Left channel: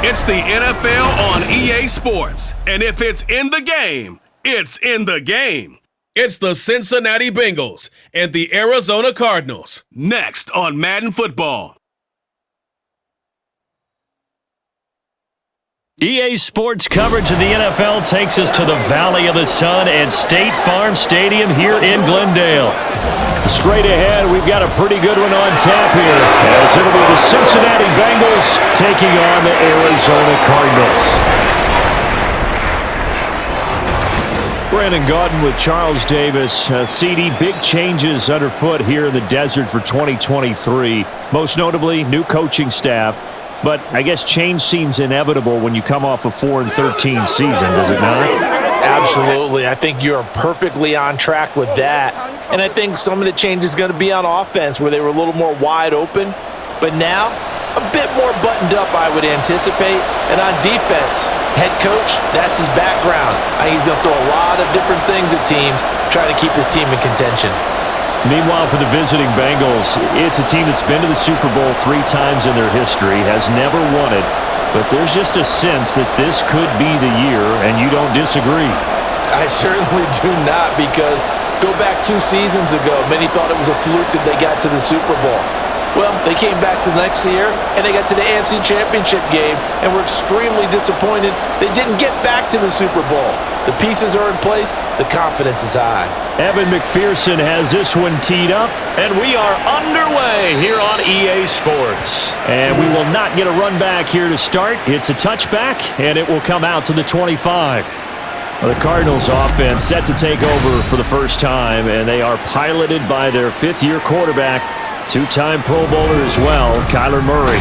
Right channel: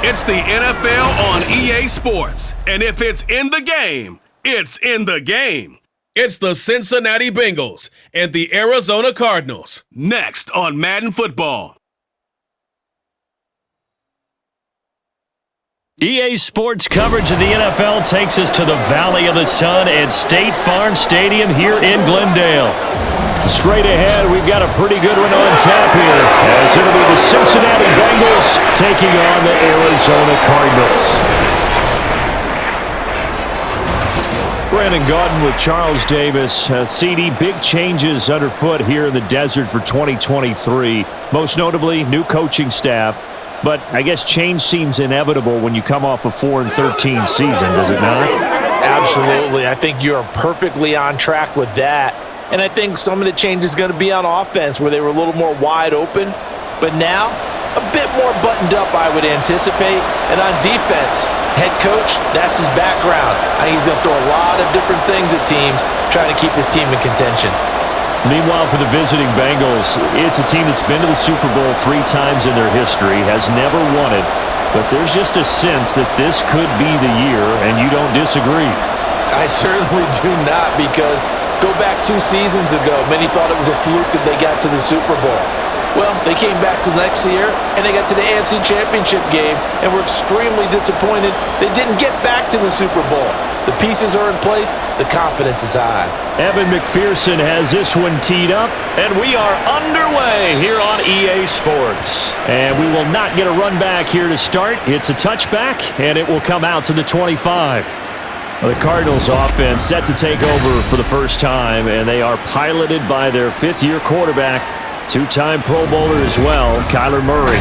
It's the NFL on EA Sports. And if it's in the game, it's in the game. It's the Cincinnati Bengals and the Arizona Cardinals. Next on Madden Football. EA Sports coverage of the NFL takes us to the Valley of the Sun at State Farm Stadium here in Glendale. Straight ahead, we've got a pretty good one on tap here, as it'll be the Cincinnati Bengals taking on the Arizona Cardinals. Brandon Gaudin with Charles Davis. CD, big changes underfoot here in the desert for 2023. Most notably, new coaching staff. But I guess change seems inevitable when you come off a 4-13 season, does it not? Absolutely. I think you're perfectly on track with that. And I think some of the change is going to be on offense, where they were a little more wide open. But now, a bit more buttoned up, I would anticipate. And on defense, head coach, that's his background. I think he's going to throw a lot of different things at teams, trying to keep his team in contention. Meanwhile, for the visiting Bengals, it's a team that's been to the Super Bowl 3 times in their history, has never won it, but there's just a sense that this could be the year, and you don't disagree. I certainly do not, because go back 2 seasons ago, many thought it was a fluke that they got to the Super Bowl. Well, they came back the next year, and they got to the AFC Championship game, and were extremely disappointed they didn't get back to the Super Bowl. The pieces are in place. The confidence is high. Evan McPherson has this one teed up, and we are underway here on EA Sports. And we will not get a run back here to start. It's a touchback, and it will come out to the 25. The Cardinals offense set to take over for the first time, and they are piloted by their 5th-year quarterback, 2-time Pro Bowler as well, Kyler Murray.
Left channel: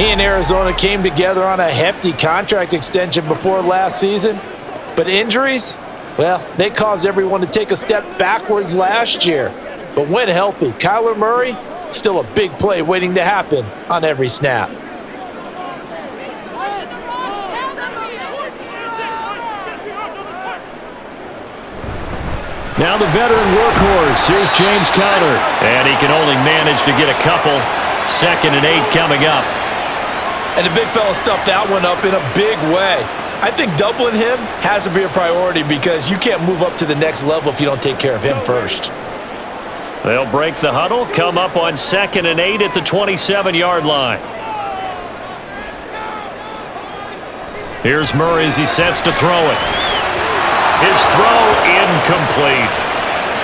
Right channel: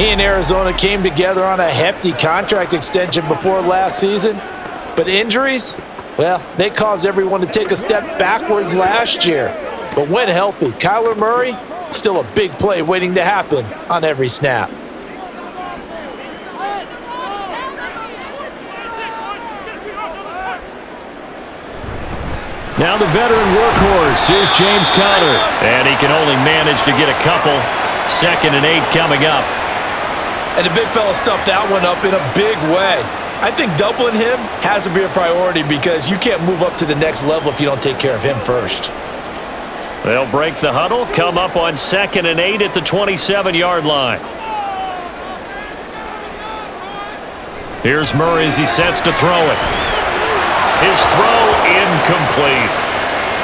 He and Arizona came together on a hefty contract extension before last season. But injuries, well, they caused everyone to take a step backwards last year. But when healthy, Kyler Murray, still a big play waiting to happen on every snap. Now the veteran workhorse, here's James Conner. And he can only manage to get a couple. 2nd and 8 coming up. And the big fella stuffed that one up in a big way. I think doubling him has to be a priority, because you can't move up to the next level if you don't take care of him first. They'll break the huddle, come up on 2nd and 8 at the 27-yard line. Here's Murray as he sets to throw it. His throw incomplete.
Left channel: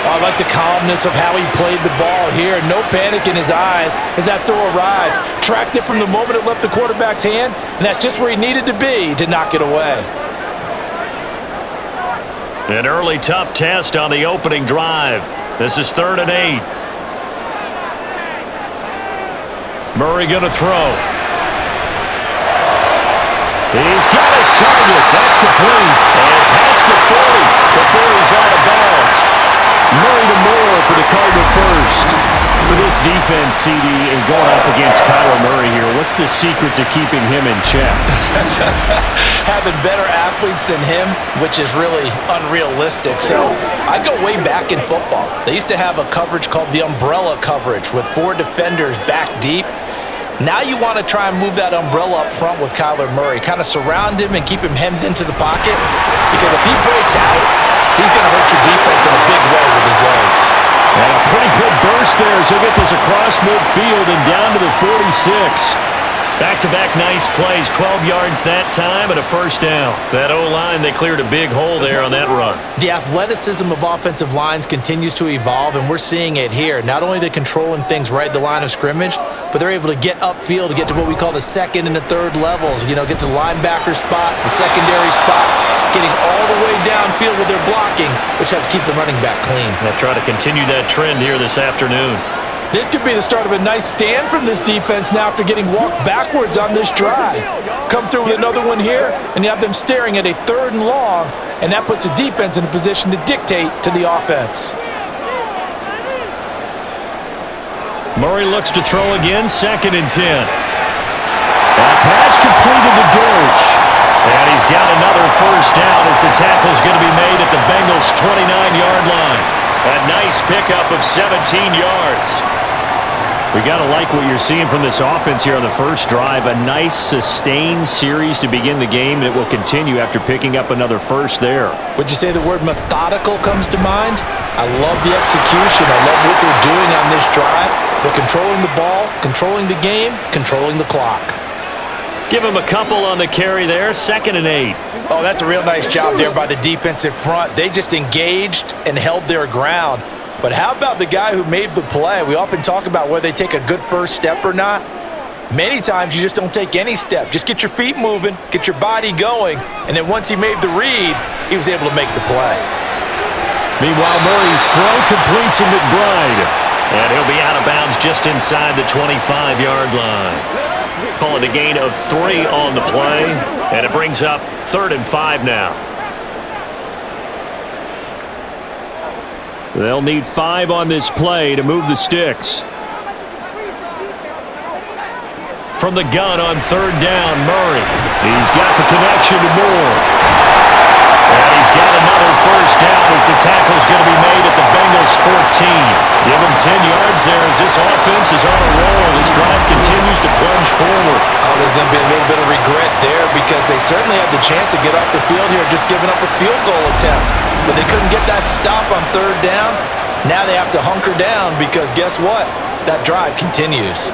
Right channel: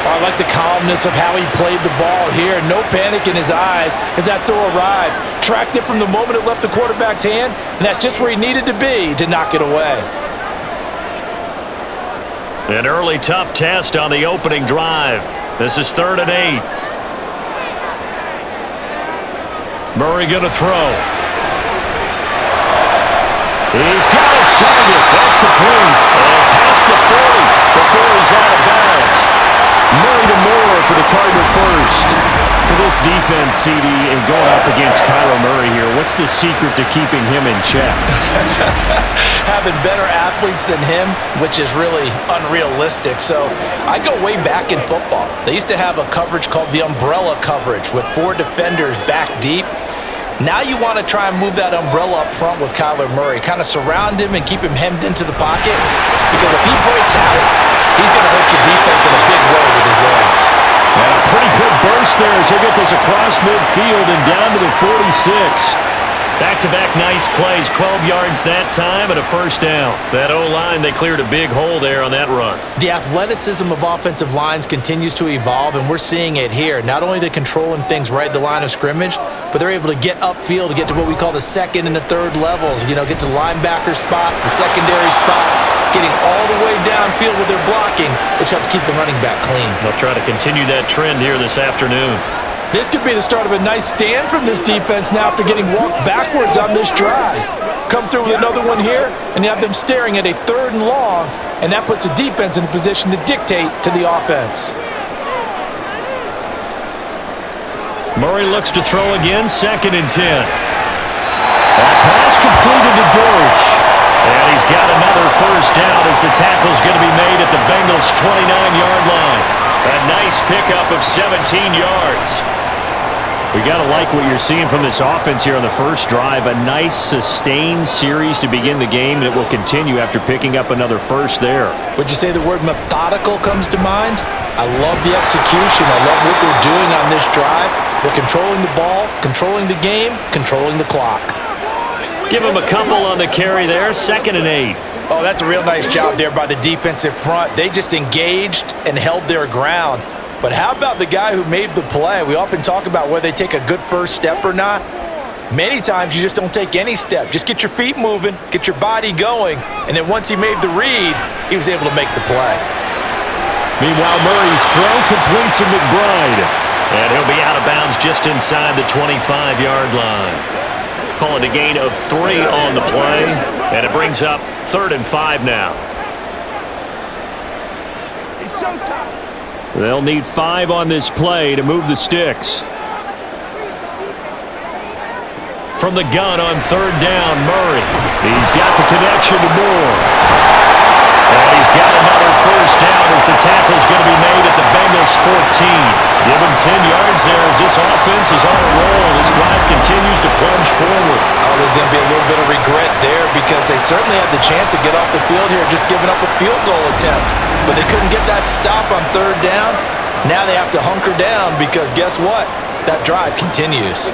I like the calmness of how he played the ball here. No panic in his eyes as that throw arrived. Tracked it from the moment it left the quarterback's hand, and that's just where he needed to be to knock it away. An early tough test on the opening drive. This is 3rd and 8. Murray going to throw. He's got his target. That's complete. And past the 40 before he's out of bounds. Murray to Moore for the Cardinal first. For this defense, CD, and going up against Kyler Murray here, what's the secret to keeping him in check? Having better athletes than him, which is really unrealistic. So I go way back in football. They used to have a coverage called the umbrella coverage with 4 defenders back deep. Now you want to try and move that umbrella up front with Kyler Murray. Kind of surround him and keep him hemmed into the pocket, because if he breaks out, he's going to hurt your defense in a big way with his legs. And a pretty good burst there as he'll get this across midfield and down to the 46. Back-to-back nice plays, 12 yards that time and a first down. That O-line, they cleared a big hole there on that run. The athleticism of offensive lines continues to evolve, and we're seeing it here. Not only are they controlling things right at the line of scrimmage, but they're able to get upfield to get to what we call the 2nd and the 3rd levels. You know, get to the linebacker spot, the secondary spot, getting all the way downfield with their blocking, which helps keep the running back clean. They'll try to continue that trend here this afternoon. This could be the start of a nice stand from this defense now after getting walked backwards on this drive. Come through with another one here, and you have them staring at a 3rd and long, and that puts the defense in a position to dictate to the offense. Murray looks to throw again, 2nd and 10. That pass completed to Dortch. And he's got another first down as the tackle's going to be made at the Bengals' 29-yard line. A nice pickup of 17 yards. We got to like what you're seeing from this offense here on the first drive. A nice, sustained series to begin the game, and it will continue after picking up another first there. Would you say the word methodical comes to mind? I love the execution. I love what they're doing on this drive. They're controlling the ball, controlling the game, controlling the clock. Give him a couple on the carry there, 2nd and 8. Oh, that's a real nice job there by the defensive front. They just engaged and held their ground. But how about the guy who made the play? We often talk about whether they take a good first step or not. Many times you just don't take any step. Just get your feet moving, get your body going, and then once he made the read, he was able to make the play. Meanwhile, Murray's throw complete to McBride. And he'll be out of bounds just inside the 25-yard line. Calling a gain of 3 on the play, and it brings up 3rd and 5 now. They'll need 5 on this play to move the sticks. From the gun on 3rd down, Murray. He's got the connection to Moore. And he's got another first down as the tackle's going to be made at the Bengals 14. Give him 10 yards there as this offense is on a roll. This drive continues to plunge forward. Oh, there's going to be a little bit of regret there because they certainly had the chance to get off the field here just giving up a field goal attempt. But they couldn't get that stop on 3rd down. Now they have to hunker down because guess what? That drive continues.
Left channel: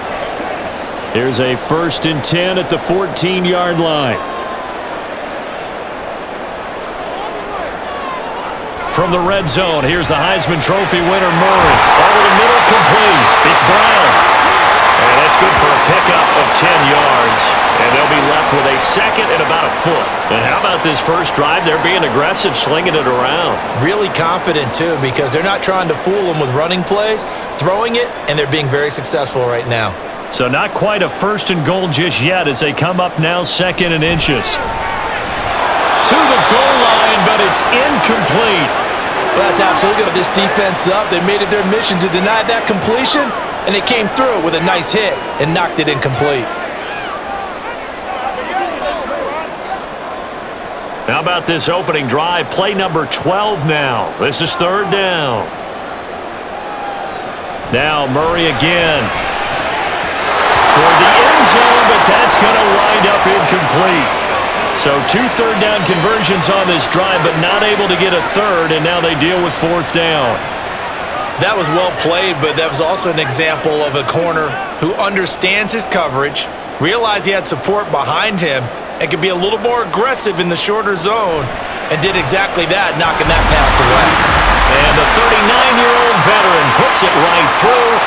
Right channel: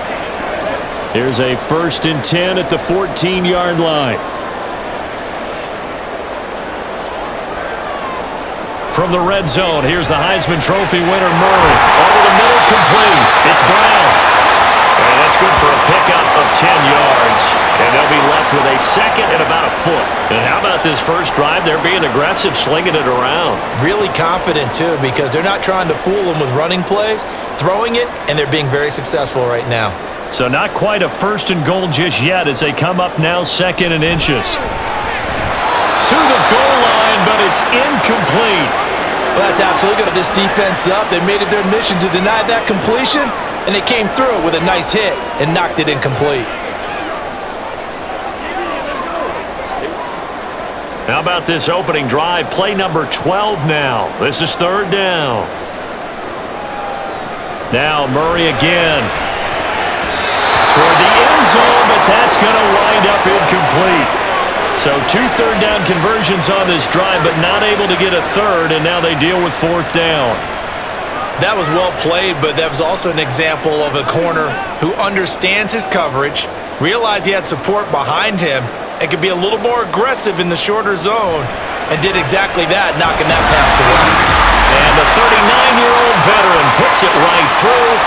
Here's a 1st and 10 at the 14-yard line. From the red zone, here's the Heisman Trophy winner, Murray. Over the middle, complete. It's Brown. And that's good for a pickup of 10 yards. And they'll be left with a 2nd and about a foot. And how about this first drive? They're being aggressive, slinging it around. Really confident, too, because they're not trying to fool them with running plays, throwing it, and they're being very successful right now. So not quite a 1st and goal just yet as they come up now 2nd and inches. To the goal line, but it's incomplete. Well, that's absolutely good. This defense up. They made it their mission to deny that completion, and they came through with a nice hit and knocked it incomplete. How about this opening drive? Play number 12 now. This is 3rd down. Now Murray again. Toward the end zone, but that's going to wind up incomplete. So 2 3rd down conversions on this drive, but not able to get a 3rd, and now they deal with 4th down. That was well played, but that was also an example of a corner who understands his coverage, realized he had support behind him, and could be a little more aggressive in the shorter zone, and did exactly that, knocking that pass away. And the 39-year-old veteran puts it right through.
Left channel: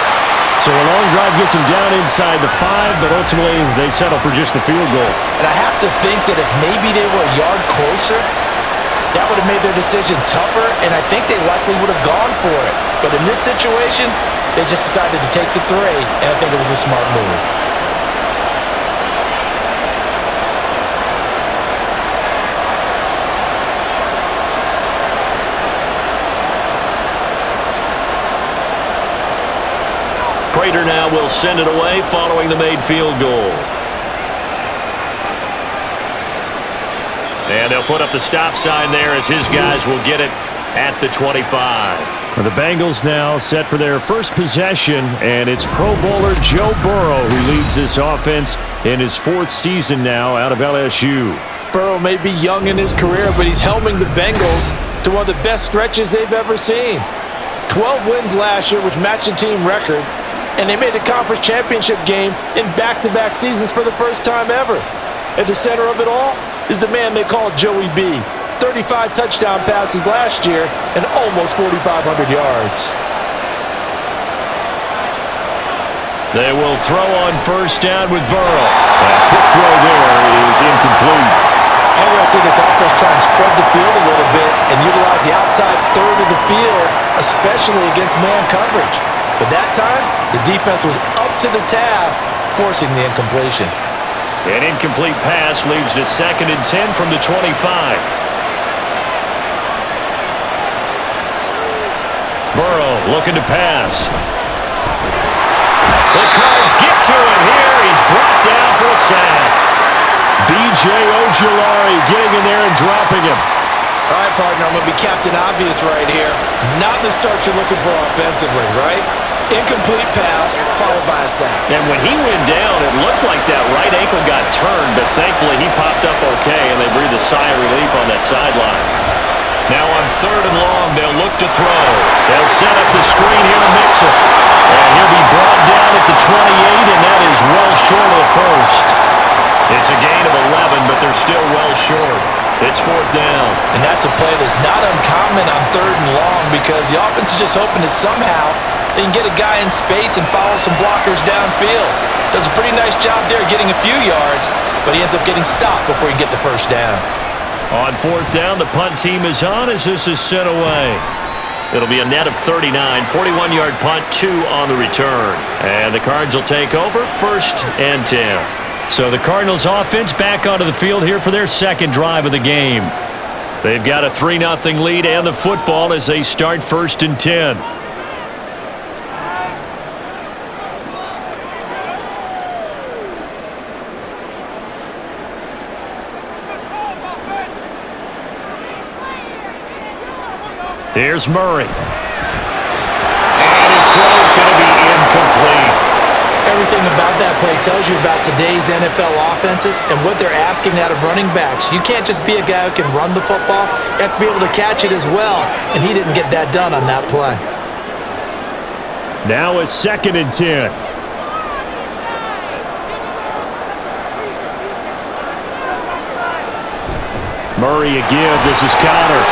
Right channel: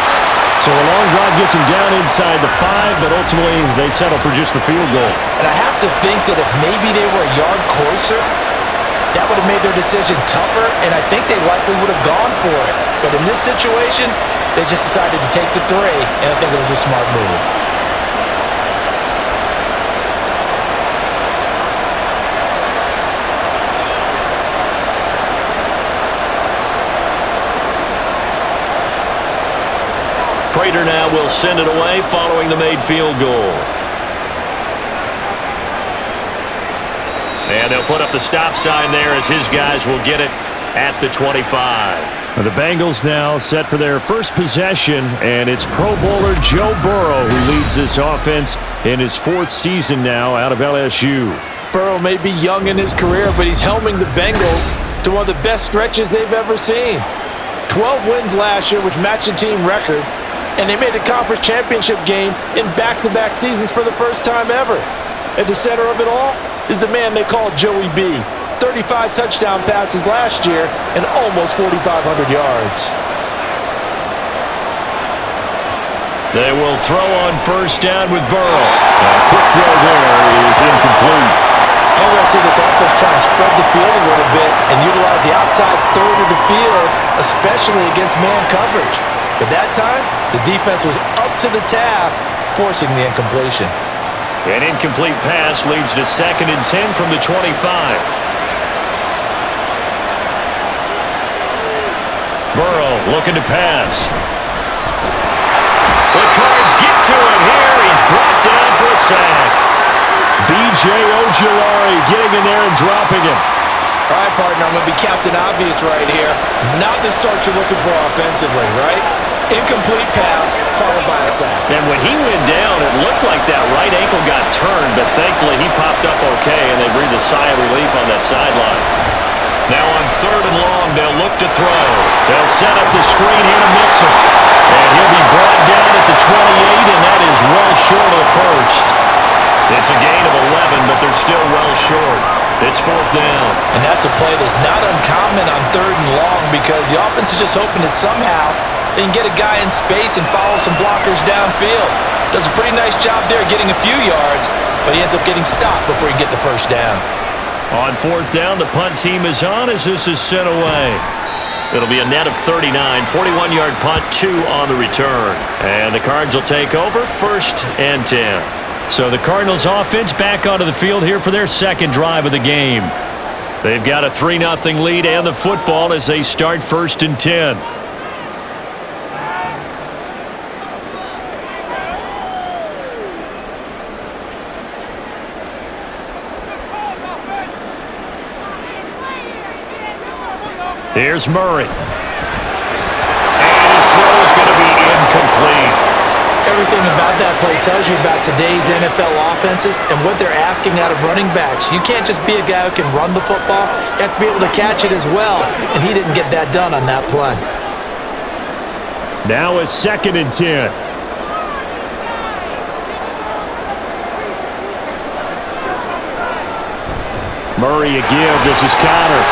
So a long drive gets him down inside the 5, but ultimately they settle for just the field goal. And I have to think that if maybe they were a yard closer, that would have made their decision tougher, and I think they likely would have gone for it. But in this situation, they just decided to take the 3, and I think it was a smart move. Prater now will send it away following the made field goal. And they'll put up the stop sign there as his guys will get it at the 25. The Bengals now set for their first possession, and it's Pro Bowler Joe Burrow who leads this offense in his 4th season now out of LSU. Burrow may be young in his career, but he's helming the Bengals to one of the best stretches they've ever seen. 12 wins last year, which matched the team record, and they made the conference championship game in back-to-back seasons for the first time ever. At the center of it all is the man they call Joey B. 35 touchdown passes last year and almost 4,500 yards. They will throw on 1st down with Burrow. A quick throw there is incomplete. And we're going to see this offense try and spread the field a little bit and utilize the outside 3rd of the field, especially against man coverage. But that time, the defense was up to the task, forcing the incompletion. An incomplete pass leads to 2nd and 10 from the 25. Burrow looking to pass. The Cards get to him here. He's brought down for a sack. B.J. Ojulari getting in there and dropping him. All right, partner, I'm going to be Captain Obvious right here. Not the start you're looking for offensively, right? Incomplete pass, followed by a sack. And when he went down, it looked like that right ankle got turned, but thankfully he popped up okay, and they breathed a sigh of relief on that sideline. Now on 3rd and long, they'll look to throw. They'll set up the screen here to Mixon. And he'll be brought down at the 28, and that is well short of the first. It's a gain of 11, but they're still well short. It's 4th down. And that's a play that's not uncommon on 3rd and long because the offense is just hoping that somehow they can get a guy in space and follow some blockers downfield. Does a pretty nice job there getting a few yards, but he ends up getting stopped before he can get the first down. On 4th down, the punt team is on as this is sent away. It'll be a net of 39, 41-yard punt, 2 on the return. And the Cards will take over, 1st and 10. So the Cardinals offense back onto the field here for their second drive of the game. They've got a 3-0 lead and the football as they start 1st and 10. Here's Murray. And his throw's going to be incomplete. Everything about that play tells you about today's NFL offenses and what they're asking out of running backs. You can't just be a guy who can run the football. You have to be able to catch it as well, and he didn't get that done on that play. Now a 2nd and 10. Murray a give. This is Connor.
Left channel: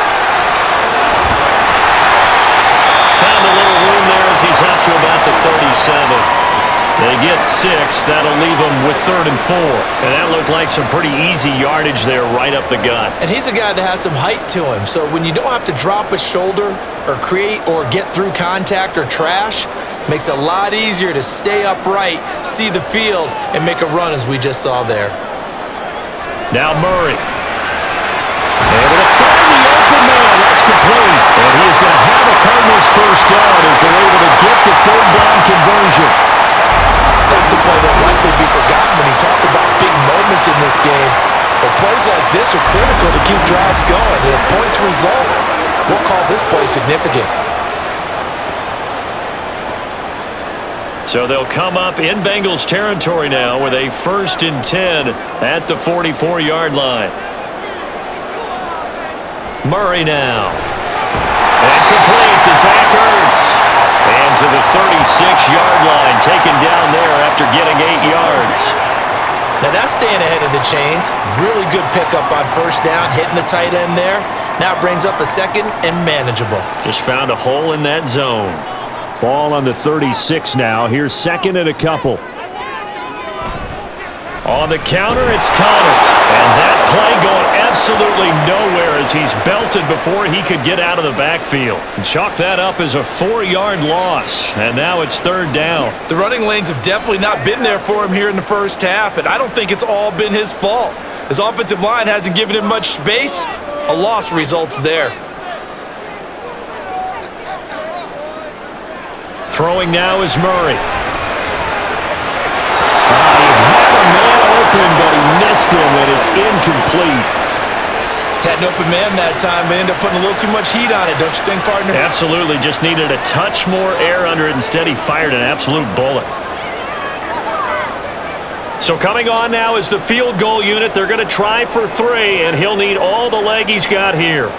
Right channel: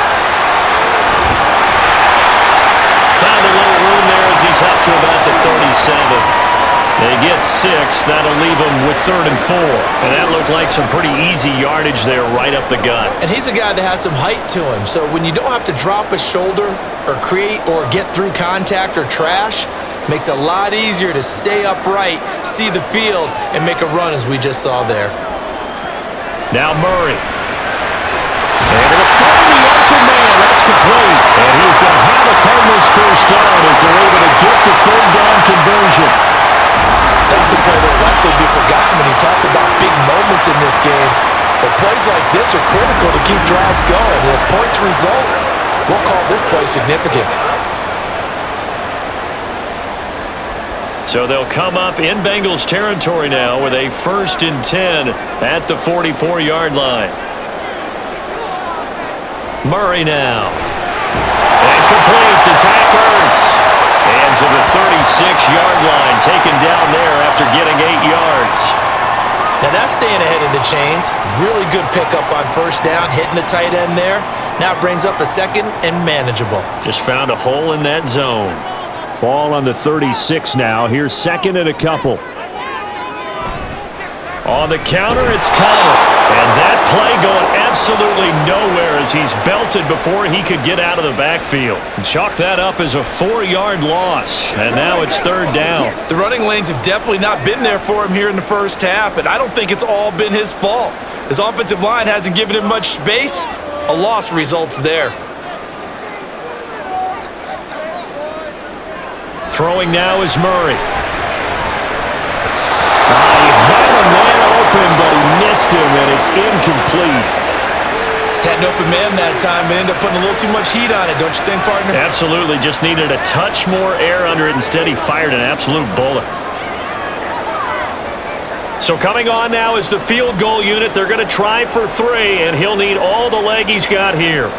Found a little room there as he's up to about the 37. They get 6. That'll leave them with 3rd and 4. And that looked like some pretty easy yardage there right up the gut. And he's a guy that has some height to him. So when you don't have to drop a shoulder or create or get through contact or trash, makes it a lot easier to stay upright, see the field, and make a run as we just saw there. Now Murray. Able to find the open man. That's complete. And he is going to have a Cardinals first down as they're able to get the 3rd down conversion. That's a play that will likely be forgotten when you talk about big moments in this game. But plays like this are critical to keep drives going. And if points result, we'll call this play significant. So they'll come up in Bengals territory now with a 1st and 10 at the 44-yard line. Murray now. And complete to Zach Ertz. And to the 36-yard line, taken down there after getting 8 yards. Now that's staying ahead of the chains. Really good pickup on 1st down, hitting the tight end there. Now it brings up a 2nd and manageable. Just found a hole in that zone. Ball on the 36 now. Here's 2nd and a couple. On the counter, it's Connor. And that play going absolutely nowhere as he's belted before he could get out of the backfield. Chalk that up as a 4-yard loss. And now it's 3rd down. The running lanes have definitely not been there for him here in the first half, and I don't think it's all been his fault. His offensive line hasn't given him much space. A loss results there. Throwing now is Murray. He had a man open, but he missed him, and it's incomplete. Had an open man that time, but ended up putting a little too much heat on it, don't you think, partner? Absolutely. Just needed a touch more air under it. Instead, he fired an absolute bullet. So coming on now is the field goal unit. They're going to try for 3, and he'll need all the leg he's got here.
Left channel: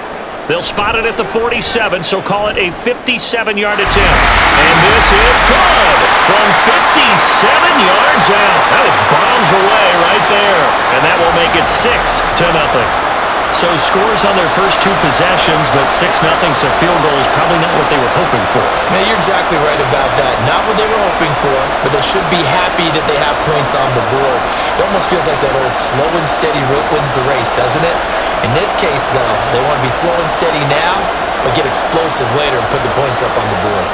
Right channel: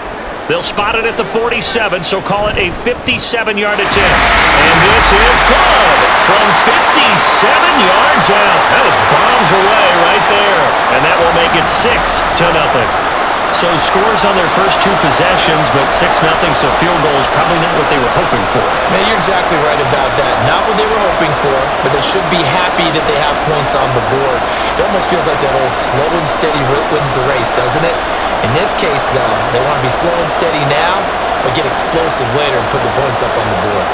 They'll spot it at the 47, so call it a 57-yard attempt. And this is good from 57 yards out. That was bombs away right there. And that will make it 6-0. So scores on their first 2 possessions, but 6-0, so field goal is probably not what they were hoping for. Man, you're exactly right about that. Not what they were hoping for, but they should be happy that they have points on the board. It almost feels like that old slow and steady wins the race, doesn't it? In this case, though, they want to be slow and steady now, but get explosive later and put the points up on the board.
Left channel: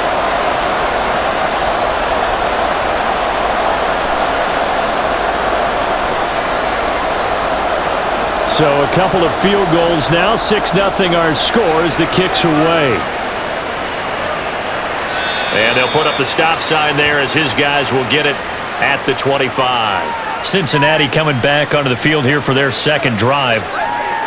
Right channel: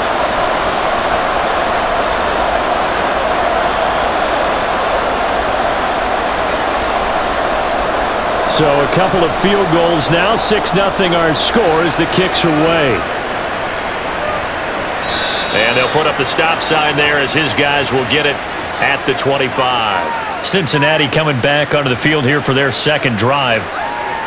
So a couple of field goals now. 6-0 our score as the kicks away. And they'll put up the stop sign there as his guys will get it at the 25. Cincinnati coming back onto the field here for their second drive.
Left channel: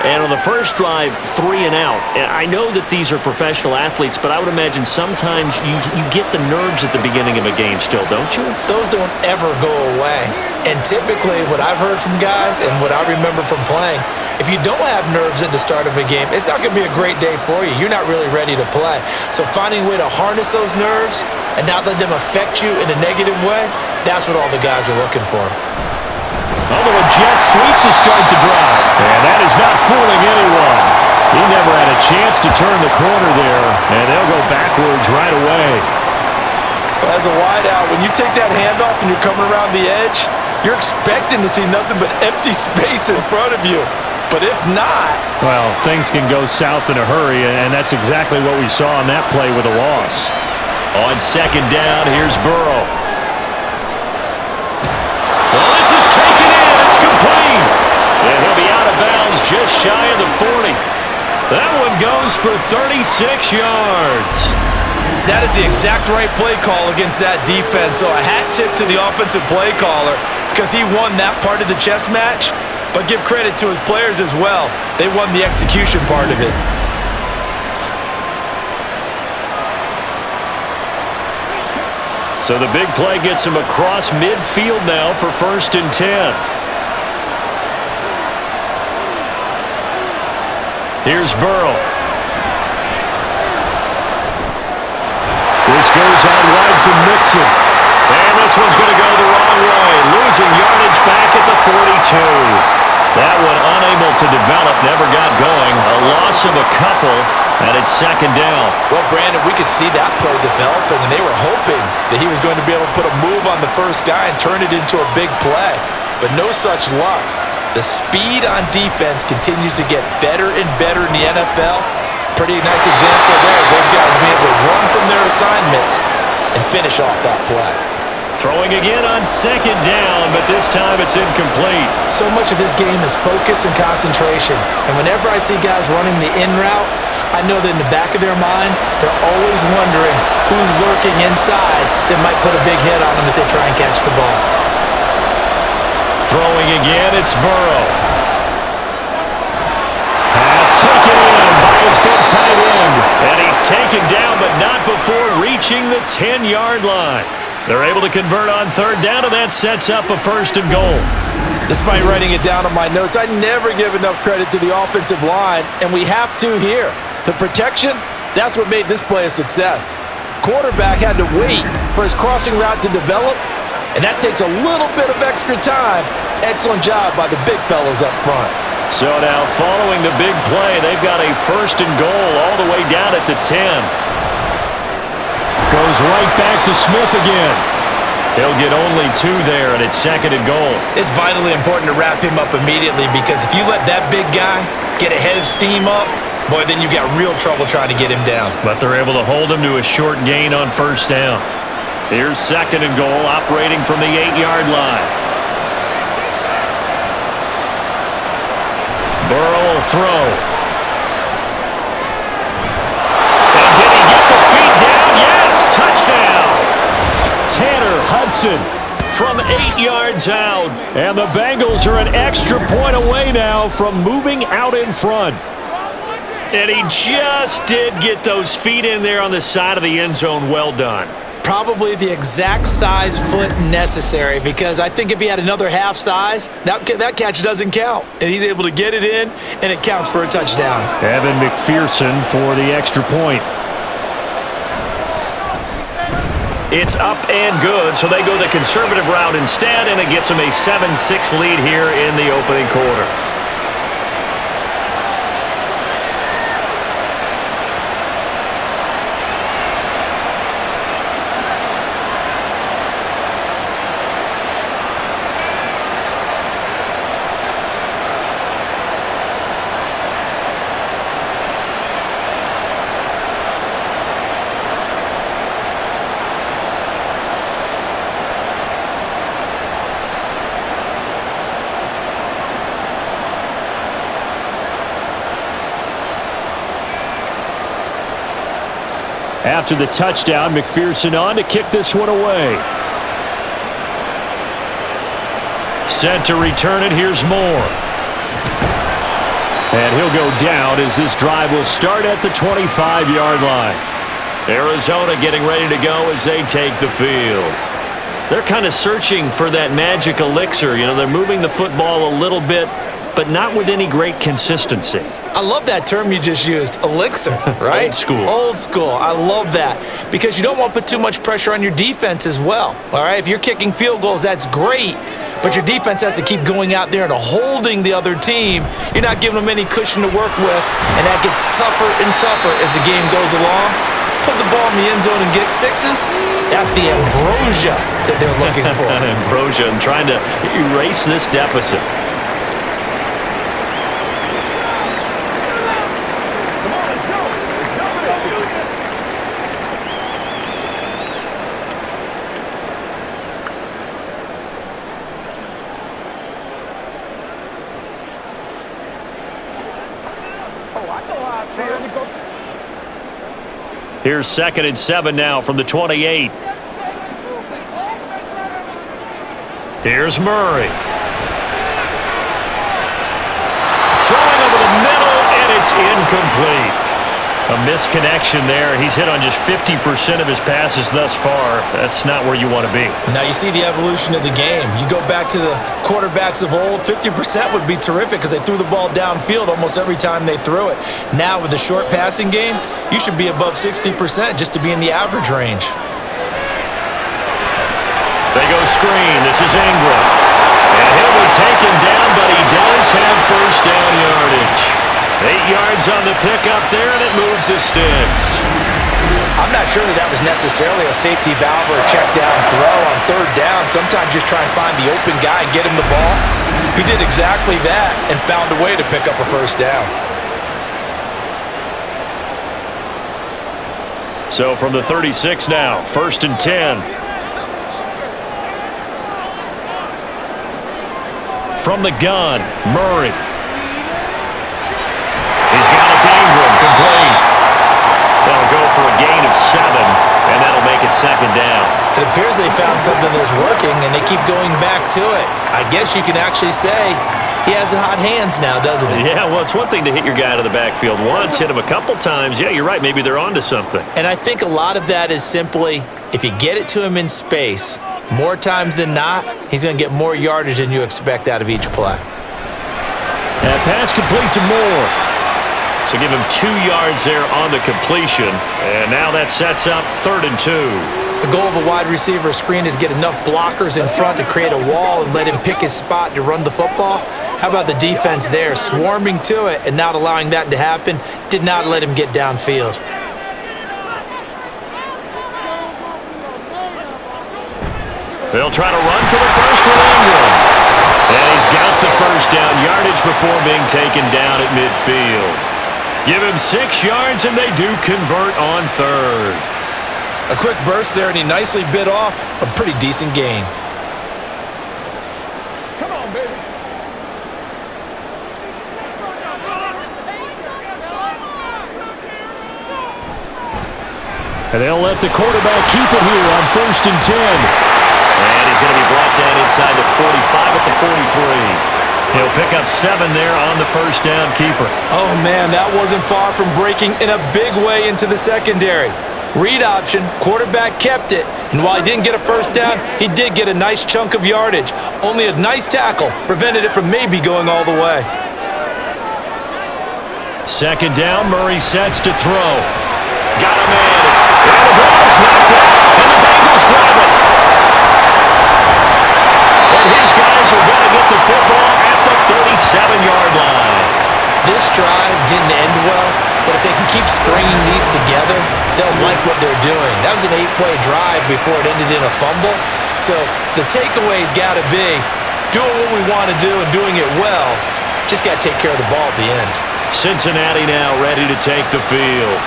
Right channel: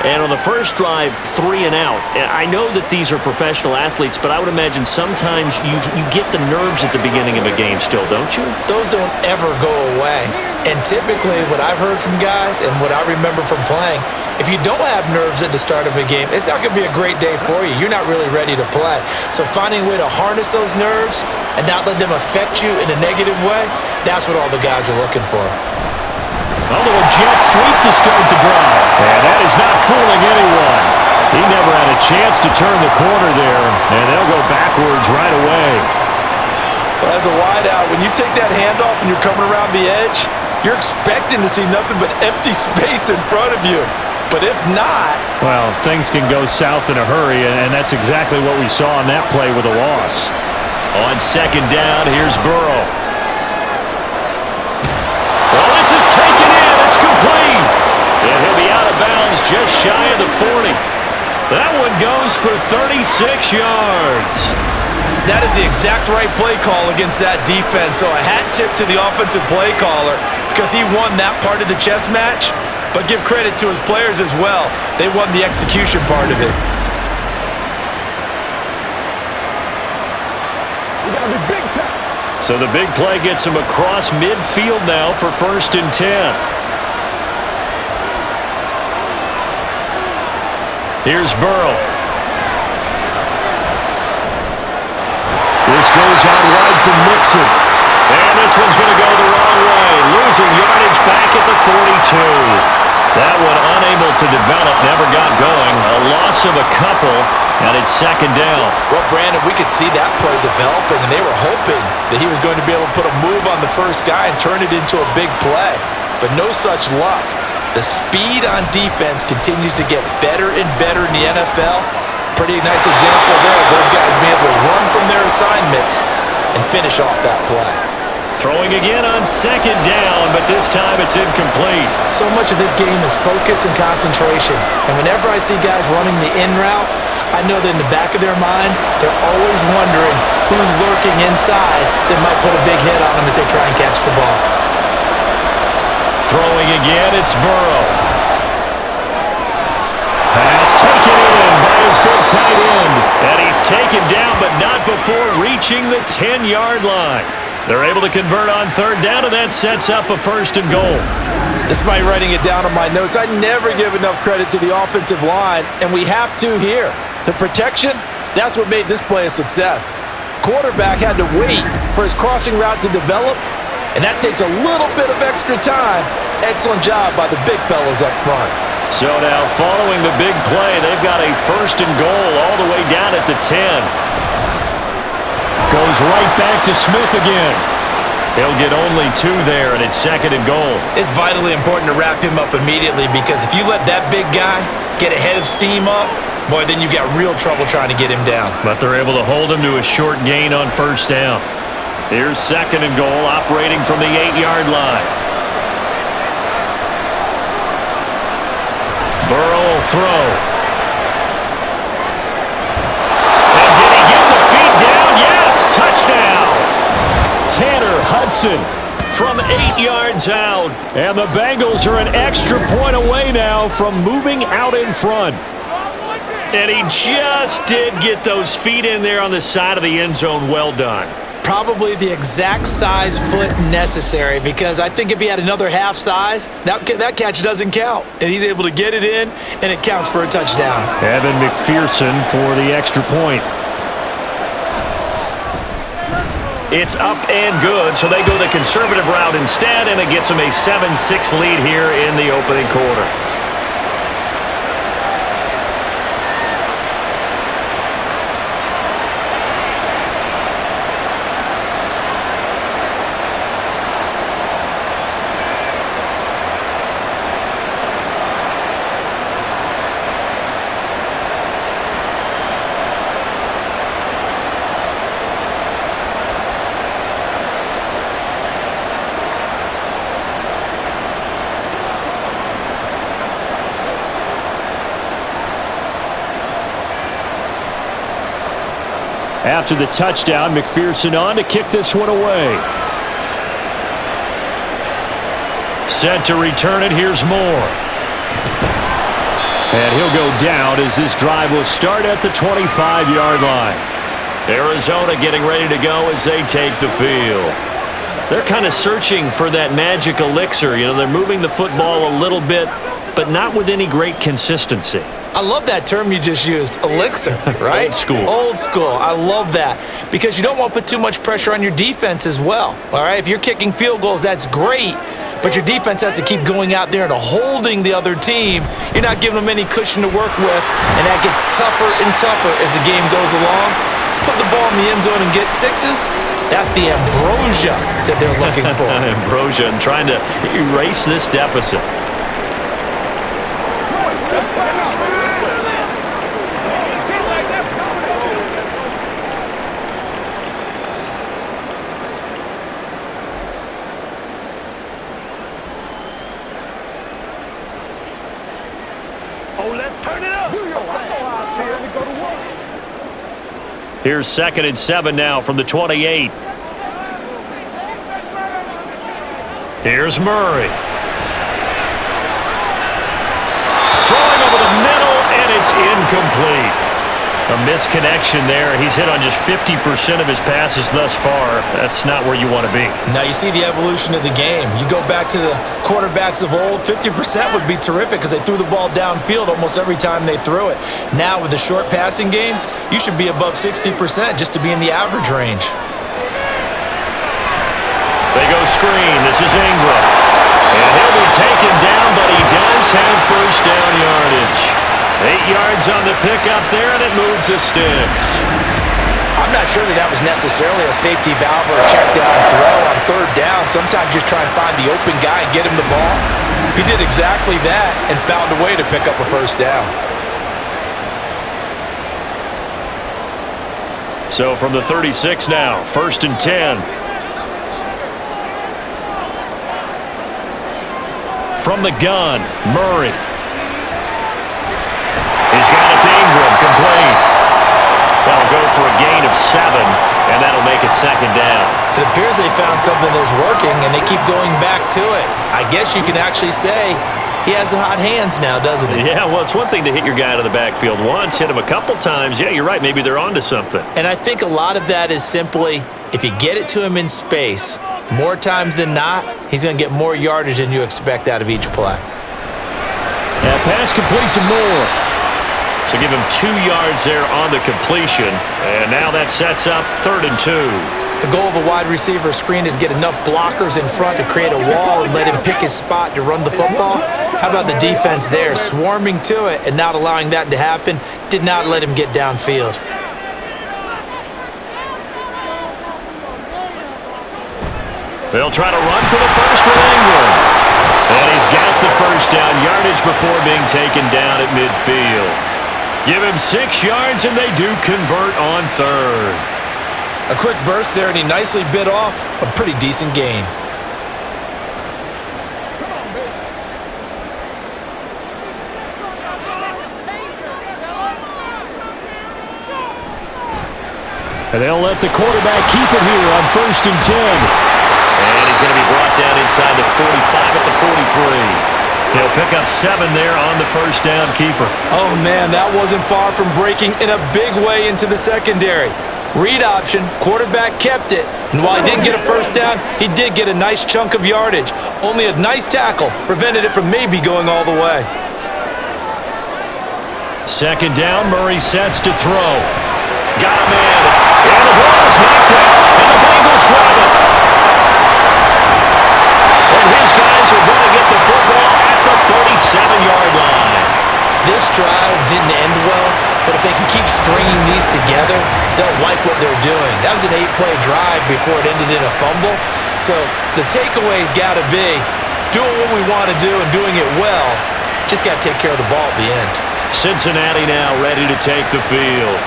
And on the first drive, 3 and out. And I know that these are professional athletes, but I would imagine sometimes you get the nerves at the beginning of a game still, don't you? Those don't ever go away. And typically what I've heard from guys and what I remember from playing, if you don't have nerves at the start of a game, it's not going to be a great day for you. You're not really ready to play. So finding a way to harness those nerves and not let them affect you in a negative way, that's what all the guys are looking for. A little jet sweep to start the drive. And that is not fooling anyone. He never had a chance to turn the corner there, and they'll go backwards right away. Well, as a wideout, when you take that handoff and you're coming around the edge, you're expecting to see nothing but empty space in front of you. But if not... Well, things can go south in a hurry, and that's exactly what we saw on that play with a loss. On second down, here's Burrow. Well, this is taken in. It's complete. And he'll be out of bounds just shy of the 40. That one goes for 36 yards. That is the exact right play call against that defense. So a hat tip to the offensive play caller because he won that part of the chess match. But give credit to his players as well. They won the execution part of it. So the big play gets him across midfield now for 1st and 10. Here's Burrow. This goes out wide from Mixon. And this one's going to go the wrong way. Losing yardage back at the 42. That one unable to develop, never got going. A loss of a couple, and it's second down. Well, Brandon, we could see that play developing, and they were hoping that he was going to be able to put a move on the first guy and turn it into a big play. But no such luck. The speed on defense continues to get better and better in the NFL. Pretty nice example there. Those guys being able to run from their assignments and finish off that play. Throwing again on second down, but this time it's incomplete. So much of this game is focus and concentration. And whenever I see guys running the in route, I know that in the back of their mind, they're always wondering who's lurking inside that might put a big hit on them as they try and catch the ball. Throwing again, it's Burrow. Pass taken in by his big tight end. And he's taken down, but not before reaching the 10-yard line. They're able to convert on third down, and that sets up a 1st and goal. Despite writing it down on my notes, I never give enough credit to the offensive line, and we have to here. The protection, that's what made this play a success. Quarterback had to wait for his crossing route to develop, and that takes a little bit of extra time. Excellent job by the big fellas up front. So now following the big play, they've got a 1st and goal all the way down at the 10. Goes right back to Smith again. He'll get only 2 there, and it's 2nd and goal. It's vitally important to wrap him up immediately because if you let that big guy get ahead of steam up, boy, then you've got real trouble trying to get him down. But they're able to hold him to a short gain on 1st down. Here's 2nd and goal, operating from the 8-yard line. Burrow will throw. And did he get the feet down? Yes, touchdown. Tanner Hudson from 8 yards out. And the Bengals are an extra point away now from moving out in front. And he just did get those feet in there on the side of the end zone. Well done. Probably the exact size foot necessary because I think if he had another half size, that catch doesn't count. And he's able to get it in, and it counts for a touchdown. Evan McPherson for the extra point. It's up and good, so they go the conservative route instead, and it gets them a 7-6 lead here in the opening quarter. After the touchdown, McPherson on to kick this one away. Set to return it, here's Moore. And he'll go down as this drive will start at the 25-yard line. Arizona getting ready to go as they take the field. They're kind of searching for that magic elixir. You know, they're moving the football a little bit, but not with any great consistency. I love that term you just used, elixir, right? Old school. Old school. I love that because you don't want to put too much pressure on your defense as well, all right? If you're kicking field goals, that's great, but your defense has to keep going out there and holding the other team. You're not giving them any cushion to work with, and that gets tougher and tougher as the game goes along. Put the ball in the end zone and get sixes. That's the ambrosia that they're looking for. Ambrosia and trying to erase this deficit. Here's 2nd and 7 now from the 28. Here's Murray. Throwing over the middle, and it's incomplete. A misconnection there. He's hit on just 50% of his passes thus far. That's not where you want to be. Now you see the evolution of the game. You go back to the quarterbacks of old, 50% would be terrific because they threw the ball downfield almost every time they threw it. Now with the short passing game, you should be above 60% just to be in the average range. They go screen. This is Ingram. And he'll be taken down, but he does have first down yardage. 8 yards on the pickup there, and it moves the sticks. I'm not sure that was necessarily a safety valve or a check down throw on 3rd down. Sometimes just try and find the open guy and get him the ball. He did exactly that and found a way to pick up a first down. So from the 36 now, 1st and 10. From the gun, Murray. He's got it to Ingram, complete. That'll go for a gain of 7, and that'll make it 2nd down. It appears they found something that's working, and they keep going back to it. I guess you can actually say he has the hot hands now, doesn't he? Yeah, well, it's one thing to hit your guy out of the backfield once, hit him a couple times. Yeah, you're right. Maybe they're onto something. And I think a lot of that is simply if you get it to him in space, more times than not, he's going to get more yardage than you expect out of each play. That pass complete to Moore. So give him 2 yards there on the completion. And now that sets up 3rd and 2. The goal of a wide receiver screen is get enough blockers in front to create a wall and let him pick his spot to run the football. How about the defense there, swarming to it and not allowing that to happen? Did not let him get downfield. They'll try to run for the first with Ingram. And he's got the first down yardage before being taken down at midfield. Give him 6 yards, and they do convert on 3rd. A quick burst there, and he nicely bit off a pretty decent gain. Come on, baby. And they'll let the quarterback keep it here on 1st and 10. And he's going to be brought down inside the 45 at the 43. He'll pick up 7 there on the first down keeper. Oh, man, that wasn't far from breaking in a big way into the secondary. Read option, quarterback kept it, and while he didn't get a first down, he did get a nice chunk of yardage. Only a nice tackle prevented it from maybe going all the way. 2nd down, Murray sets to throw. Got a man, and the ball is knocked out, and the Bengals grab it. And his guys are going to get the football at the 37-yard line. This drive didn't end well, but if they can keep stringing these together, they'll like what they're doing. That was an 8-play drive before it ended in a fumble. So the takeaway's got to be doing what we want to do and doing it well. Just got to take care of the ball at the end. Cincinnati now ready to take the field.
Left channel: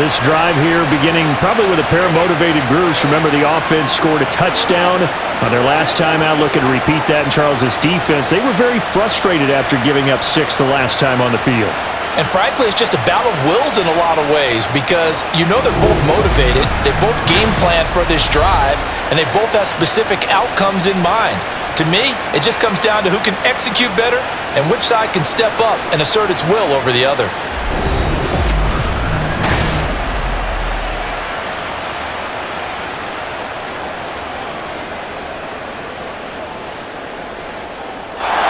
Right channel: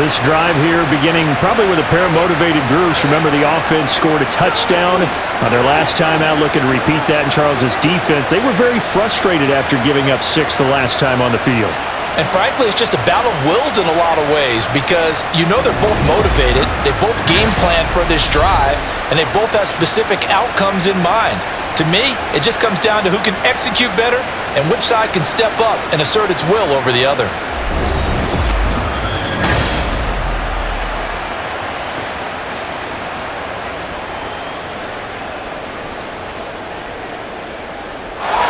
This drive here beginning probably with a pair of motivated groups. Remember, the offense scored a touchdown on their last time out. Looking to repeat that in Charles's defense. They were very frustrated after giving up 6 the last time on the field. And frankly, it's just a battle of wills in a lot of ways because you know they're both motivated. They both game plan for this drive, and they both have specific outcomes in mind. To me, it just comes down to who can execute better and which side can step up and assert its will over the other.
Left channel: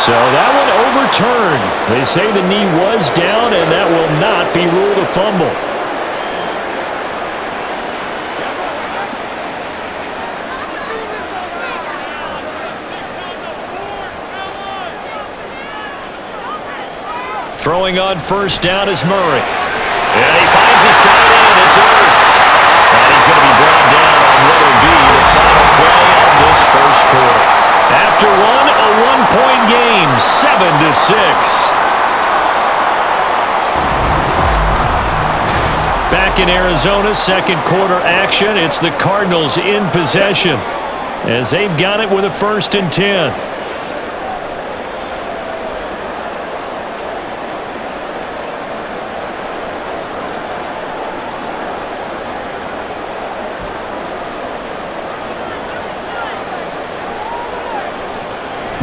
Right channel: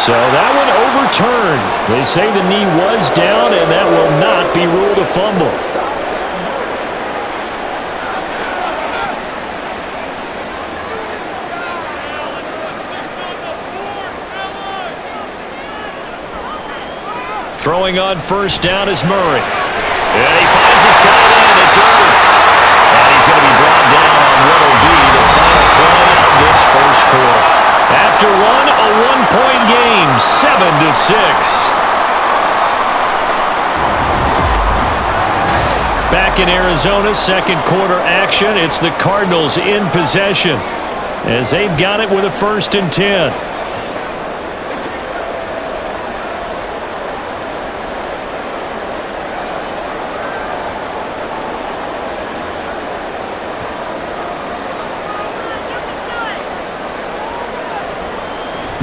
So that one overturned. They say the knee was down, and that will not be ruled a fumble. Throwing on first down is Murray. And he finds his tight end. It's Ertz. And he's going to be brought down on what will be the final play of this first quarter. After one, a one-point game, 7-6. Back in Arizona, second quarter action. It's the Cardinals in possession as they've got it with a 1st and 10.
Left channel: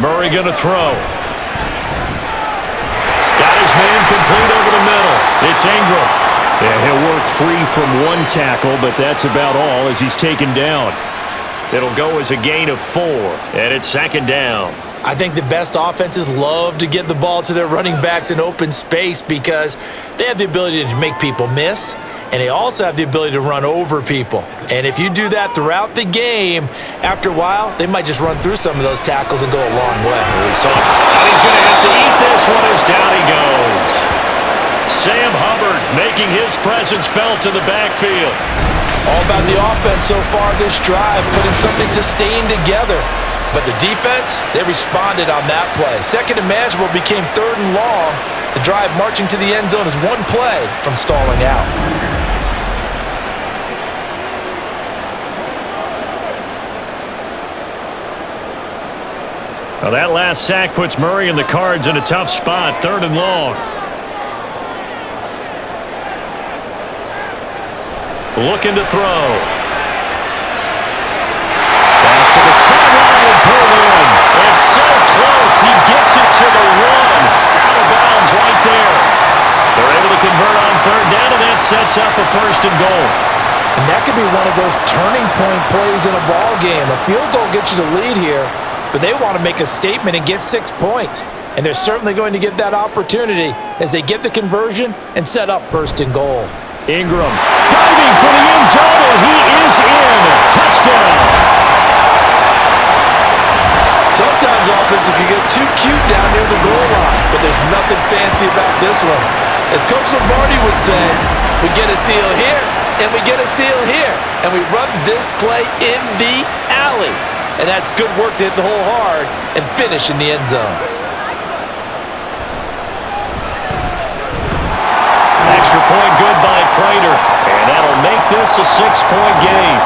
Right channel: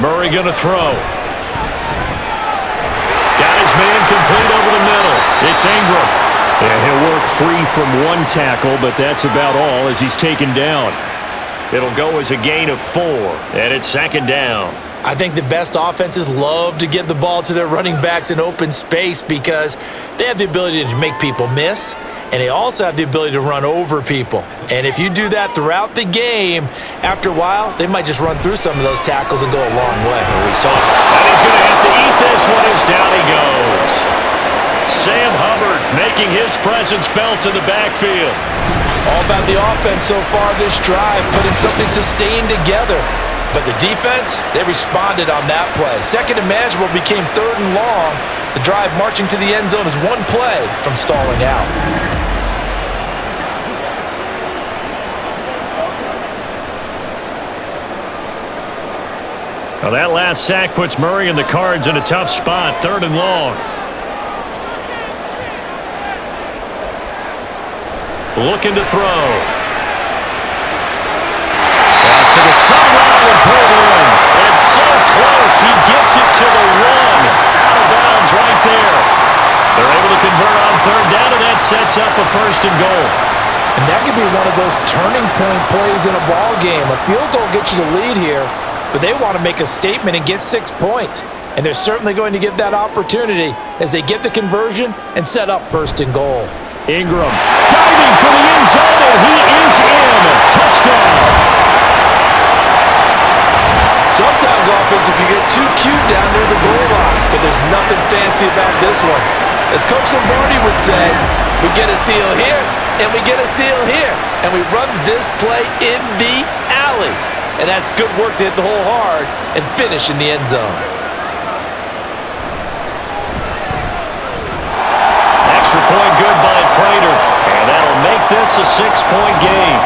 Murray going to throw. Got his man complete over the middle. It's Ingram. And he'll work free from one tackle, but that's about all as he's taken down. It'll go as a gain of 4, and it's 2nd down. I think the best offenses love to get the ball to their running backs in open space because they have the ability to make people miss, and they also have the ability to run over people. And if you do that throughout the game, after a while, they might just run through some of those tackles and go a long way. We saw it. And he's going to have to eat this one as down he goes. Sam Hubbard making his presence felt in the backfield. All about the offense so far this drive, putting something sustained together. But the defense, they responded on that play. 2nd and manageable became 3rd and long. The drive marching to the end zone is one play from stalling out. Now that last sack puts Murray and the Cards in a tough spot, 3rd and long. Looking to throw. Pass to the sideline and pulled in. It's so close. He gets it to the 1. Out of bounds right there. They're able to convert on 3rd down, and that sets up a 1st and goal. And that could be one of those turning point plays in a ball game. A field goal gets you the lead here, but they want to make a statement and get 6 points. And they're certainly going to get that opportunity as they get the conversion and set up 1st and goal. Ingram diving for the end zone, and he is in. Touchdown. Sometimes offenses can get too cute down near the goal line, but there's nothing fancy about this one. As Coach Lombardi would say, we get a seal here, and we get a seal here, and we run this play in the alley. And that's good work to hit the hole hard and finish in the end zone. Extra point good by Prater, and that'll make this a 6-point game.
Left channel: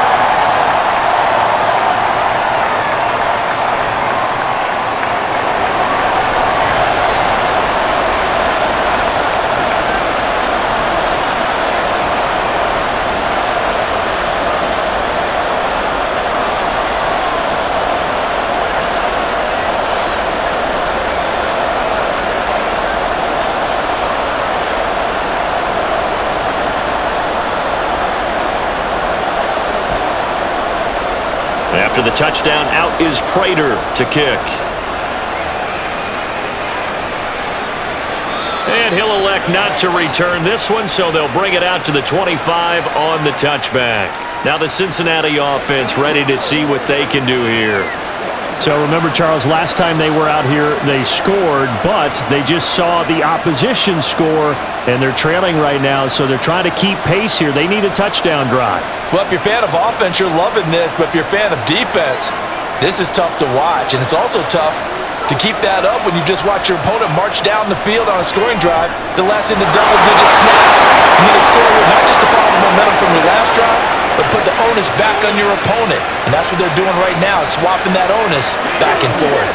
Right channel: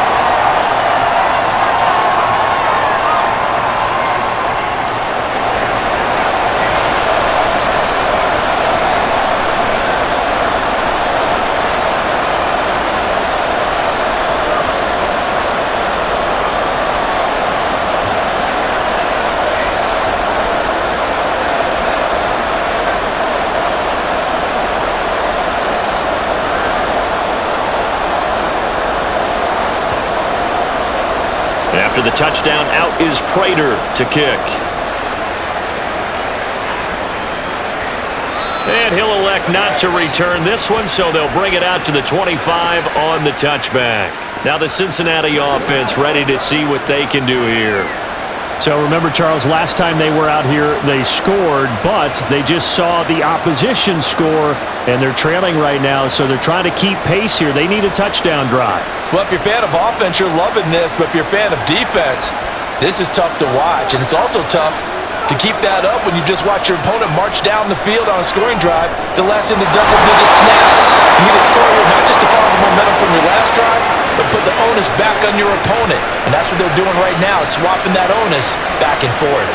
After the touchdown, out is Prater to kick. And he'll elect not to return this one, so they'll bring it out to the 25 on the touchback. Now the Cincinnati offense ready to see what they can do here. So remember, Charles, last time they were out here, they scored, but they just saw the opposition score, and they're trailing right now, so they're trying to keep pace here. They need a touchdown drive. Well, if you're a fan of offense, you're loving this, but if you're a fan of defense, this is tough to watch, and it's also tough to keep that up when you just watch your opponent march down the field on a scoring drive to last into double-digit snaps. You need to score here not just to follow the momentum from your last drive, but put the onus back on your opponent. And that's what they're doing right now, swapping that onus back and forth.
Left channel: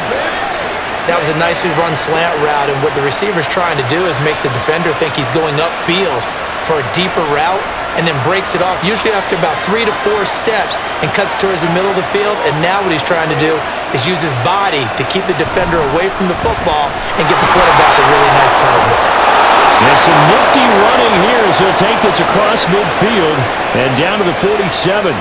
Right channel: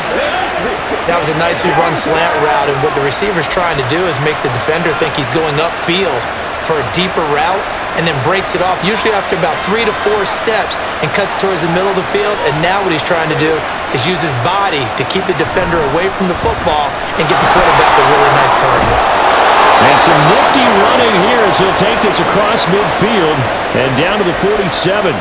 That was a nicely run slant route, and what the receiver's trying to do is make the defender think he's going upfield for a deeper route, and then breaks it off, usually after about 3 to 4 steps, and cuts towards the middle of the field. And now what he's trying to do is use his body to keep the defender away from the football and give the quarterback a really nice target. And some nifty running here as he'll take this across midfield and down to the 47.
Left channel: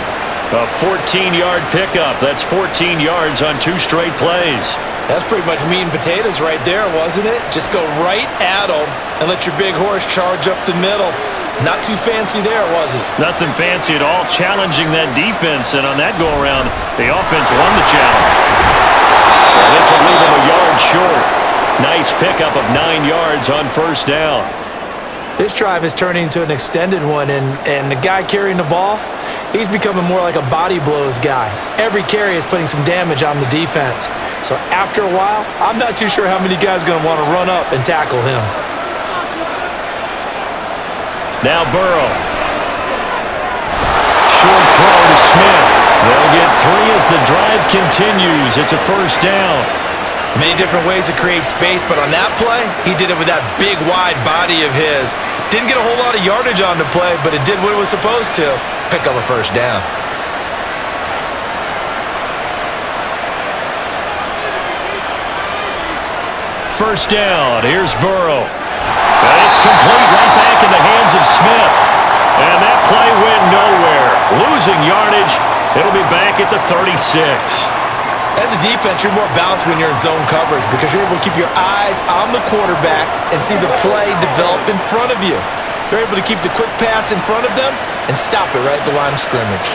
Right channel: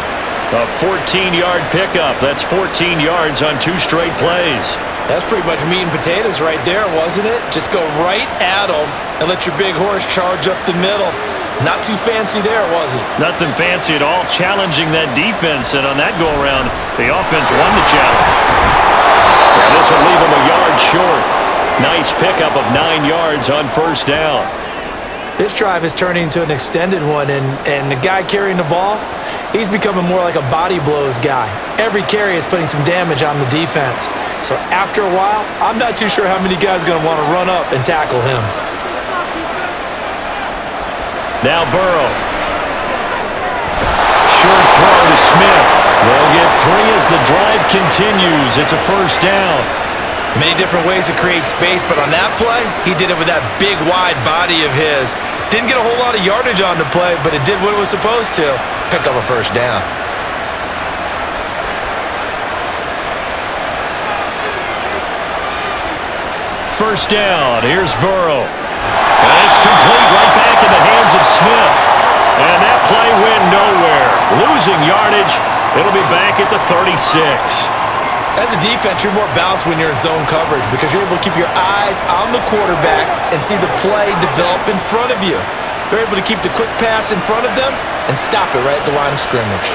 A 14-yard pickup. That's 14 yards on 2 straight plays. That's pretty much meat and potatoes right there, wasn't it? Just go right at him and let your big horse charge up the middle. Not too fancy there, was it? Nothing fancy at all, challenging that defense, and on that go-around, the offense won the challenge. Yeah, this will leave him a yard short. Nice pickup of 9 yards on first down. This drive is turning into an extended one, and the guy carrying the ball, he's becoming more like a body blows guy. Every carry is putting some damage on the defense. So after a while, I'm not too sure how many guys are going to want to run up and tackle him. Now Burrow. Short throw to Smith. They'll get 3 as the drive continues. It's a first down. Many different ways to create space, but on that play, he did it with that big, wide body of his. Didn't get a whole lot of yardage on the play, but it did what it was supposed to. Pick up a first down. First down. Here's Burrow. And it's complete right back in the hands of Smith. And that play went nowhere. Losing yardage. It'll be back at the 36. As a defense, you're more balanced when you're in zone coverage because you're able to keep your eyes on the quarterback and see the play develop in front of you. They're able to keep the quick pass in front of them and stop it right at the line of scrimmage.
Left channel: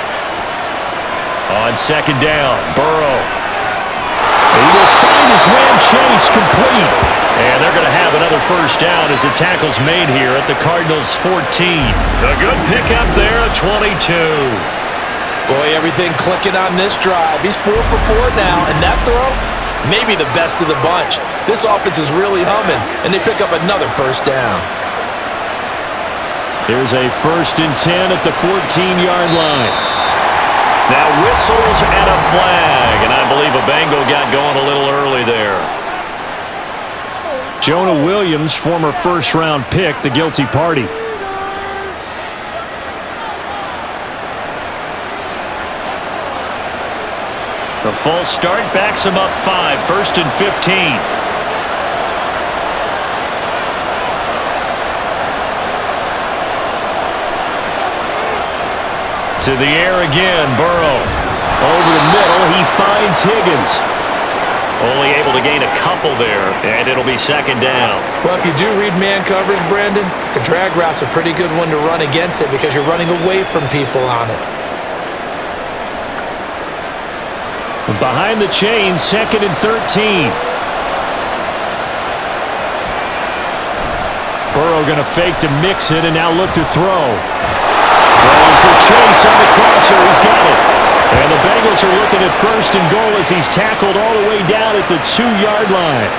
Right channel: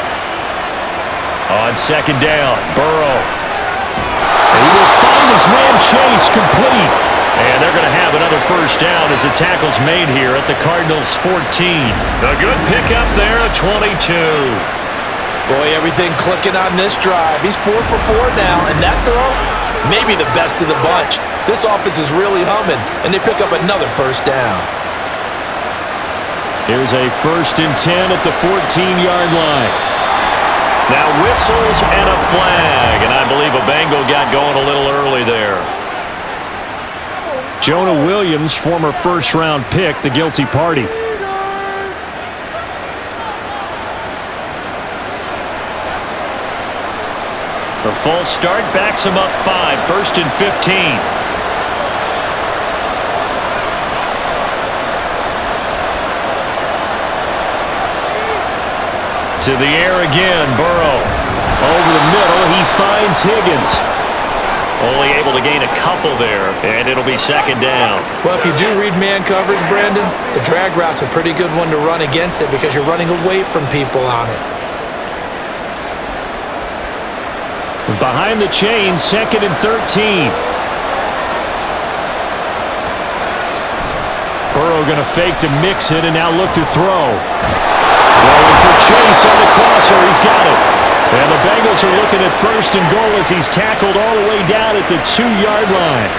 On second down, Burrow. He will find his man Chase complete. And they're going to have another first down as the tackle's made here at the Cardinals' 14. A good pickup there, a 22. Boy, everything clicking on this drive. He's 4 for 4 now, and that throw, maybe the best of the bunch. This offense is really humming, and they pick up another first down. Here's a 1st and 10 at the 14-yard line. Now whistles and a flag, and I believe a Bengal got going a little early there. Jonah Williams, former first-round pick, the guilty party. The false start backs him up 5, 1st and 15. To the air again, Burrow. Over the middle, he finds Higgins. Only able to gain a couple there, and it'll be second down. Well, if you do read man coverage, Brandon, the drag route's a pretty good one to run against it because you're running away from people on it. Behind the chain, 2nd and 13. Burrow going to fake to mix it and now look to throw. Throwing for Chase on the crosser. He's got it. And the Bengals are looking at 1st and goal as he's tackled all the way down at the 2-yard line.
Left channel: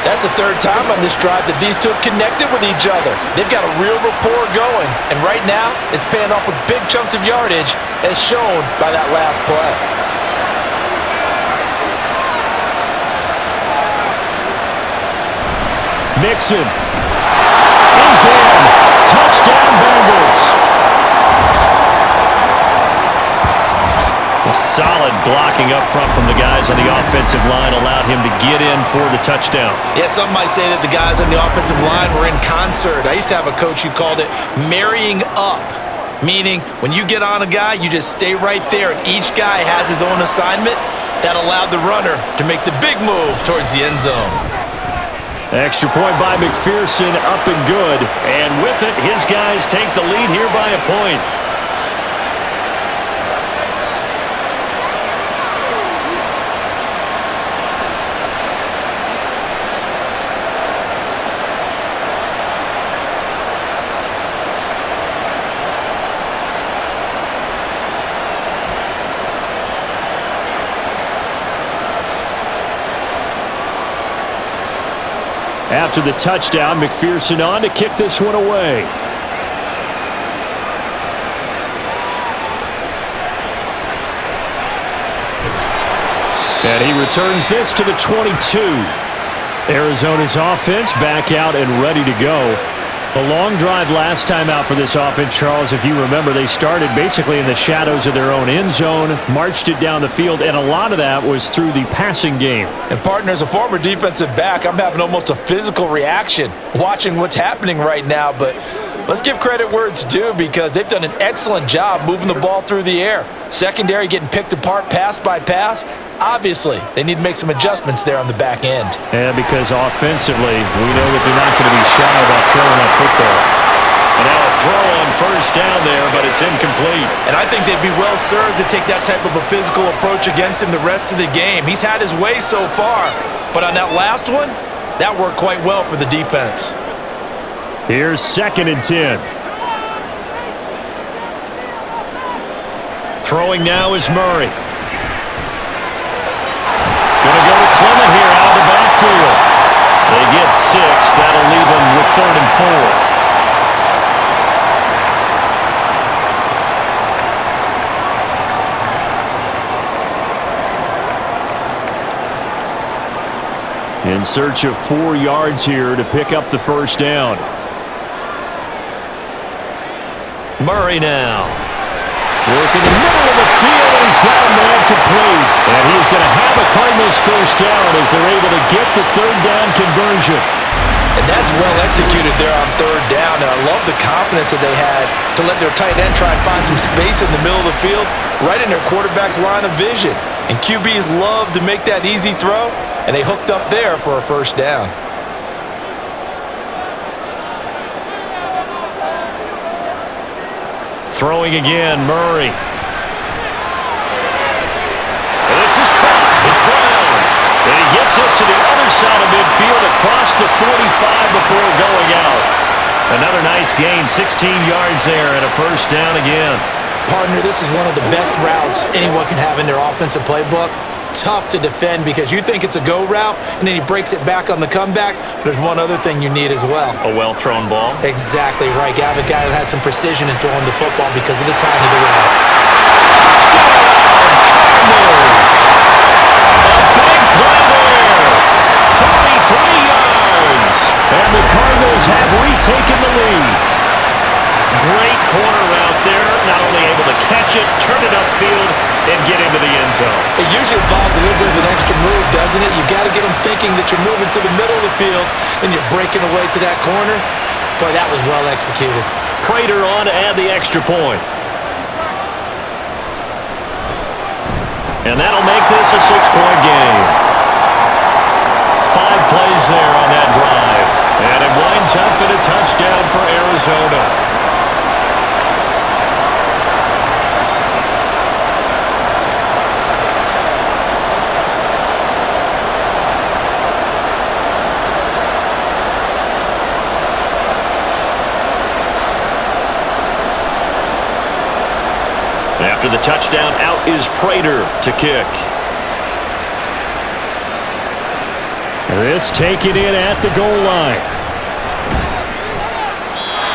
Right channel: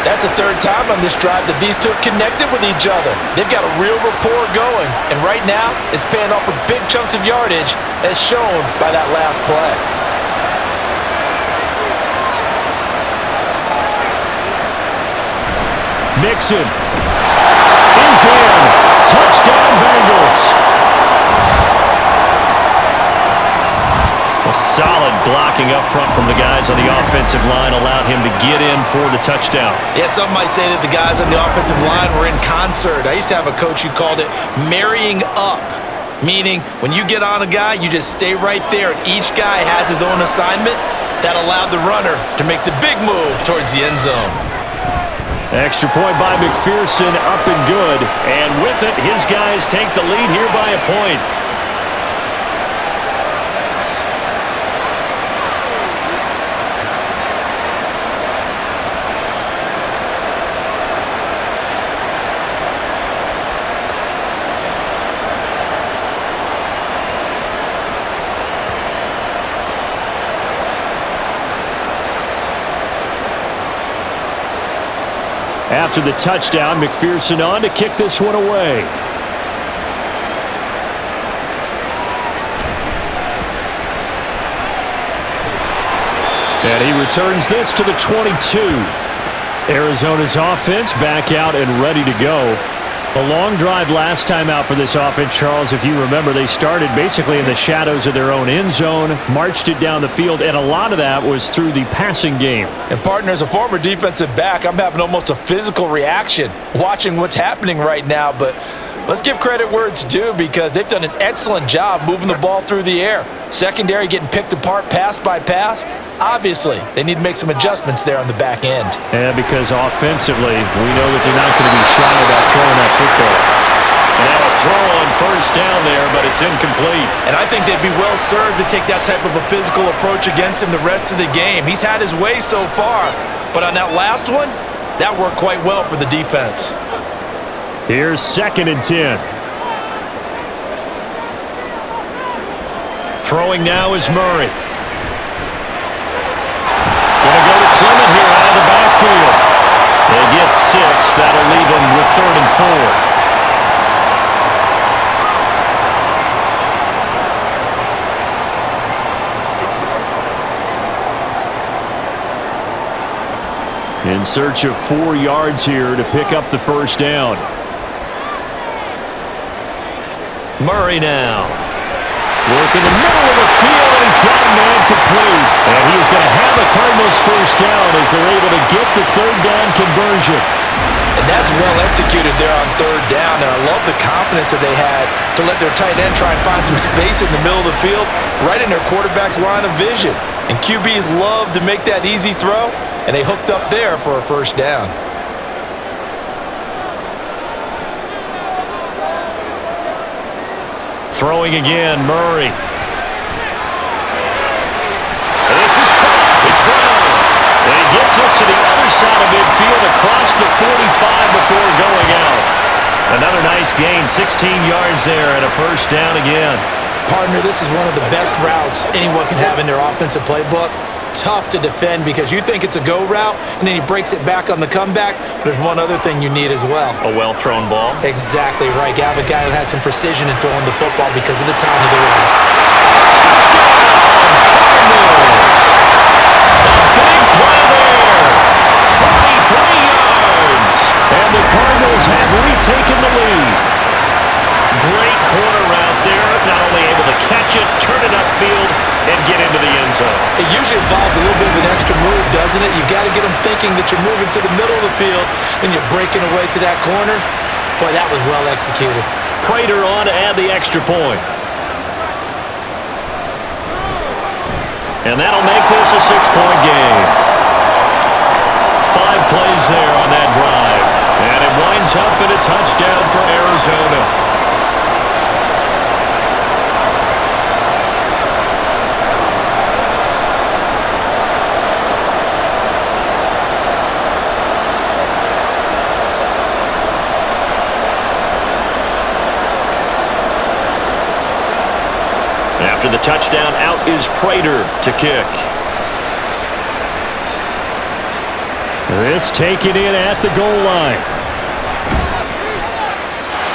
That's the 3rd time on this drive that these two have connected with each other. They've got a real rapport going. And right now, it's paying off with big chunks of yardage as shown by that last play. Mixon is in. Touchdown, Bengals. A solid blocking up front from the guys on the offensive line allowed him to get in for the touchdown. Yeah, some might say that the guys on the offensive line were in concert. I used to have a coach who called it marrying up, meaning when you get on a guy, you just stay right there, and each guy has his own assignment. That allowed the runner to make the big move towards the end zone. Extra point by McPherson, up and good. And with it, his guys take the lead here by a point. After the touchdown, McPherson on to kick this one away. And he returns this to the 22. Arizona's offense back out and ready to go. A long drive last time out for this offense, Charles. If you remember, they started basically in the shadows of their own end zone, marched it down the field, and a lot of that was through the passing game. And partner, as a former defensive back, I'm having almost a physical reaction watching what's happening right now. But let's give credit where it's due, because they've done an excellent job moving the ball through the air. Secondary getting picked apart pass by pass. Obviously, they need to make some adjustments there on the back end. Yeah, because offensively, we know that they're not going to be shy about throwing that football. And now a throw on first down there, but it's incomplete. And I think they'd be well served to take that type of a physical approach against him the rest of the game. He's had his way so far, but on that last one, that worked quite well for the defense. Here's 2nd and 10. Throwing now is Murray. Going to go to Clement here out of the backfield. They get 6. That'll leave them with 3rd and 4. In search of 4 yards here to pick up the first down. Murray now. Working the middle of the field, and he's got a man complete. And he is going to have a Cardinals first down as they're able to get the 3rd down conversion. And that's well executed there on 3rd down, and I love the confidence that they had to let their tight end try and find some space in the middle of the field, right in their quarterback's line of vision. And QBs love to make that easy throw, and they hooked up there for a first down. Throwing again, Murray. This is caught. It's Brown. And he gets us to the other side of midfield across the 45 before going out. Another nice gain, 16 yards there, and a first down again. Partner, this is one of the best routes anyone can have in their offensive playbook. Tough to defend because you think it's a go route, and then he breaks it back on the comeback. There's one other thing you need as well. A well-thrown ball. Exactly right. You have a guy who has some precision in throwing the football because of the time of the route. Touchdown, Cardinals! A big play there. 43 yards. And the Cardinals have retaken the lead. Great corner route there. Not only able to catch it, turn it upfield, and get into the end zone. It usually involves a little bit of an extra move, doesn't it? You've got to get them thinking that you're moving to the middle of the field and you're breaking away to that corner. Boy, that was well executed. Prater on to add the extra point. And that'll make this a 6-point game. 5 plays there on that drive. And it winds up in a touchdown for Arizona. After the touchdown, out is Prater to kick. This taken in at the goal line.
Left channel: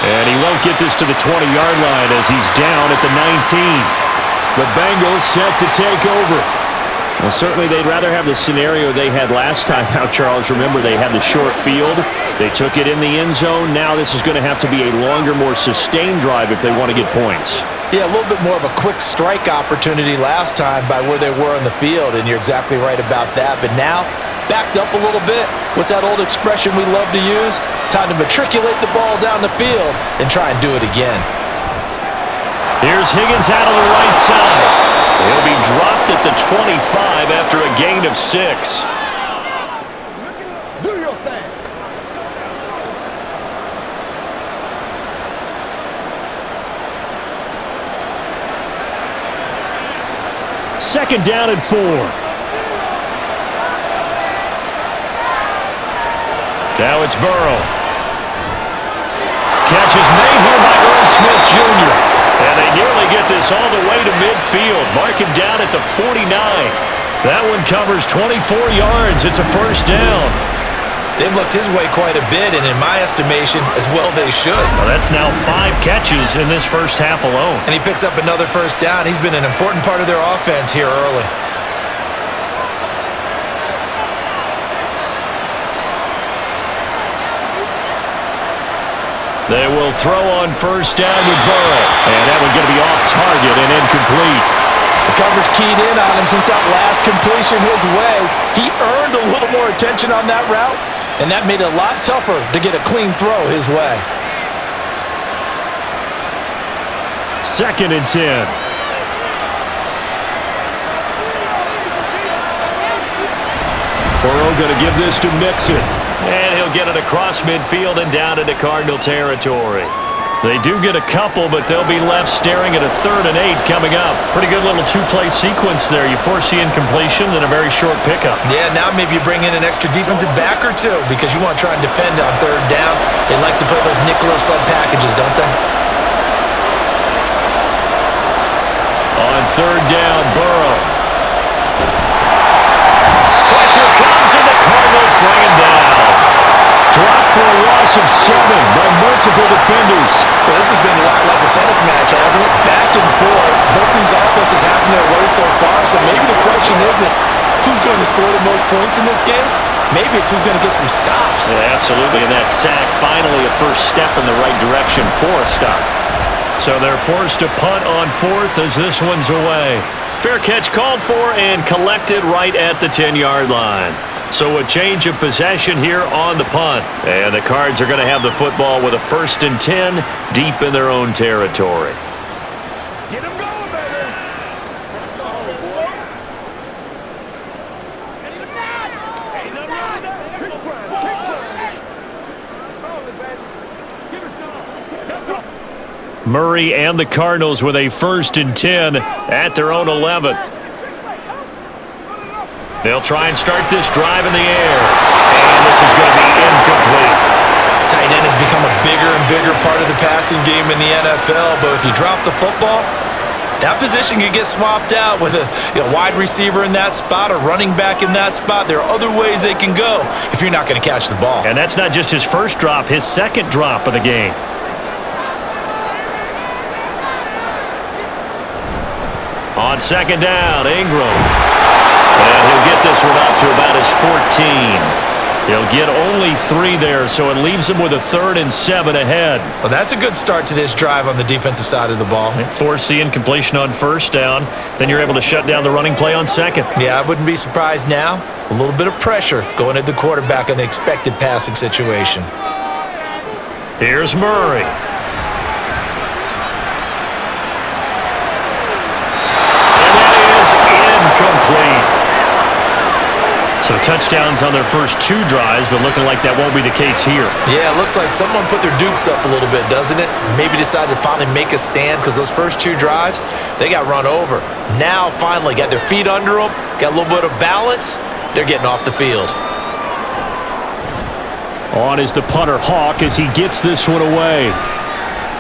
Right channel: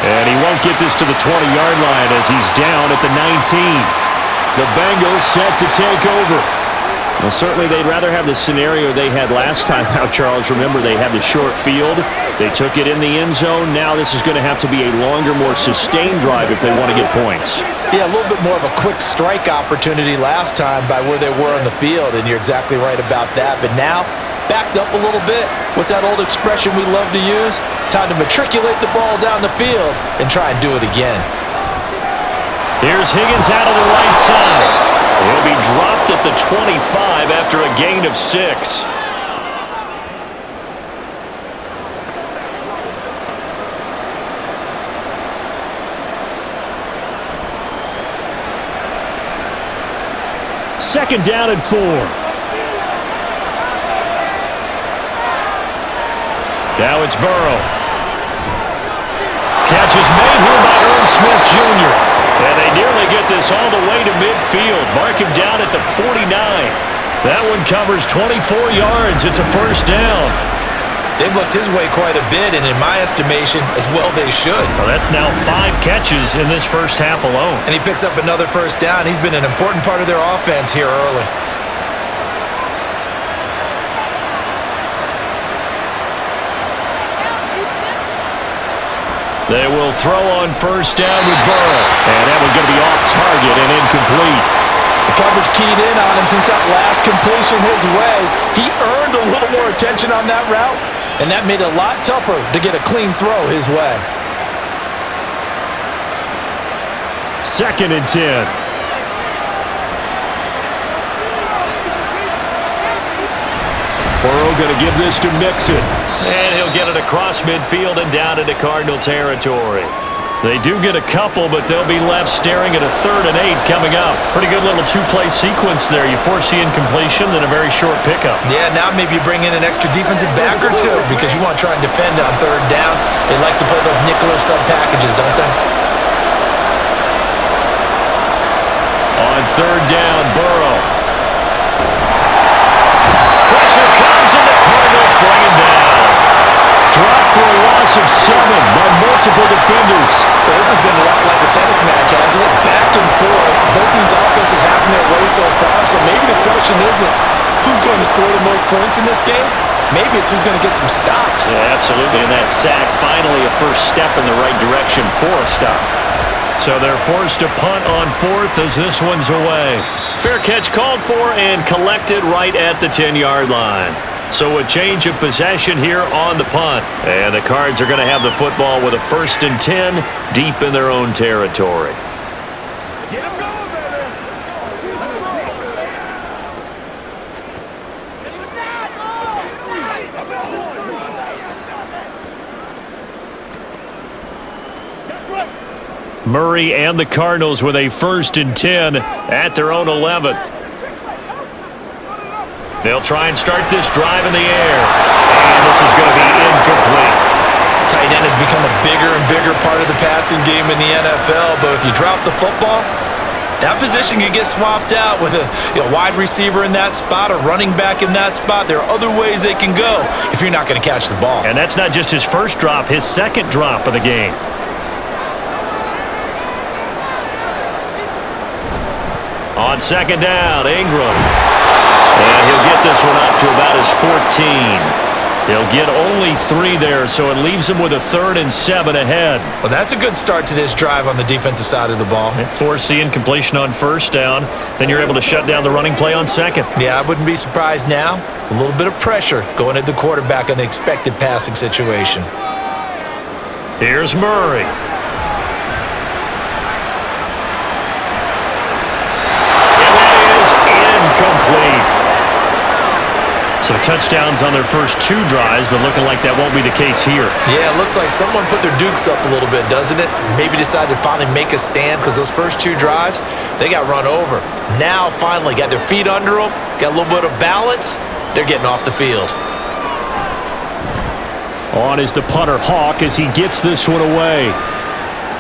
And he won't get this to the 20-yard line as he's down at the 19. The Bengals set to take over. Well, certainly they'd rather have the scenario they had last time out, Charles. Remember, they had the short field. They took it in the end zone. Now this is going to have to be a longer, more sustained drive if they want to get points. Yeah, a little bit more of a quick strike opportunity last time by where they were on the field, and you're exactly right about that. But now, backed up a little bit. What's that old expression we love to use? Time to matriculate the ball down the field and try and do it again. Here's Higgins out of the right side. He'll be dropped at the 25 after a gain of 6. Second down and 4. Now it's Burrow. Catch is made here by Earl Smith Jr. And they nearly get this all the way to midfield. Mark him down at the 49. That one covers 24 yards. It's a first down. They've looked his way quite a bit, and in my estimation, as well they should. Well, that's now 5 catches in this first half alone. And he picks up another first down. He's been an important part of their offense here early. They will throw on first down with Burrow. And that one's going to be off target and incomplete. The coverage keyed in on him since that last completion his way. He earned a little more attention on that route, and that made it a lot tougher to get a clean throw his way. 2nd and 10. Burrow going to give this to Mixon. And he'll get it across midfield and down into Cardinal territory. They do get a couple, but they'll be left staring at a 3rd and 8 coming up. Pretty good little two-play sequence there. You force the incompletion, then a very short pickup. Yeah, now maybe you bring in an extra defensive back or two because you want to try and defend on 3rd down. They like to play those nickel or sub packages, don't they? On 3rd down, Burrow. Pressure comes, and the Cardinals bring him down. Dropped for a loss of 7 by multiple defenders. So this has been a lot like a tennis match, hasn't it? Back and forth. Both these offenses having their way so far, so maybe the question isn't who's going to score the most points in this game. Maybe it's who's going to get some stops. Yeah, absolutely, and that sack finally a first step in the right direction for a stop. So they're forced to punt on 4th as this one's away. Fair catch called for and collected right at the 10-yard line. So a change of possession here on the punt. And the Cards are going to have the football with a 1st and 10 deep in their own territory. Get him going, baby. Let's roll. Murray and the Cardinals with a 1st and 10 at their own 11. They'll try and start this drive in the air. And this is going to be incomplete. Tight end has become a bigger and bigger part of the passing game in the NFL, but if you drop the football, that position can get swapped out with a wide receiver in that spot, a running back in that spot. There are other ways they can go if you're not going to catch the ball. And that's not just his first drop, his 2nd drop of the game. On 2nd down, Ingram. And he'll get this one up to about his 14. He'll get only 3 there, so it leaves him with a 3rd and 7 ahead. Well, that's a good start to this drive on the defensive side of the ball. Force the incompletion on 1st down. Then you're able to shut down the running play on 2nd. Yeah, I wouldn't be surprised now. A little bit of pressure going at the quarterback in the expected passing situation. Here's Murray. Incomplete. So touchdowns on their first 2 drives, but looking like that won't be the case here. Yeah, it looks like someone put their dukes up a little bit, doesn't it? Maybe decided to finally make a stand because those first 2 drives, they got run over. Now, finally, got their feet under them, got a little bit of balance. They're getting off the field. On is the punter, Hawk, as he gets this one away.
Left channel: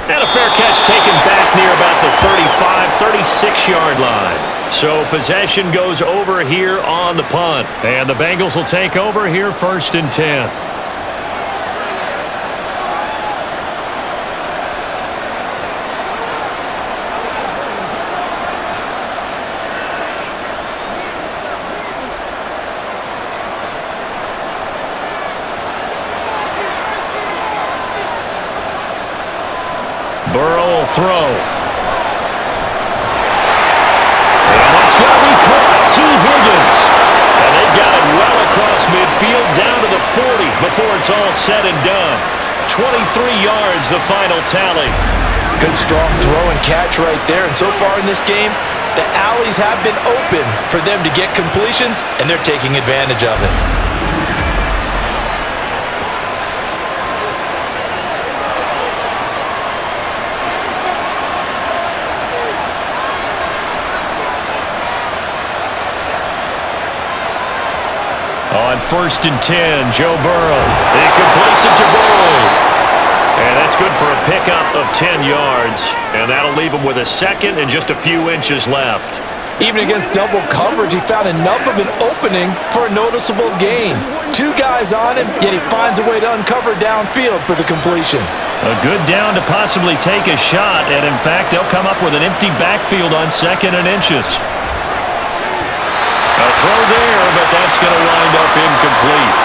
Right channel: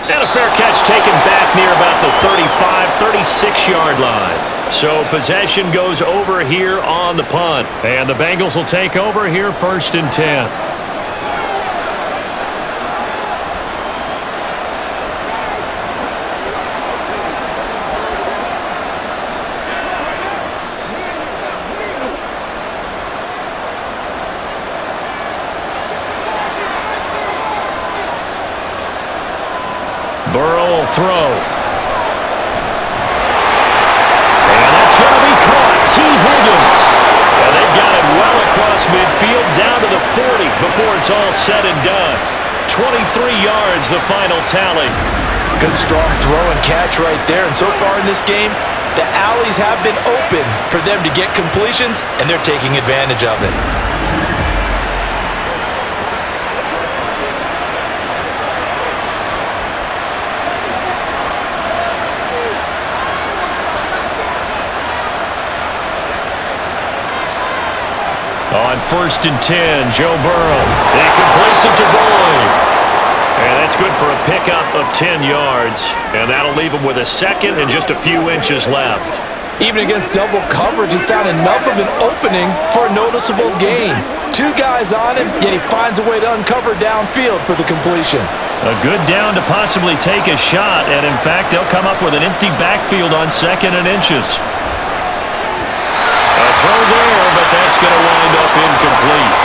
And a fair catch taken back near about the 35, 36-yard line. So possession goes over here on the punt. And the Bengals will take over here 1st and 10. Burrow will throw. And that's going to be caught. T. Higgins. And they've got it well across midfield down to the 40 before it's all said and done. 23 yards, the final tally. Good strong throw and catch right there. And so far in this game, the alleys have been open for them to get completions, and they're taking advantage of it. On 1st and 10, Joe Burrow. He completes it to Boyd. And that's good for a pickup of 10 yards. And that'll leave him with a 2nd and just a few inches left. Even against double coverage, he found enough of an opening for a noticeable gain. 2 guys on him, yet he finds a way to uncover downfield for the completion. A good down to possibly take a shot. And, in fact, they'll come up with an empty backfield on 2nd and inches. A throw there, but that's going to wind up incomplete.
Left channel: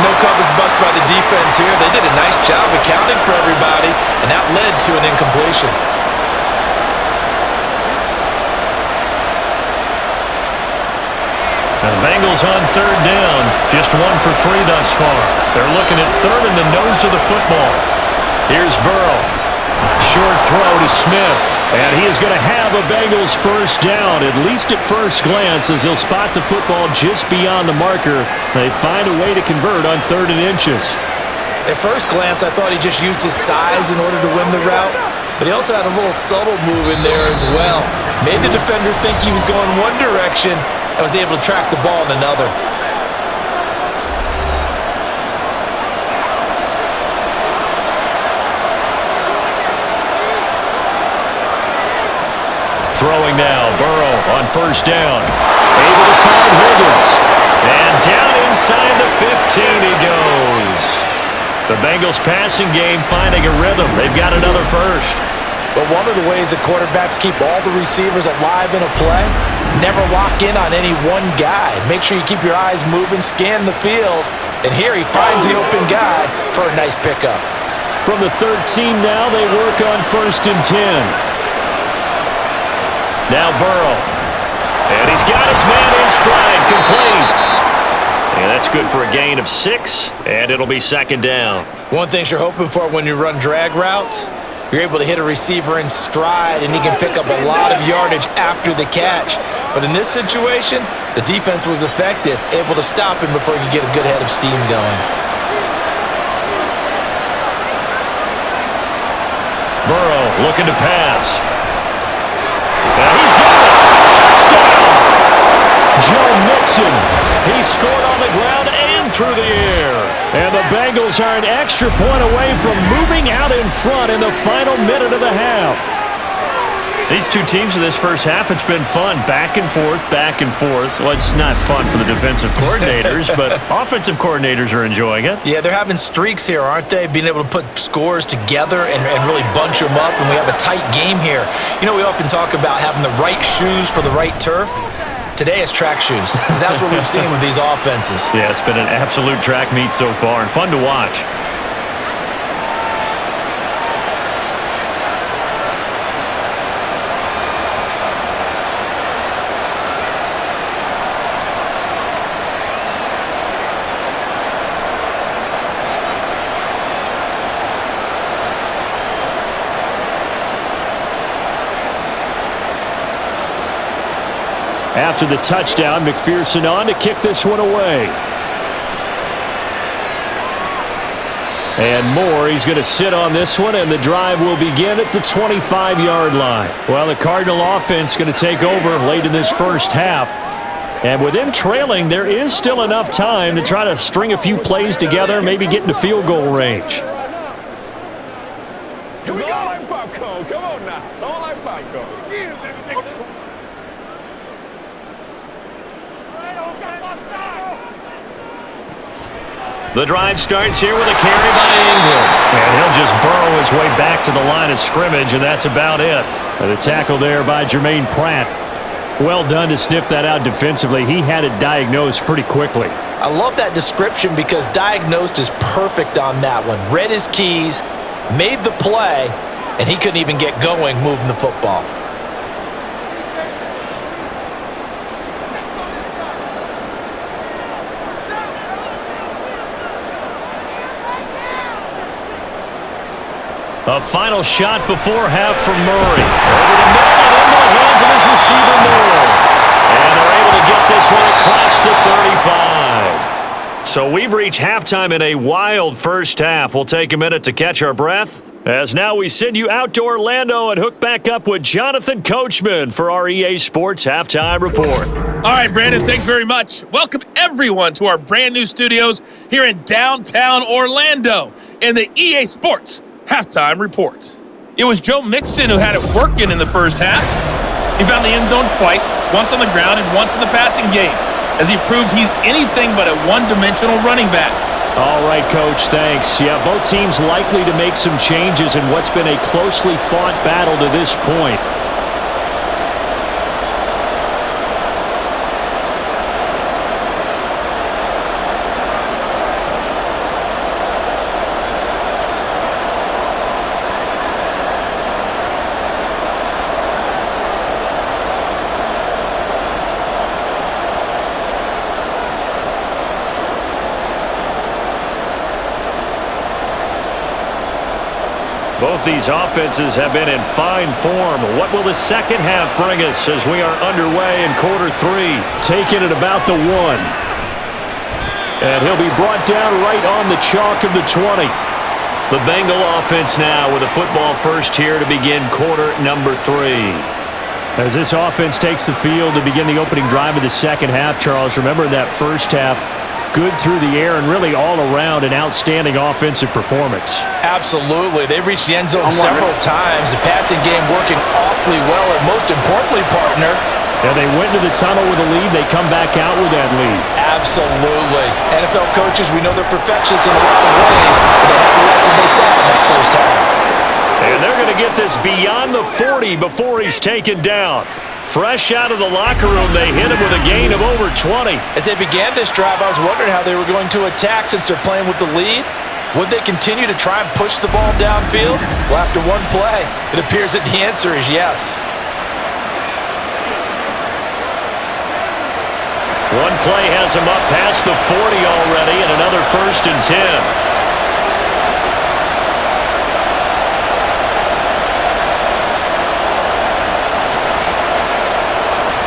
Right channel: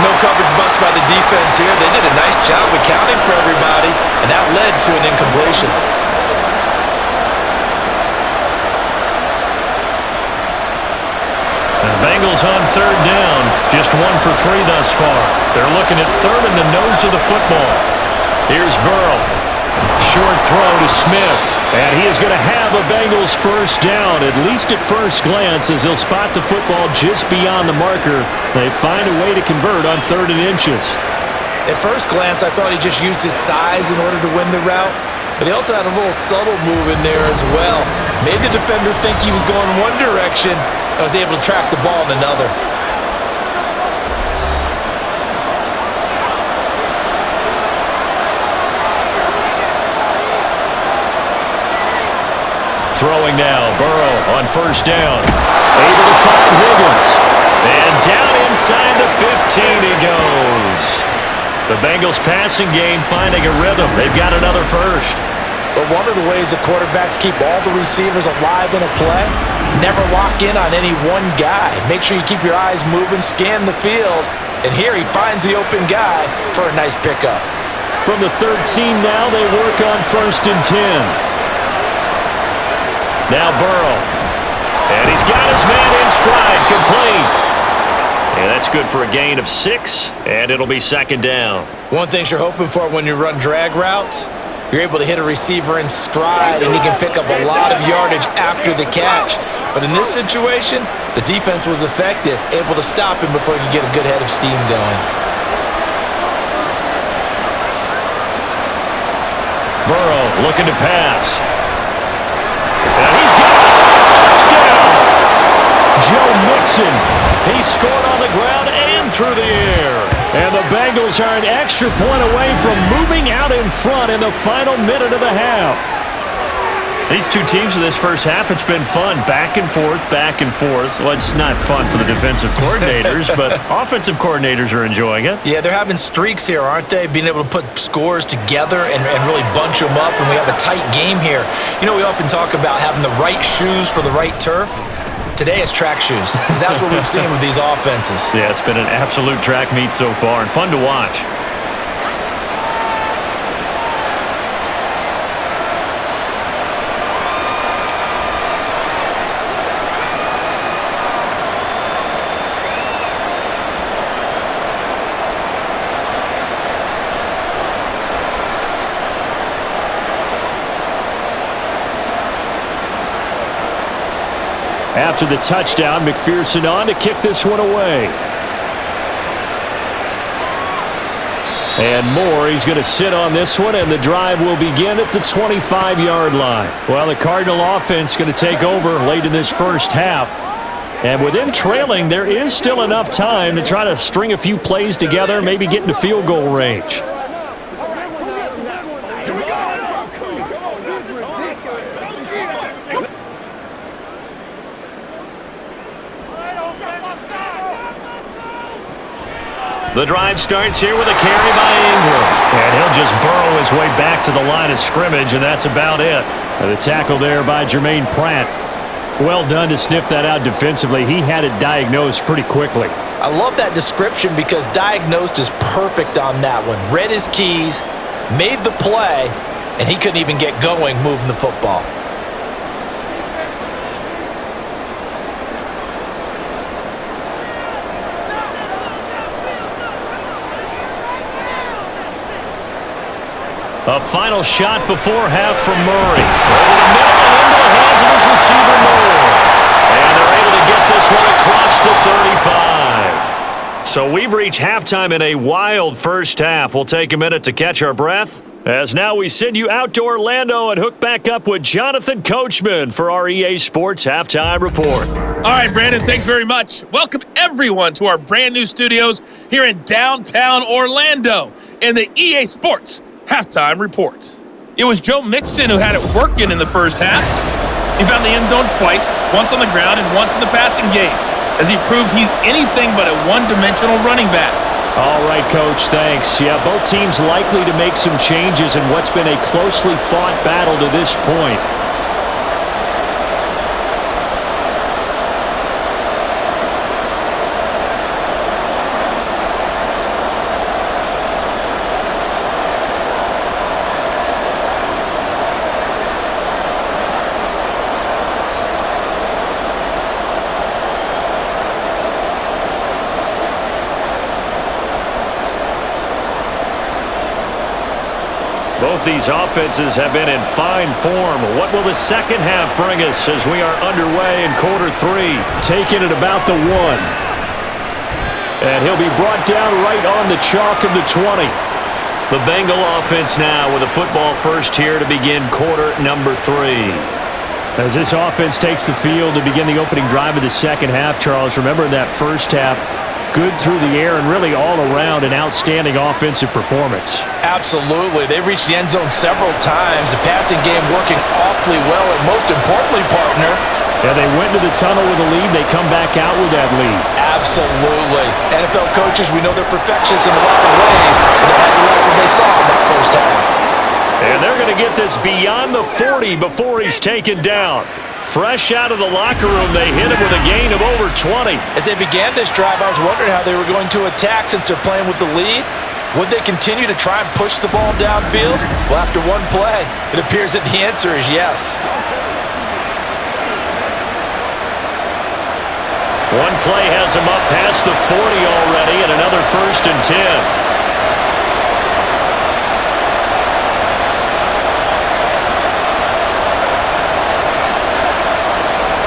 No coverage bust by the defense here. They did a nice job accounting for everybody, and that led to an incompletion. And the Bengals on third down, just 1 for 3 thus far. They're looking at third in the nose of the football. Here's Burrow. Short throw to Smith. And he is going to have a Bengals first down, at least at first glance, as he'll spot the football just beyond the marker. They find a way to convert on 3rd and inches. At first glance, I thought he just used his size in order to win the route, but he also had a little subtle move in there as well. Made the defender think he was going one direction and was able to track the ball in another. Throwing now, Burrow on first down. Able to find Higgins. And down inside the 15 he goes. The Bengals passing game finding a rhythm. They've got another first. But one of the ways that quarterbacks keep all the receivers alive in a play, never lock in on any one guy. Make sure you keep your eyes moving, scan the field. And here he finds the open guy for a nice pickup. From the 13 now, they work on 1st and 10. Now Burrow. And he's got his man in stride, complete. And that's good for a gain of 6, and it'll be 2nd down. One thing you're hoping for when you run drag routes, you're able to hit a receiver in stride, and he can pick up a lot of yardage after the catch. But in this situation, the defense was effective, able to stop him before he could get a good head of steam going. Burrow looking to pass. And he's got it. Touchdown. Joe Mixon. He scored on the ground and through the air. And the Bengals are an extra point away from moving out in front in the final minute of the half. These two teams in this first half, it's been fun. Back and forth, back and forth. Well, it's not fun for the defensive coordinators, but offensive coordinators are enjoying it. Yeah, they're having streaks here, aren't they? Being able to put scores together and really bunch them up, and we have a tight game here. You know, we often talk about having the right shoes for the right turf. Today it's track shoes, because that's what we've seen with these offenses. Yeah, it's been an absolute track meet so far, and fun to watch. After the touchdown, McPherson on to kick this one away. And Moore, he's going to sit on this one, and the drive will begin at the 25-yard line. Well, the Cardinal offense going to take over late in this first half. And with them trailing, there is still enough time to try to string a few plays together, maybe get into field goal range. Here we go. Come on now. It's all right, Paco. The drive starts here with a carry by Ingram. And he'll just burrow his way back to the line of scrimmage, and that's about it. And the tackle there by Jermaine Pratt. Well done to sniff that out defensively. He had it diagnosed pretty quickly. I love that description because diagnosed is perfect on that one. Read his keys, made the play, and he couldn't even get going moving the football. A final shot before half from Murray. Over the middle and into the hands of his receiver, Moore. And they're able to get this one across the 35. So we've reached halftime in a wild first half. We'll take a minute to catch our breath, as now we send you out to Orlando and hook back up with Jonathan Coachman for our EA Sports Halftime Report. All right, Brandon, thanks very much. Welcome, everyone, to our brand new studios here in downtown Orlando in the EA Sports Halftime Report. It was Joe Mixon who had it working in the first half. He found the end zone twice, once on the ground and once in the passing game, as he proved he's anything but a one-dimensional running back. All right, Coach, thanks. Yeah, both teams likely to make some changes in what's been a closely fought battle to this point. Both these offenses have been in fine form. What will the second half bring us as we are underway in quarter 3? Taking it about the 1. And he'll be brought down right on the chalk of the 20. The Bengal offense now with a football first here to begin quarter number 3. As this offense takes the field to begin the opening drive of the second half, Charles, remember that first half, good through the air and really all around an outstanding offensive performance. Absolutely. They reached the end zone several times. The passing game working awfully well, and most importantly, partner, yeah, they went to the tunnel with a lead. They come back out with that lead. Absolutely. NFL coaches, we know they're perfectionists in a lot of ways, but they had to like what they saw in that first half. And they're going to get this beyond the 40 before he's taken down. Fresh out of the locker room, they hit him with a gain of over 20. As they began this drive, I was wondering how they were going to attack since they're playing with the lead. Would they continue to try and push the ball downfield? Well, after one play, it appears that the answer is yes. One play has him up past the 40 already, and another 1st and 10.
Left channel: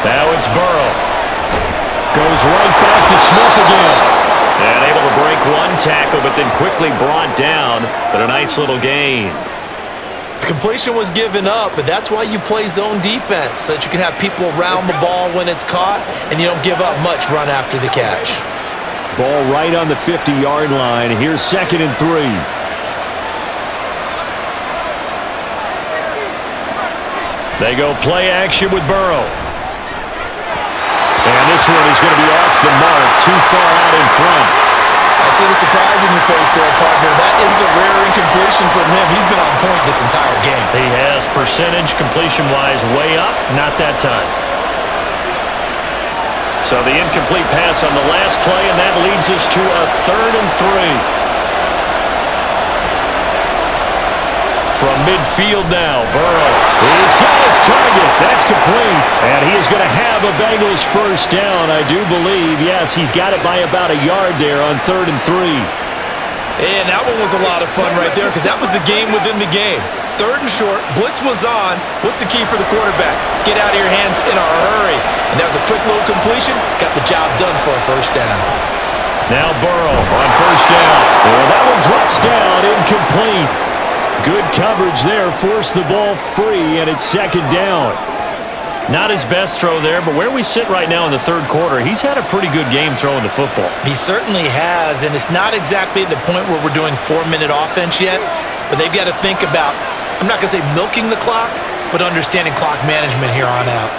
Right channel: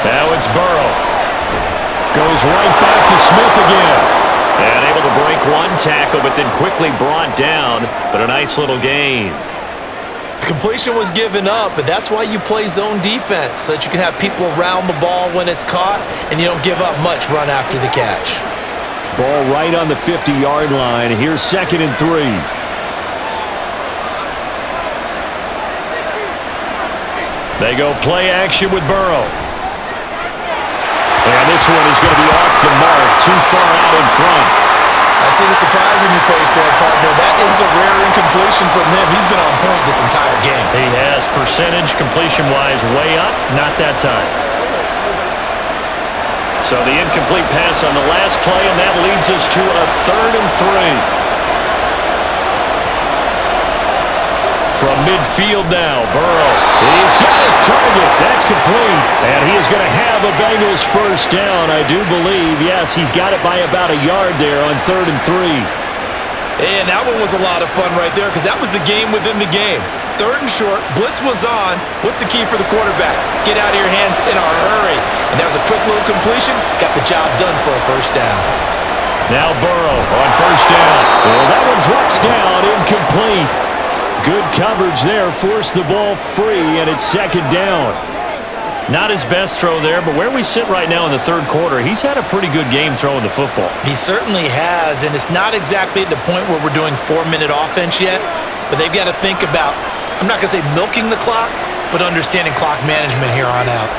Now it's Burrow. Goes right back to Smith again. And able to break one tackle, but then quickly brought down. But a nice little gain. The completion was given up, but that's why you play zone defense, so that you can have people around the ball when it's caught, and you don't give up much run after the catch. Ball right on the 50-yard line. Here's 2nd and 3. They go play action with Burrow. And this one is going to be off the mark, too far out in front. I see the surprise in your face there, partner. That is a rare incompletion from him. He's been on point this entire game. He has percentage completion-wise way up, not that time. So the incomplete pass on the last play, and that leads us to a 3rd and 3. From midfield now, Burrow. He's got his target. That's complete. And he is going to have a Bengals first down, I do believe. Yes, he's got it by about a yard there on 3rd and 3. And that one was a lot of fun right there because that was the game within the game. 3rd and short, blitz was on. What's the key for the quarterback? Get out of your hands in a hurry. And that was a quick little completion. Got the job done for a first down. Now Burrow on first down. And that one drops down, incomplete. Good coverage there, forced the ball free, and it's 2nd down. Not his best throw there, but where we sit right now in the 3rd quarter, he's had a pretty good game throwing the football. He certainly has, and it's not exactly at the point where we're doing 4-minute offense yet, but they've got to think about, I'm not going to say milking the clock, but understanding clock management here on out.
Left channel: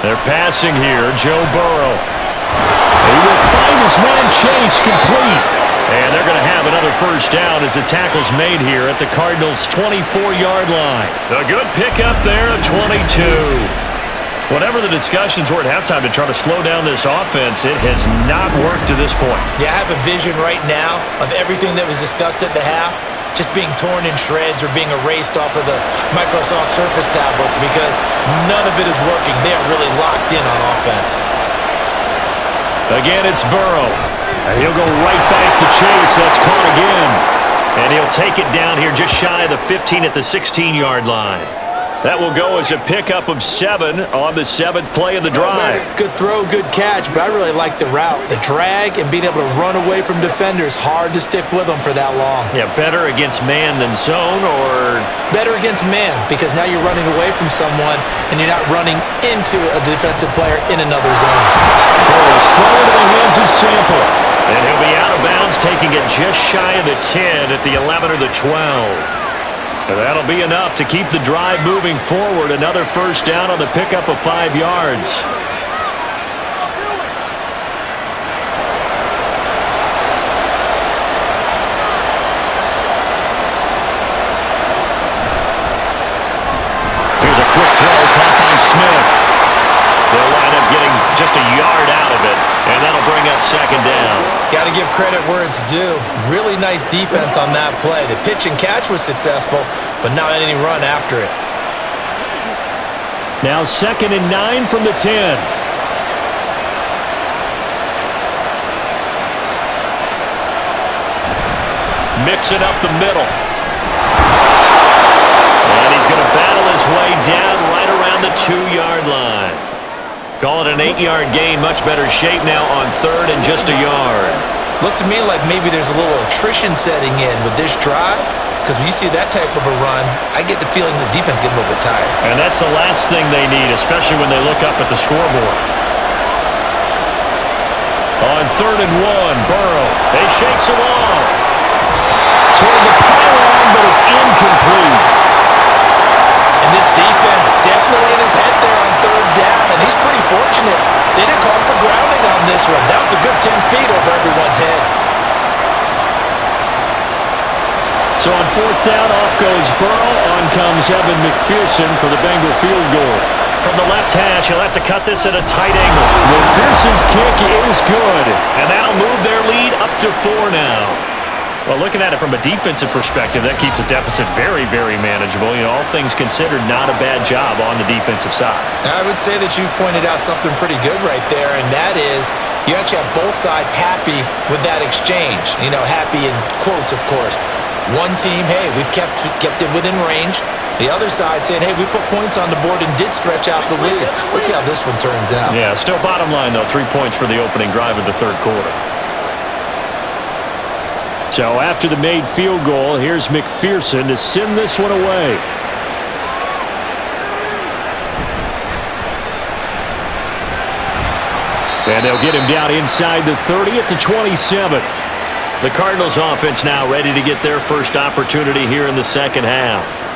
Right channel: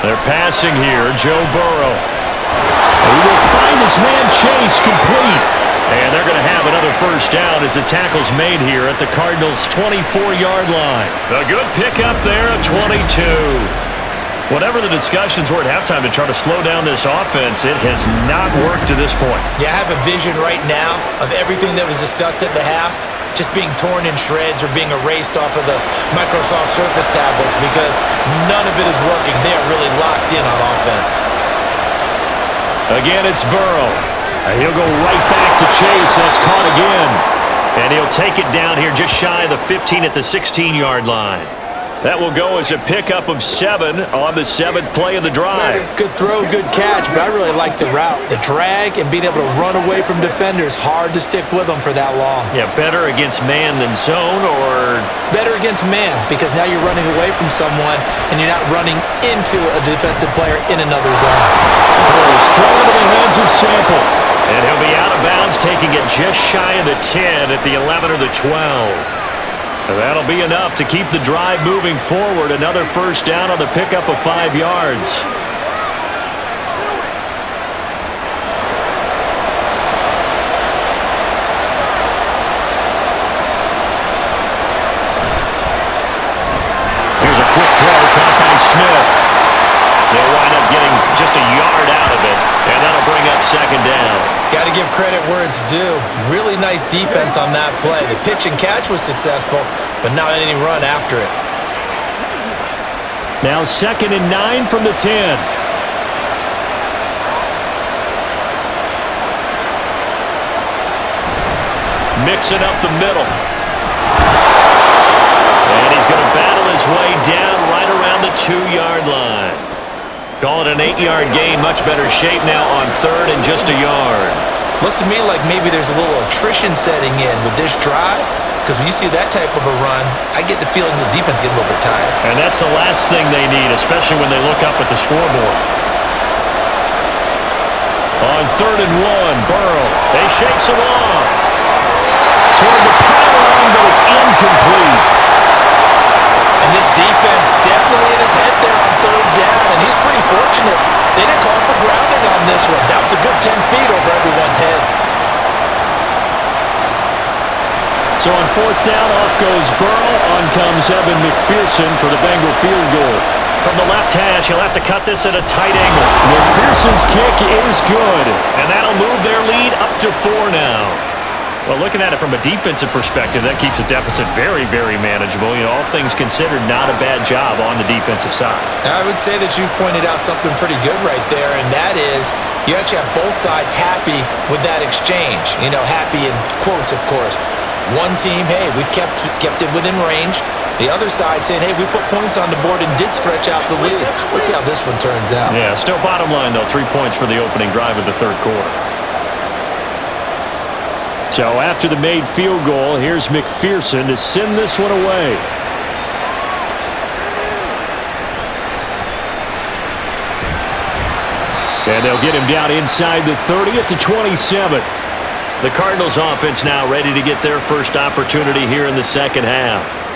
They're passing here, Joe Burrow. He will find his man Chase complete. And they're going to have another first down as the tackle's made here at the Cardinals' 24-yard line. A good pickup there at 22. Whatever the discussions were at halftime to try to slow down this offense, it has not worked to this point. Yeah, I have a vision right now of everything that was discussed at the half just being torn in shreds or being erased off of the Microsoft Surface tablets because none of it is working. They are really locked in on offense. Again, it's Burrow. And he'll go right back to Chase. That's caught again. And he'll take it down here just shy of the 15 at the 16-yard line. That will go as a pickup of 7 on the 7th play of the drive. Good throw, good catch, but I really like the route. The drag and being able to run away from defenders, hard to stick with them for that long. Yeah, better against man than zone, or? Better against man, because now you're running away from someone and you're not running into a defensive player in another zone. Burrow's throw into the hands of Sample. And he'll be out of bounds, taking it just shy of the 10 at the 11 or the 12. And that'll be enough to keep the drive moving forward. Another first down on the pickup of 5 yards. Here's a quick throw caught by Smith. They'll wind up getting just a yard out of it, and that'll bring up 2nd down. Got to give credit where it's due. Really nice defense on that play. The pitch and catch was successful, but not any run after it. Now 2nd and 9 from the 10. Mixing up the middle. his way down right around the 2-yard line. Call it an 8-yard gain. Much better shape now on 3rd and just a yard. Looks to me like maybe there's a little attrition setting in with this drive, because when you see that type of a run, I get the feeling the defense getting a little bit tired. And that's the last thing they need, especially when they look up at the scoreboard. On 3rd and 1, Burrow. They shakes him off. Toward the pylon, but it's incomplete. And this defense definitely in his head there on 3rd down, and he's pretty fortunate. They didn't call for grounding on this one. That was a good 10 feet over everyone's head. So on 4th down, off goes Burrow. On comes Evan McPherson for the Bengal field goal. From the left hash, he'll have to cut this at a tight angle. McPherson's kick is good, and that'll move their lead up to 4 now. Well, looking at it from a defensive perspective, that keeps the deficit very, very manageable. You know, all things considered, not a bad job on the defensive side. I would say that you've pointed out something pretty good right there, and that is you actually have both sides happy with that exchange. You know, happy in quotes, of course. One team, hey, we've kept it within range. The other side saying, hey, we put points on the board and did stretch out the lead. Let's see how this one turns out. Yeah, still bottom line, though, 3 points for the opening drive of the 3rd quarter. So after the made field goal, here's McPherson to send this one away. And they'll get him down inside the 30 at the 27. The Cardinals offense now ready to get their first opportunity here in the second half.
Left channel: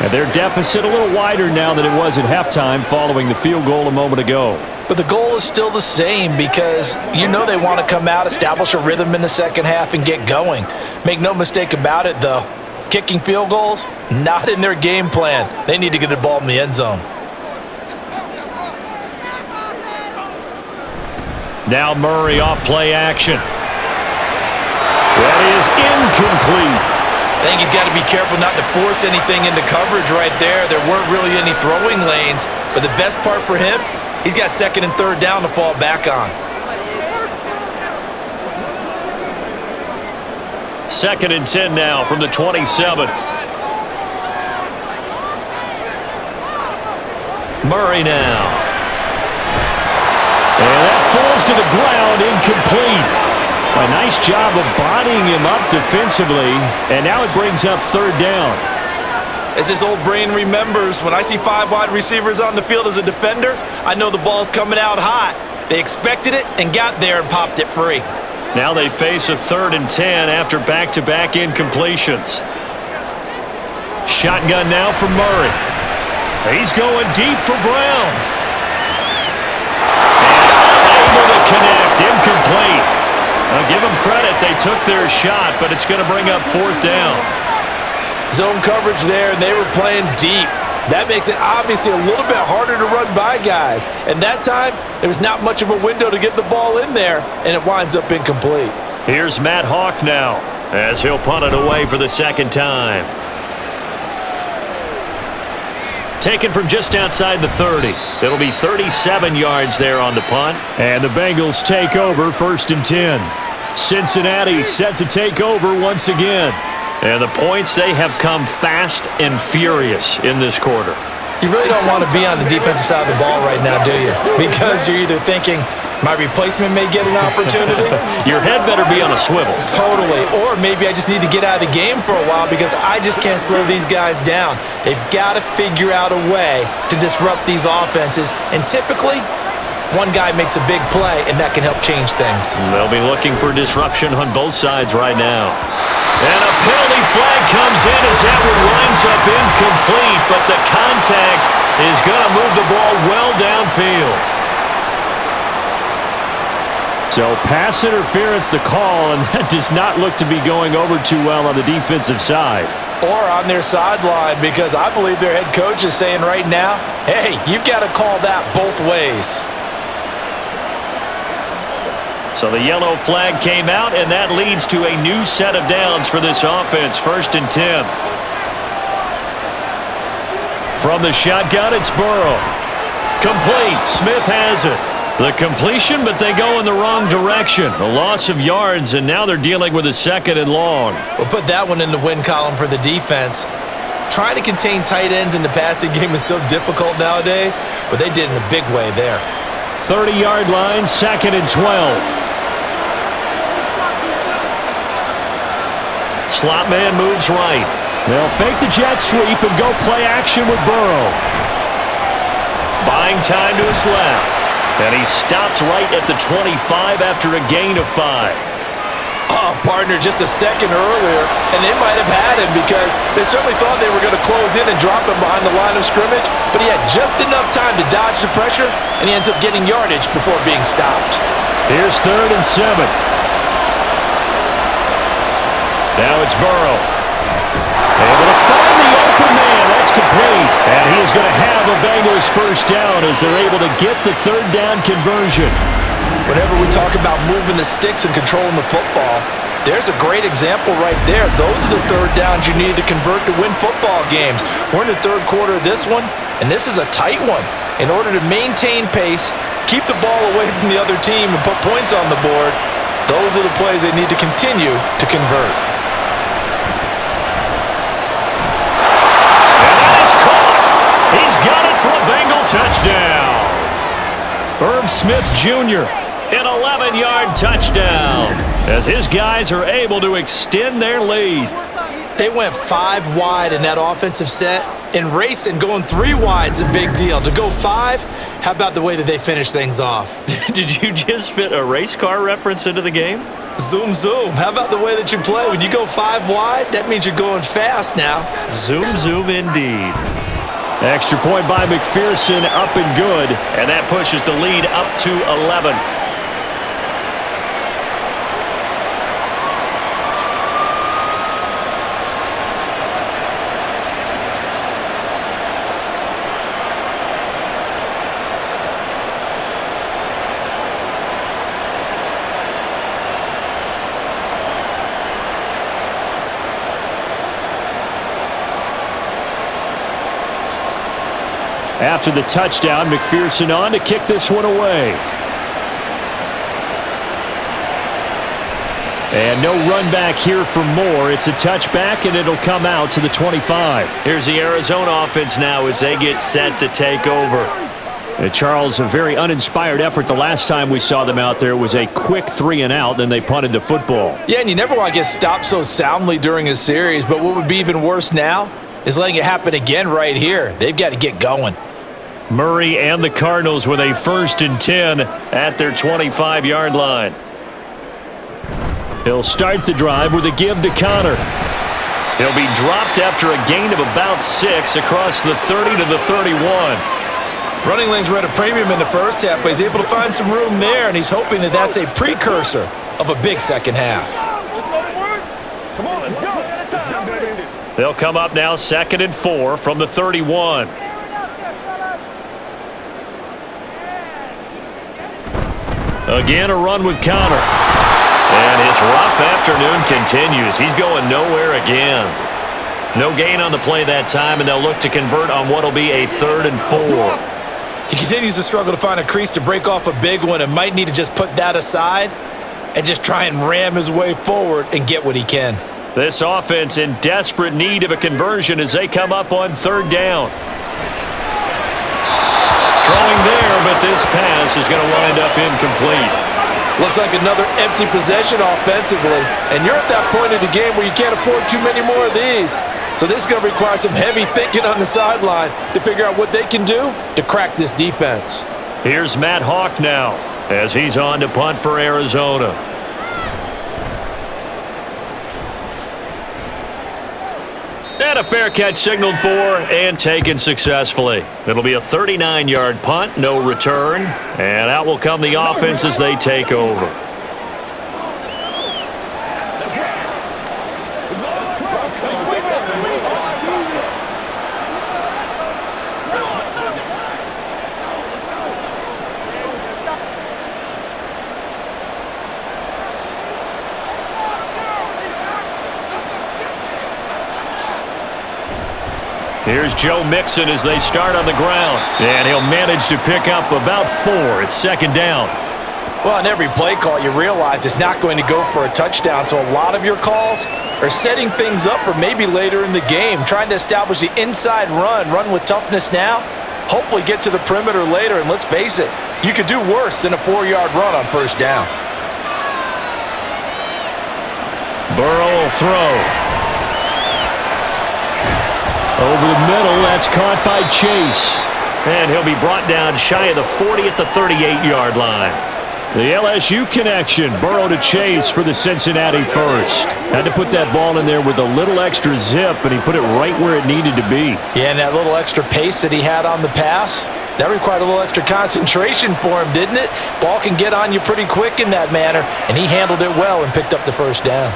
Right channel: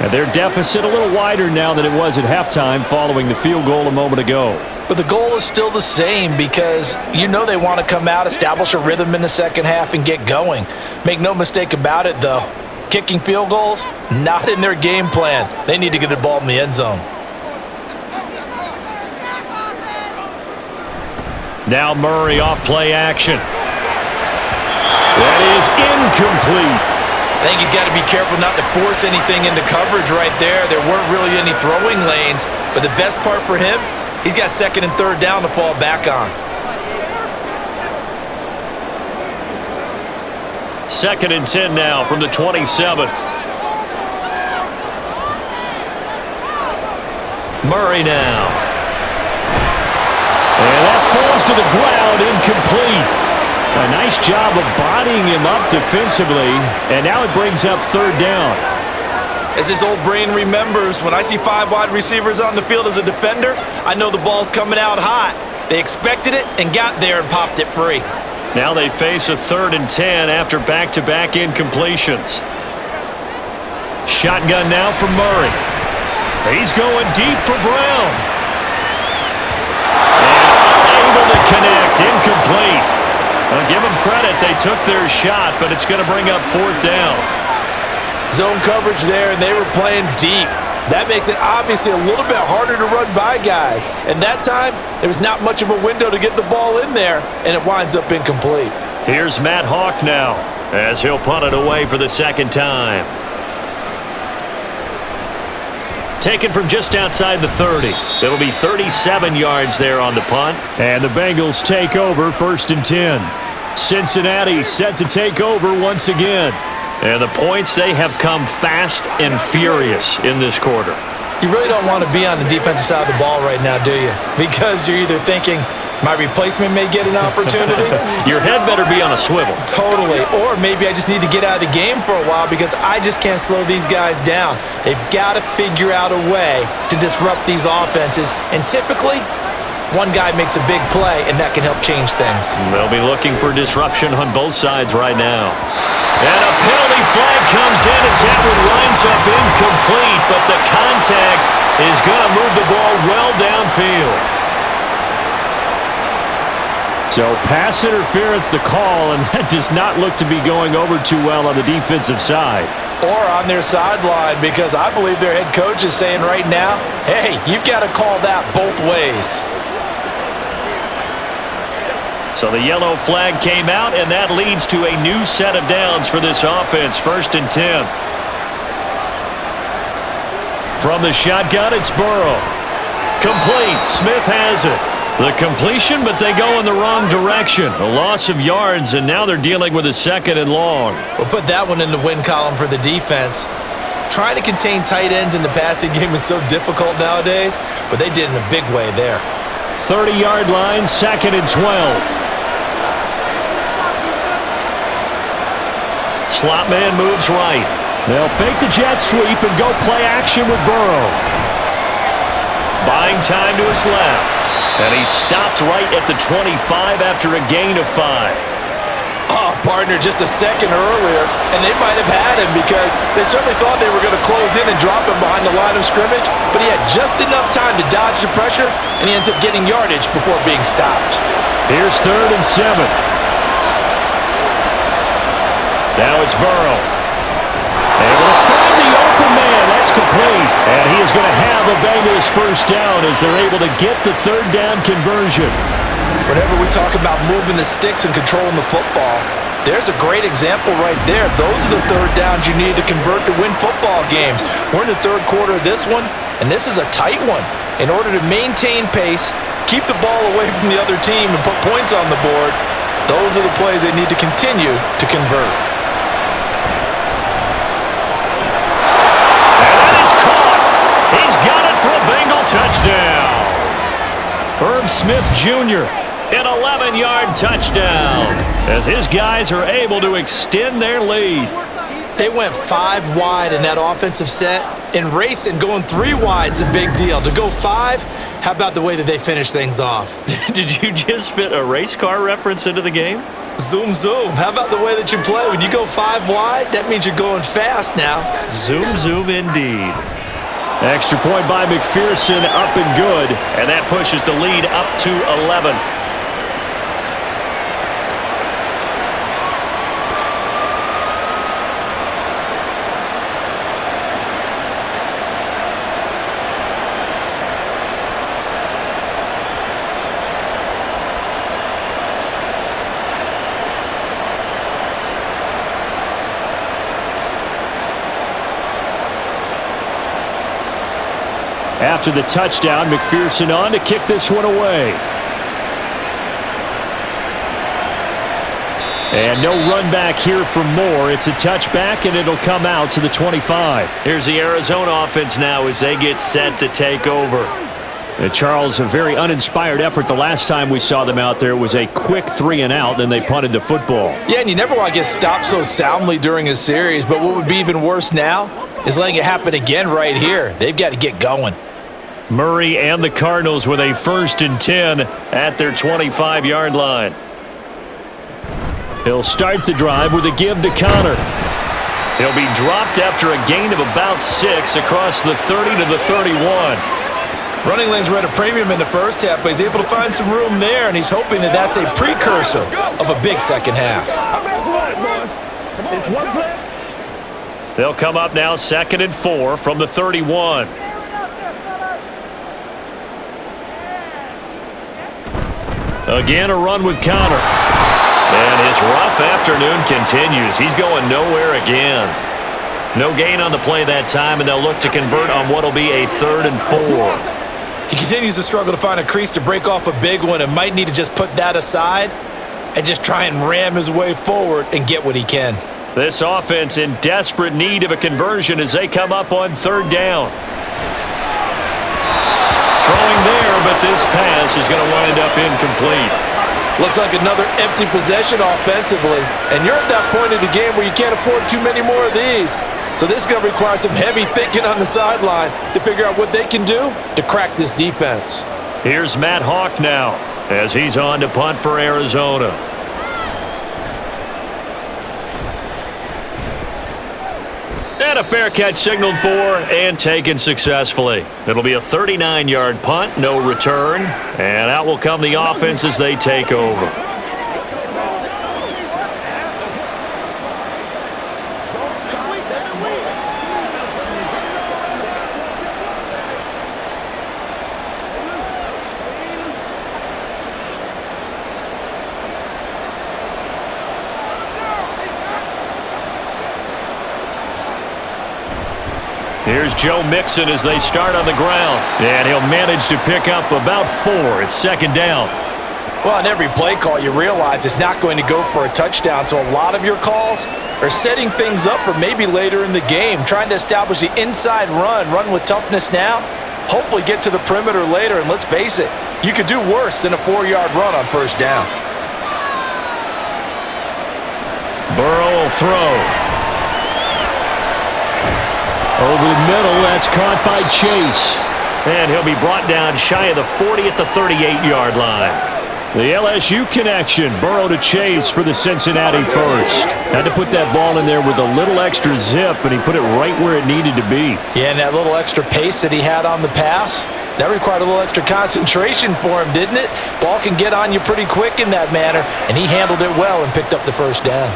And their deficit a little wider now than it was at halftime following the field goal a moment ago. But the goal is still the same because you know they want to come out, establish a rhythm in the second half, and get going. Make no mistake about it, though. Kicking field goals, not in their game plan. They need to get the ball in the end zone. Now Murray off play action. That is incomplete. I think he's got to be careful not to force anything into coverage right there. There weren't really any throwing lanes, but the best part for him, he's got 2nd and 3rd down to fall back on. 2nd and 10 now from the 27. Murray now. And that falls to the ground, incomplete. A nice job of bodying him up defensively, and now it brings up 3rd down. As his old brain remembers, when I see 5 wide receivers on the field as a defender, I know the ball's coming out hot. They expected it and got there and popped it free. Now they face a 3rd and 10 after back-to-back incompletions. Shotgun now for Murray. He's going deep for Brown. And unable to connect, incomplete. I'll give them credit. They took their shot, but it's going to bring up 4th down. Zone coverage there, and they were playing deep. That makes it obviously a little bit harder to run by guys. And that time, there was not much of a window to get the ball in there, and it winds up incomplete. Here's Matt Hawk now, as he'll punt it away for the 2nd time. Taken from just outside the 30. It'll be 37 yards there on the punt. And the Bengals take over 1st and 10. Cincinnati set to take over once again. And the points, they have come fast and furious in this quarter. You really don't want to be on the defensive side of the ball right now, do you? Because you're either thinking, my replacement may get an opportunity. Your head better be on a swivel. Totally. Or maybe I just need to get out of the game for a while because I just can't slow these guys down. They've got to figure out a way to disrupt these offenses. And typically, one guy makes a big play, and that can help change things. They'll be looking for disruption on both sides right now. And a penalty flag comes in as that one winds up incomplete, but the contact is going to move the ball well downfield. So pass interference the call, and that does not look to be going over too well on the defensive side. Or on their sideline, because I believe their head coach is saying right now, hey, you've got to call that both ways. So the yellow flag came out, and that leads to a new set of downs for this offense. 1st and 10. From the shotgun, it's Burrow. Complete. Smith has it. The completion, but they go in the wrong direction. A loss of yards, and now they're dealing with a 2nd and long. We'll put that one in the win column for the defense. Trying to contain tight ends in the passing game is so difficult nowadays, but they did in a big way there. 30-yard line, 2nd and 12. Slot man moves right. They'll fake the jet sweep and go play action with Burrow. Buying time to his left. And he stopped right at the 25 after a gain of 5. Oh, partner, just a second earlier, and they might have had him because they certainly thought they were going to close in and drop him behind the line of scrimmage, but he had just enough time to dodge the pressure, and he ends up getting yardage before being stopped. Here's 3rd and 7. Now it's Burrow. Able to find the open man. That's complete. And he is going to have a Bengals first down as they're able to get the 3rd down conversion. Whenever we talk about moving the sticks and controlling the football, there's a great example right there. Those are the 3rd downs you need to convert to win football games. We're in the 3rd quarter of this one, and this is a tight one. In order to maintain pace, keep the ball away from the other team, and put points on the board, those are the plays they need to continue to convert. He's got it for a Bengal touchdown. Irv Smith Jr., an 11-yard touchdown, as his guys are able to extend their lead. They went 5 wide in that offensive set, and racing going 3 wide is a big deal. To go 5, how about the way that they finish things off? Did you just fit a race car reference into the game? Zoom, zoom. How about the way that you play? When you go 5 wide, that means you're going fast now. Zoom, zoom indeed. Extra point by McPherson, up and good, and that pushes the lead up to 11. After the touchdown, McPherson on to kick this one away. And no run back here for Moore. It's a touchback, and it'll come out to the 25. Here's the Arizona offense now as they get set to take over. Charles, a very uninspired effort the last time we saw them out there. It was a quick 3 and out, and they punted the football. Yeah, and you never want to get stopped so soundly during a series, but what would be even worse now is letting it happen again right here. They've got to get going. Murray and the Cardinals with a 1st and 10 at their 25-yard line. He'll start the drive with a give to Connor. He'll be dropped after a gain of about 6 across the 30 to the 31. Running lanes were at a premium in the first half, but he's able to find some room there, and he's hoping that that's a precursor of a big second half. They'll come up now 2nd and 4 from the 31. Again, a run with Connor. And his rough afternoon continues. He's going nowhere again. No gain on the play that time, and they'll look to convert on what will be a 3rd and 4. He continues to struggle to find a crease to break off a big one and might need to just put that aside and just try and ram his way forward and get what he can. This offense in desperate need of a conversion as they come up on 3rd down. Throwing there, but this pass is going to wind up incomplete. Looks like another empty possession offensively, and you're at that point in the game where you can't afford too many more of these. So this is going to require some heavy thinking on the sideline to figure out what they can do to crack this defense. Here's Matt Hawk now as he's on to punt for Arizona. And a fair catch signaled for and taken successfully. It'll be a 39-yard punt, no return. And out will come the offense as they take over. Here's Joe Mixon as they start on the ground. And he'll manage to pick up about 4. It's 2nd down. Well, on every play call, you realize it's not going to go for a touchdown, so a lot of your calls are setting things up for maybe later in the game, trying to establish the inside run with toughness now, hopefully get to the perimeter later, and let's face it, you could do worse than a 4-yard run on first down. Burrow will throw. Over the middle, that's caught by Chase. And he'll be brought down shy of the 40 at the 38-yard line. The LSU connection, Burrow to Chase for the Cincinnati first. Had to put that ball in there with a little extra zip, and he put it right where it needed to be. Yeah, and that little extra pace that he had on the pass, that required a little extra concentration for him, didn't it? Ball can get on you pretty quick in that manner, and he handled it well and picked up the first down.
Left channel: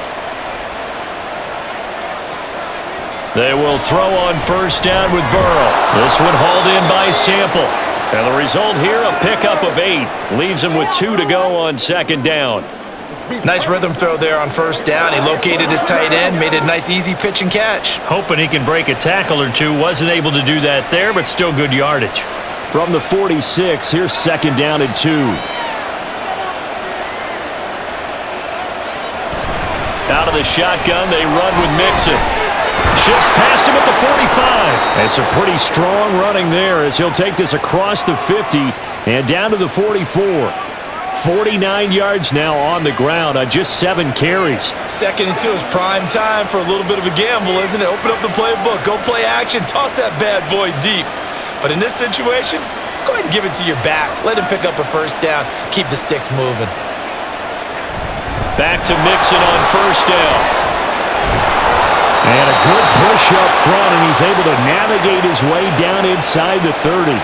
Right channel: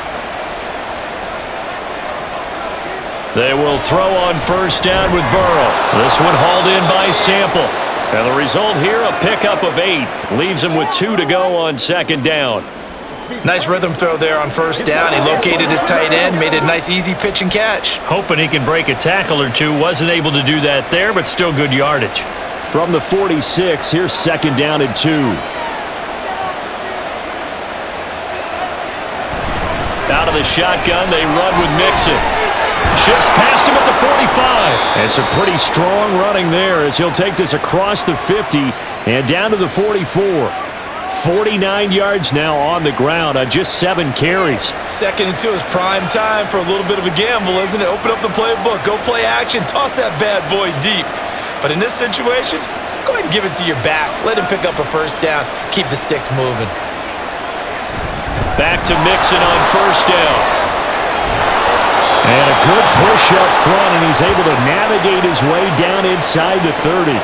They will throw on first down with Burrow. This one hauled in by Sample. And the result here, a pickup of 8. Leaves him with 2 to go on second down. Nice rhythm throw there on first down. He located his tight end, made it a nice easy pitch and catch. Hoping he can break a tackle or two. Wasn't able to do that there, but still good yardage. From the 46, here's second down and 2. Out of the shotgun, they run with Mixon. Shifts past him at the 45. And some pretty strong running there as he'll take this across the 50 and down to the 44. 49 yards now on the ground on just 7 carries. Second and 2 is prime time for a little bit of a gamble, isn't it? Open up the playbook, go play action, toss that bad boy deep. But in this situation, go ahead and give it to your back. Let him pick up a first down. Keep the sticks moving. Back to Mixon on first down. And a good push up front, and he's able to navigate his way down inside the 30.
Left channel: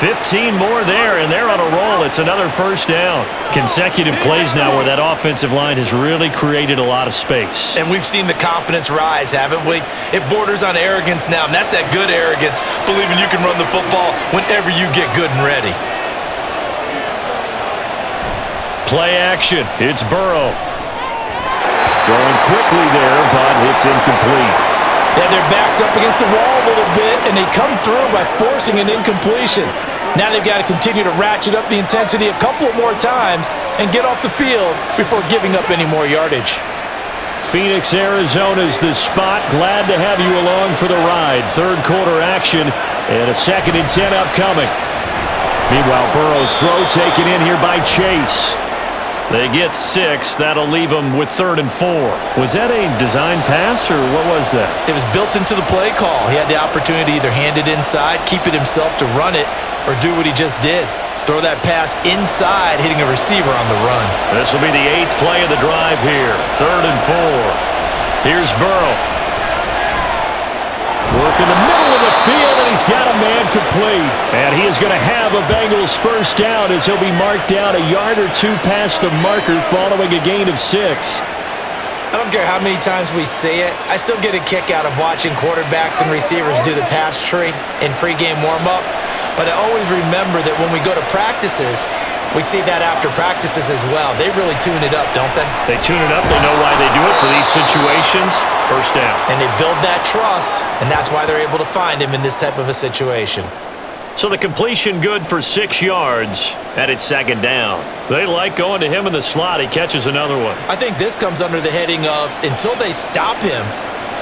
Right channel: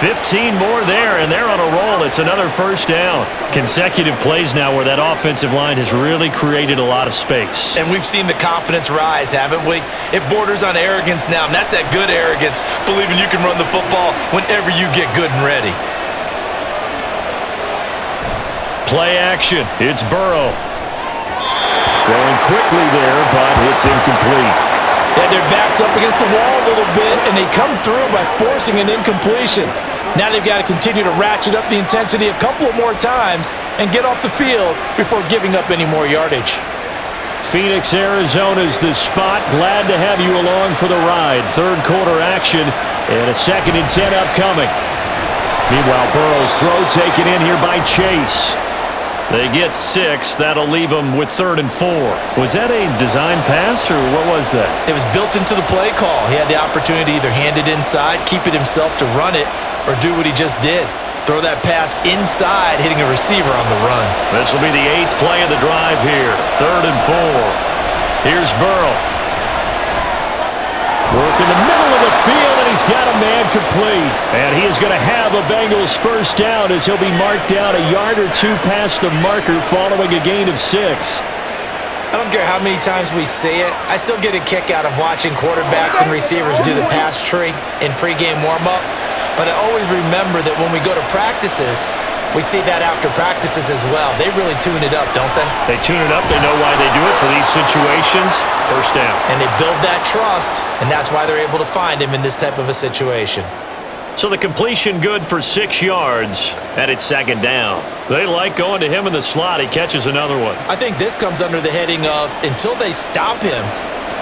15 more there, and they're on a roll. It's another first down. Consecutive plays now where that offensive line has really created a lot of space. And we've seen the confidence rise, haven't we? It borders on arrogance now, and that's that good arrogance, believing you can run the football whenever you get good and ready. Play action. It's Burrow. Throwing quickly there, but it's incomplete. Yeah, their back's up against the wall a little bit, and they come through by forcing an incompletion. Now they've got to continue to ratchet up the intensity a couple of more times and get off the field before giving up any more yardage. Phoenix, Arizona's the spot. Glad to have you along for the ride. Third quarter action and a 2nd and 10 upcoming. Meanwhile, Burrow's throw taken in here by Chase. They get 6. That'll leave them with 3rd and 4. Was that a design pass, or what was that? It was built into the play call. He had the opportunity to either hand it inside, keep it himself to run it, or do what he just did. Throw that pass inside, hitting a receiver on the run. This will be the 8th play of the drive here. 3rd and 4. Here's Burrow. Work in the middle of the field, and he's got a man complete. And he is going to have a Bengals first down as he'll be marked down a yard or 2 past the marker following a gain of 6. I don't care how many times we say it, I still get a kick out of watching quarterbacks and receivers do the pass tree in pregame warm-up. But I always remember that when we go to practices, we see that after practices as well. They really tune it up, don't they? They tune it up. They know why they do it for these situations. First down. And they build that trust, and that's why they're able to find him in this type of a situation. So the completion good for 6 yards, and it's 2nd down. They like going to him in the slot. He catches another one. I think this comes under the heading of, until they stop him,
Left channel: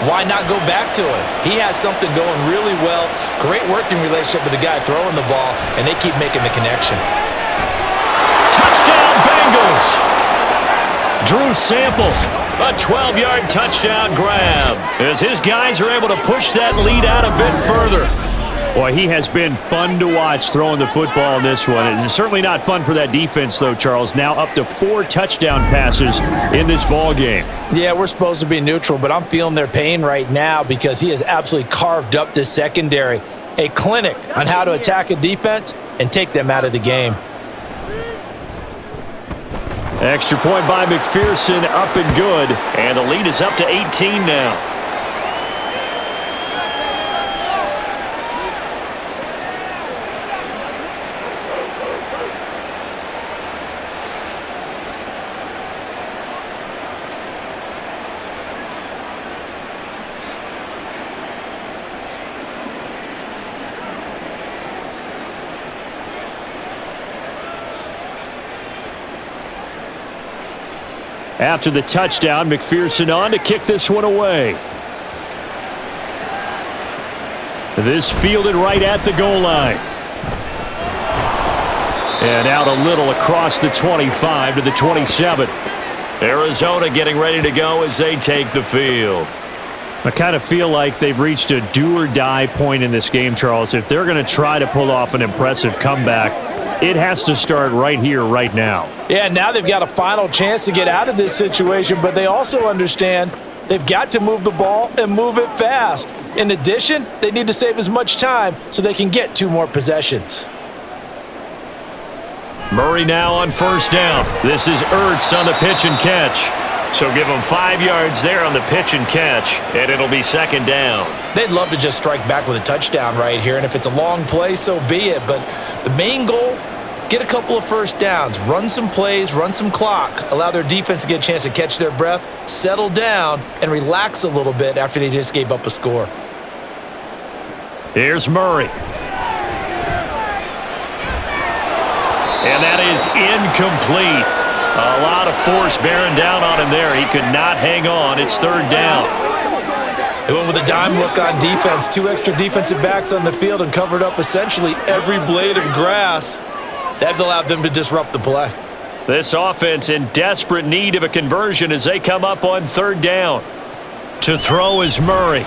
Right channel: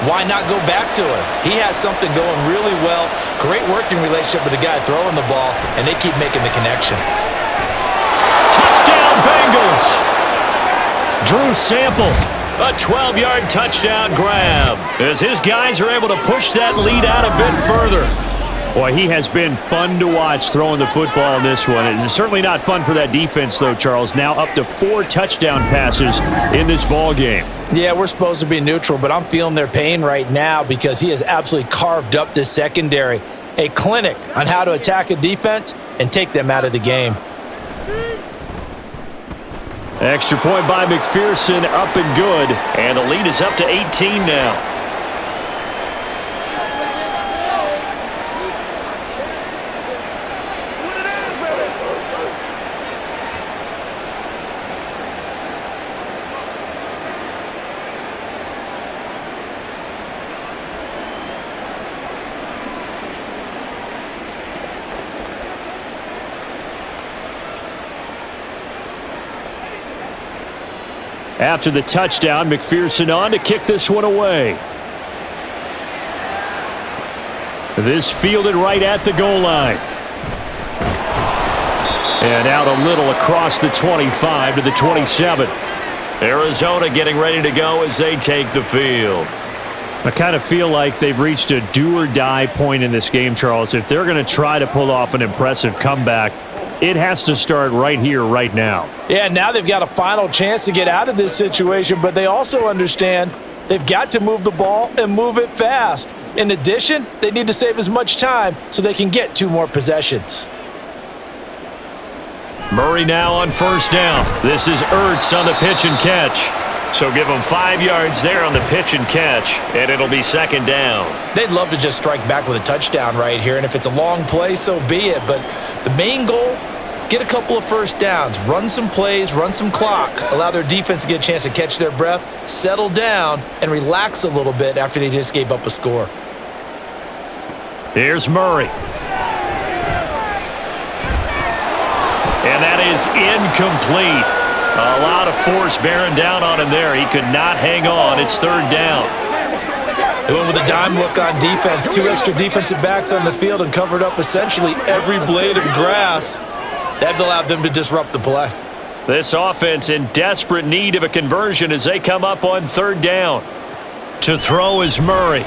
why not go back to him? He has something going really well. Great working relationship with the guy throwing the ball, and they keep making the connection. Touchdown, Bengals! Drew Sample, a 12-yard touchdown grab as his guys are able to push that lead out a bit further. Boy, he has been fun to watch throwing the football in this one. It's certainly not fun for that defense, though, Charles. Now up to 4 touchdown passes in this ball game. Yeah, we're supposed to be neutral, but I'm feeling their pain right now because he has absolutely carved up this secondary. A clinic on how to attack a defense and take them out of the game. Extra point by McPherson, up and good. And the lead is up to 18 now. After the touchdown, McPherson on to kick this one away. This fielded right at the goal line. And out a little across the 25 to the 27. Arizona getting ready to go as they take the field. I kind of feel like they've reached a do-or-die point in this game, Charles. If they're going to try to pull off an impressive comeback, it has to start right here, right now. Yeah, now they've got a final chance to get out of this situation, but they also understand they've got to move the ball and move it fast. In addition, they need to save as much time so they can get 2 more possessions. Murray now on first down. This is Ertz on the pitch and catch. So give him 5 yards there on the pitch and catch, and it'll be second down. They'd love to just strike back with a touchdown right here, and if it's a long play, so be it. But the main goal, get a couple of first downs, run some plays, run some clock, allow their defense to get a chance to catch their breath, settle down, and relax a little bit after they just gave up a score. Here's Murray. And that is incomplete. A lot of force bearing down on him there. He could not hang on. It's third down. They went with a dime look on defense. 2 extra defensive backs on the field and covered up essentially every blade of grass. That allowed them to disrupt the play. This offense in desperate need of a conversion as they come up on third down. To throw is Murray.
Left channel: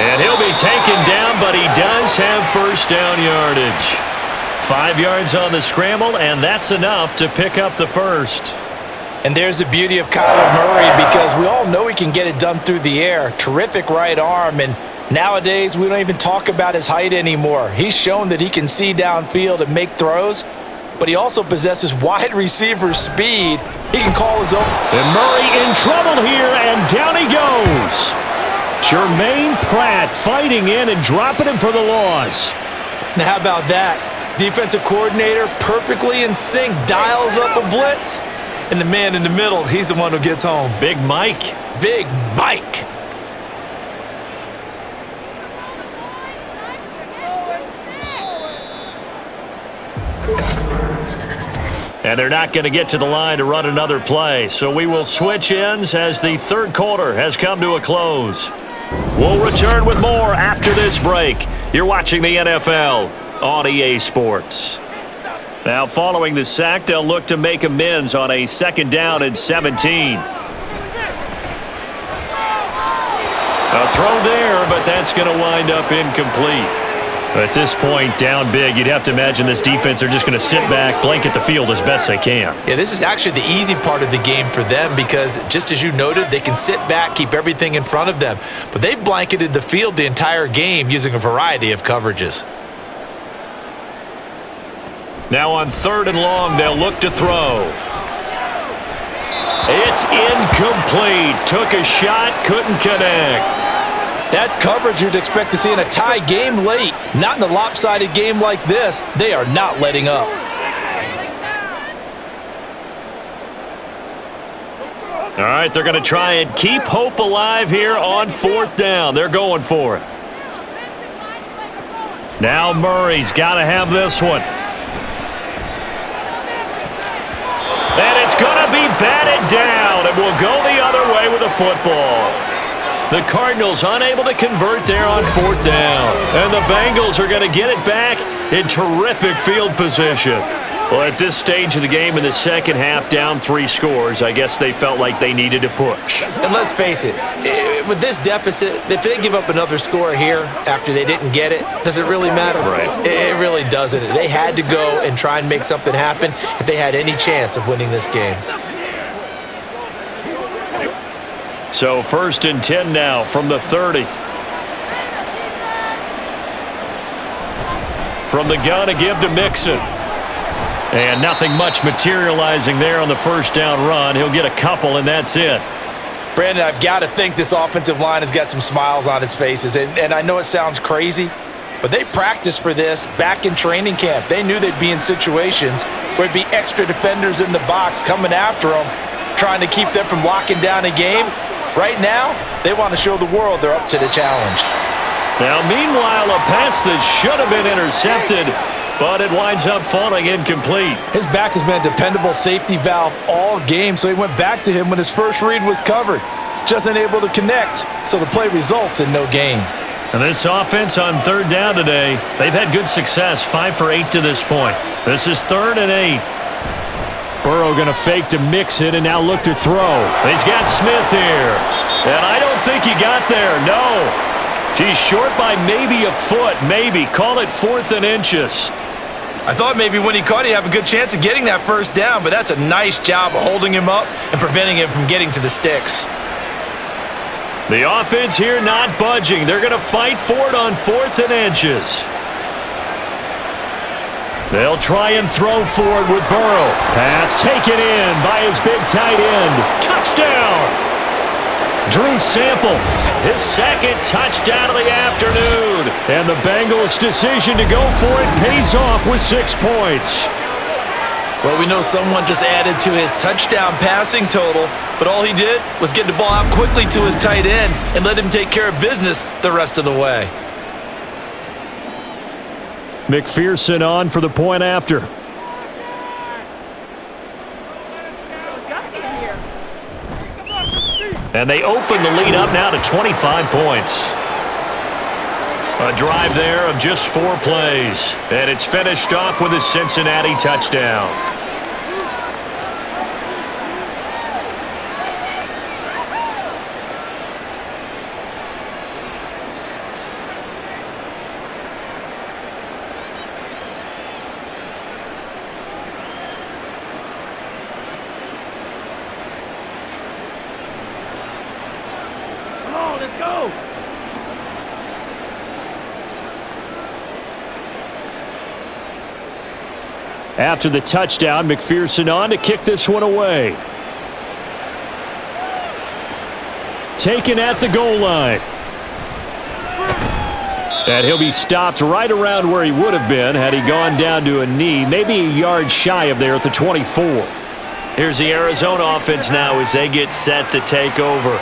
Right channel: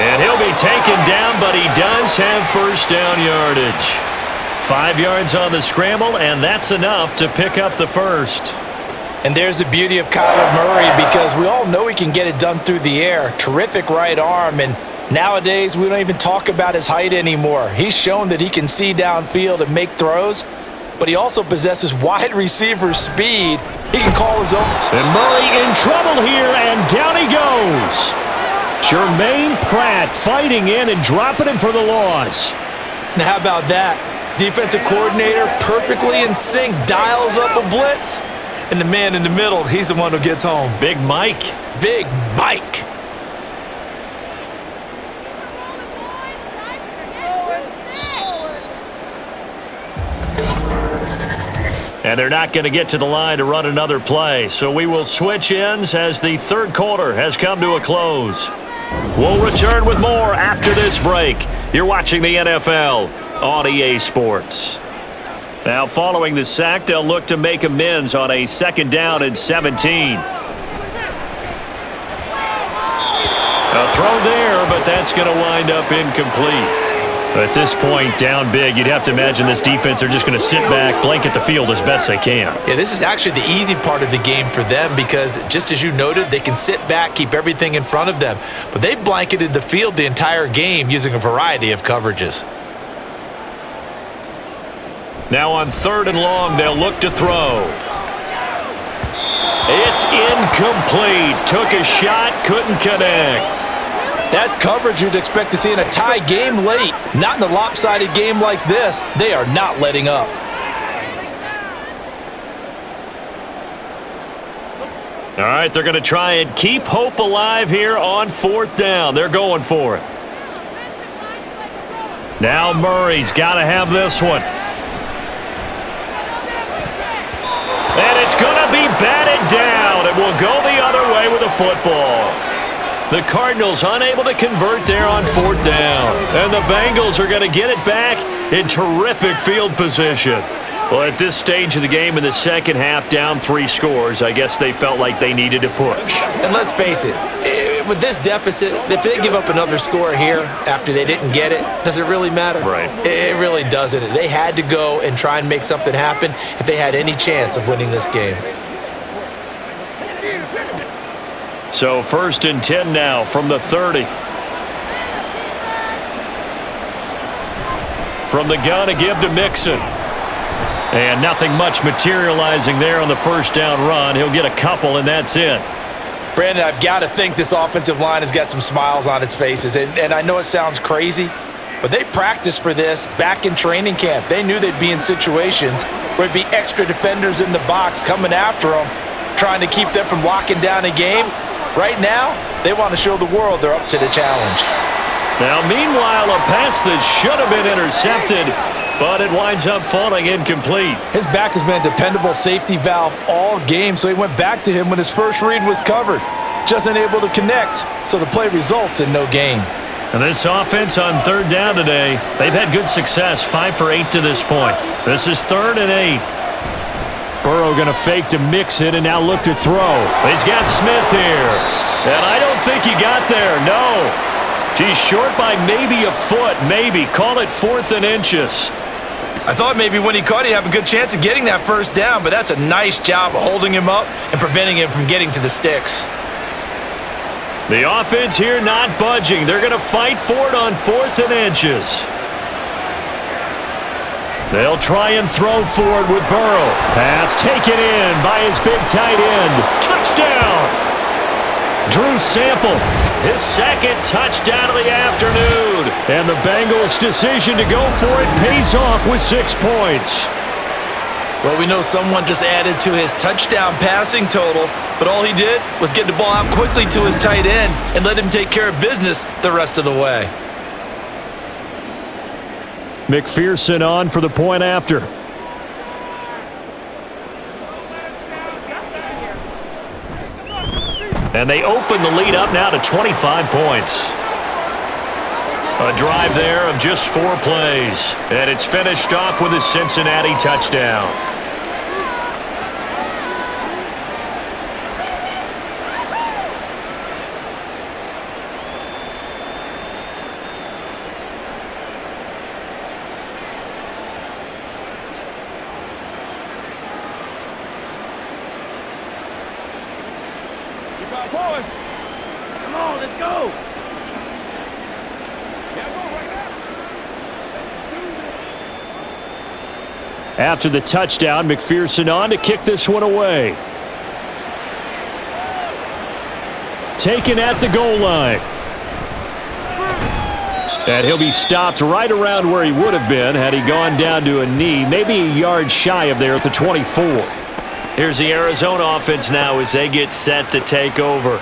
And he'll be taken down, but he does have first down yardage. 5 yards on the scramble, and that's enough to pick up the first. And there's the beauty of Kyler Murray, because we all know he can get it done through the air. Terrific right arm, and nowadays we don't even talk about his height anymore. He's shown that he can see downfield and make throws, but he also possesses wide receiver speed. He can call his own. And Murray in trouble here, and down he goes. Jermaine Pratt fighting in and dropping him for the loss. Now how about that? Defensive coordinator perfectly in sync, dials up a blitz, and the man in the middle, he's the one who gets home. Big Mike. Big Mike. And they're not going to get to the line to run another play, so we will switch ends as the third quarter has come to a close. We'll return with more after this break. You're watching the NFL on EA Sports. Now, following the sack, they'll look to make amends on a second down and 17. A throw there, but that's going to wind up incomplete. At this point, down big, you'd have to imagine this defense are just going to sit back, blanket the field as best they can. Yeah, this is actually the easy part of the game for them because, just as you noted, they can sit back, keep everything in front of them. But they've blanketed the field the entire game using a variety of coverages. Now on third and long, they'll look to throw. It's incomplete. Took a shot, couldn't connect. That's coverage you'd expect to see in a tie game late. Not in a lopsided game like this. They are not letting up. All right, they're going to try and keep hope alive here on fourth down. They're going for it. Now Murray's got to have this one. And it's going to be batted down. It will go the other way with a football. The Cardinals unable to convert there on fourth down. And the Bengals are going to get it back in terrific field position. Well, at this stage of the game in the second half, down 3 scores, I guess they felt like they needed to push. And let's face it, with this deficit, if they give up another score here after they didn't get it, does it really matter? Right. It really doesn't. They had to go and try and make something happen if they had any chance of winning this game. So 1st and 10 now from the 30. From the gun to give to Mixon. And nothing much materializing there on the first down run. He'll get a couple, and that's it. Brandon, I've got to think this offensive line has got some smiles on its faces. And I know it sounds crazy, but they practiced for this back in training camp. They knew they'd be in situations where it'd be extra defenders in the box coming after them, trying to keep them from locking down a game. Right now, they want to show the world they're up to the challenge. Now, meanwhile, a pass that should have been intercepted but it winds up falling incomplete. His back has been a dependable safety valve all game, so he went back to him when his first read was covered. Just unable to connect, so the play results in no gain. And this offense on third down today, they've had good success, 5 for 8 to this point. This is 3rd and 8. Burrow going to fake to mix it and now look to throw. He's got Smith here. And I don't think he got there, no. He's short by maybe a foot, maybe. Call it 4th and inches. I thought maybe when he caught it, he'd have a good chance of getting that first down, but that's a nice job of holding him up and preventing him from getting to the sticks. The offense here not budging. They're going to fight for it on 4th and inches. They'll try and throw for it with Burrow. Pass taken in by his big tight end. Touchdown! Drew Sample, his 2nd touchdown of the afternoon. And the Bengals' decision to go for it pays off with 6 points. Well, we know someone just added to his touchdown passing total, but all he did was get the ball out quickly to his tight end and let him take care of business the rest of the way. McPherson on for the point after. And they open the lead up now to 25 points. A drive there of just 4 plays. And it's finished off with a Cincinnati touchdown. Come on, let's go. After the touchdown, McPherson on to kick this one away. Taken at the goal line. And he'll be stopped right around where he would have been had he gone down to a knee, maybe a yard shy of there at the 24. Here's the Arizona offense now as they get set to take over.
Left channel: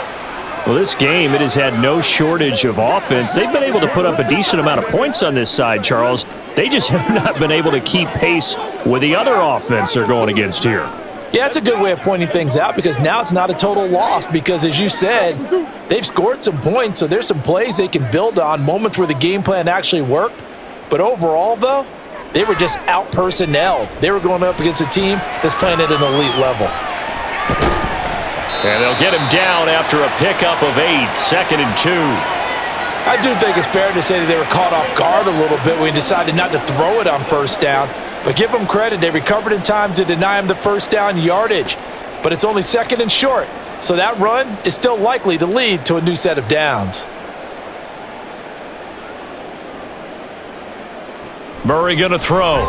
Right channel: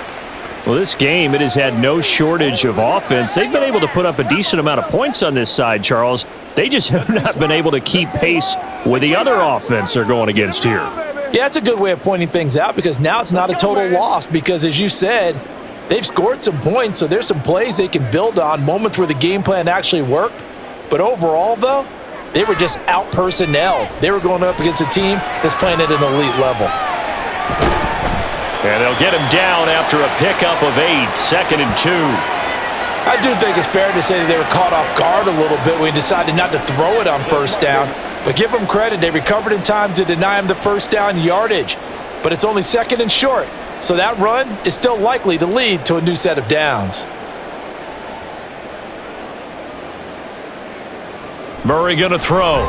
Well, this game, it has had no shortage of offense. They've been able to put up a decent amount of points on this side, Charles. They just have not been able to keep pace with the other offense they're going against here. Yeah, that's a good way of pointing things out because now it's not a total loss because, as you said, they've scored some points, so there's some plays they can build on, moments where the game plan actually worked. But overall, though, they were just out-personnelled. They were going up against a team that's playing at an elite level. And they'll get him down after a pickup of 8, 2nd and 2. I do think it's fair to say that they were caught off guard a little bit when he decided not to throw it on first down. But give them credit, they recovered in time to deny him the first down yardage. But it's only 2nd and short, so that run is still likely to lead to a new set of downs. Murray going to throw.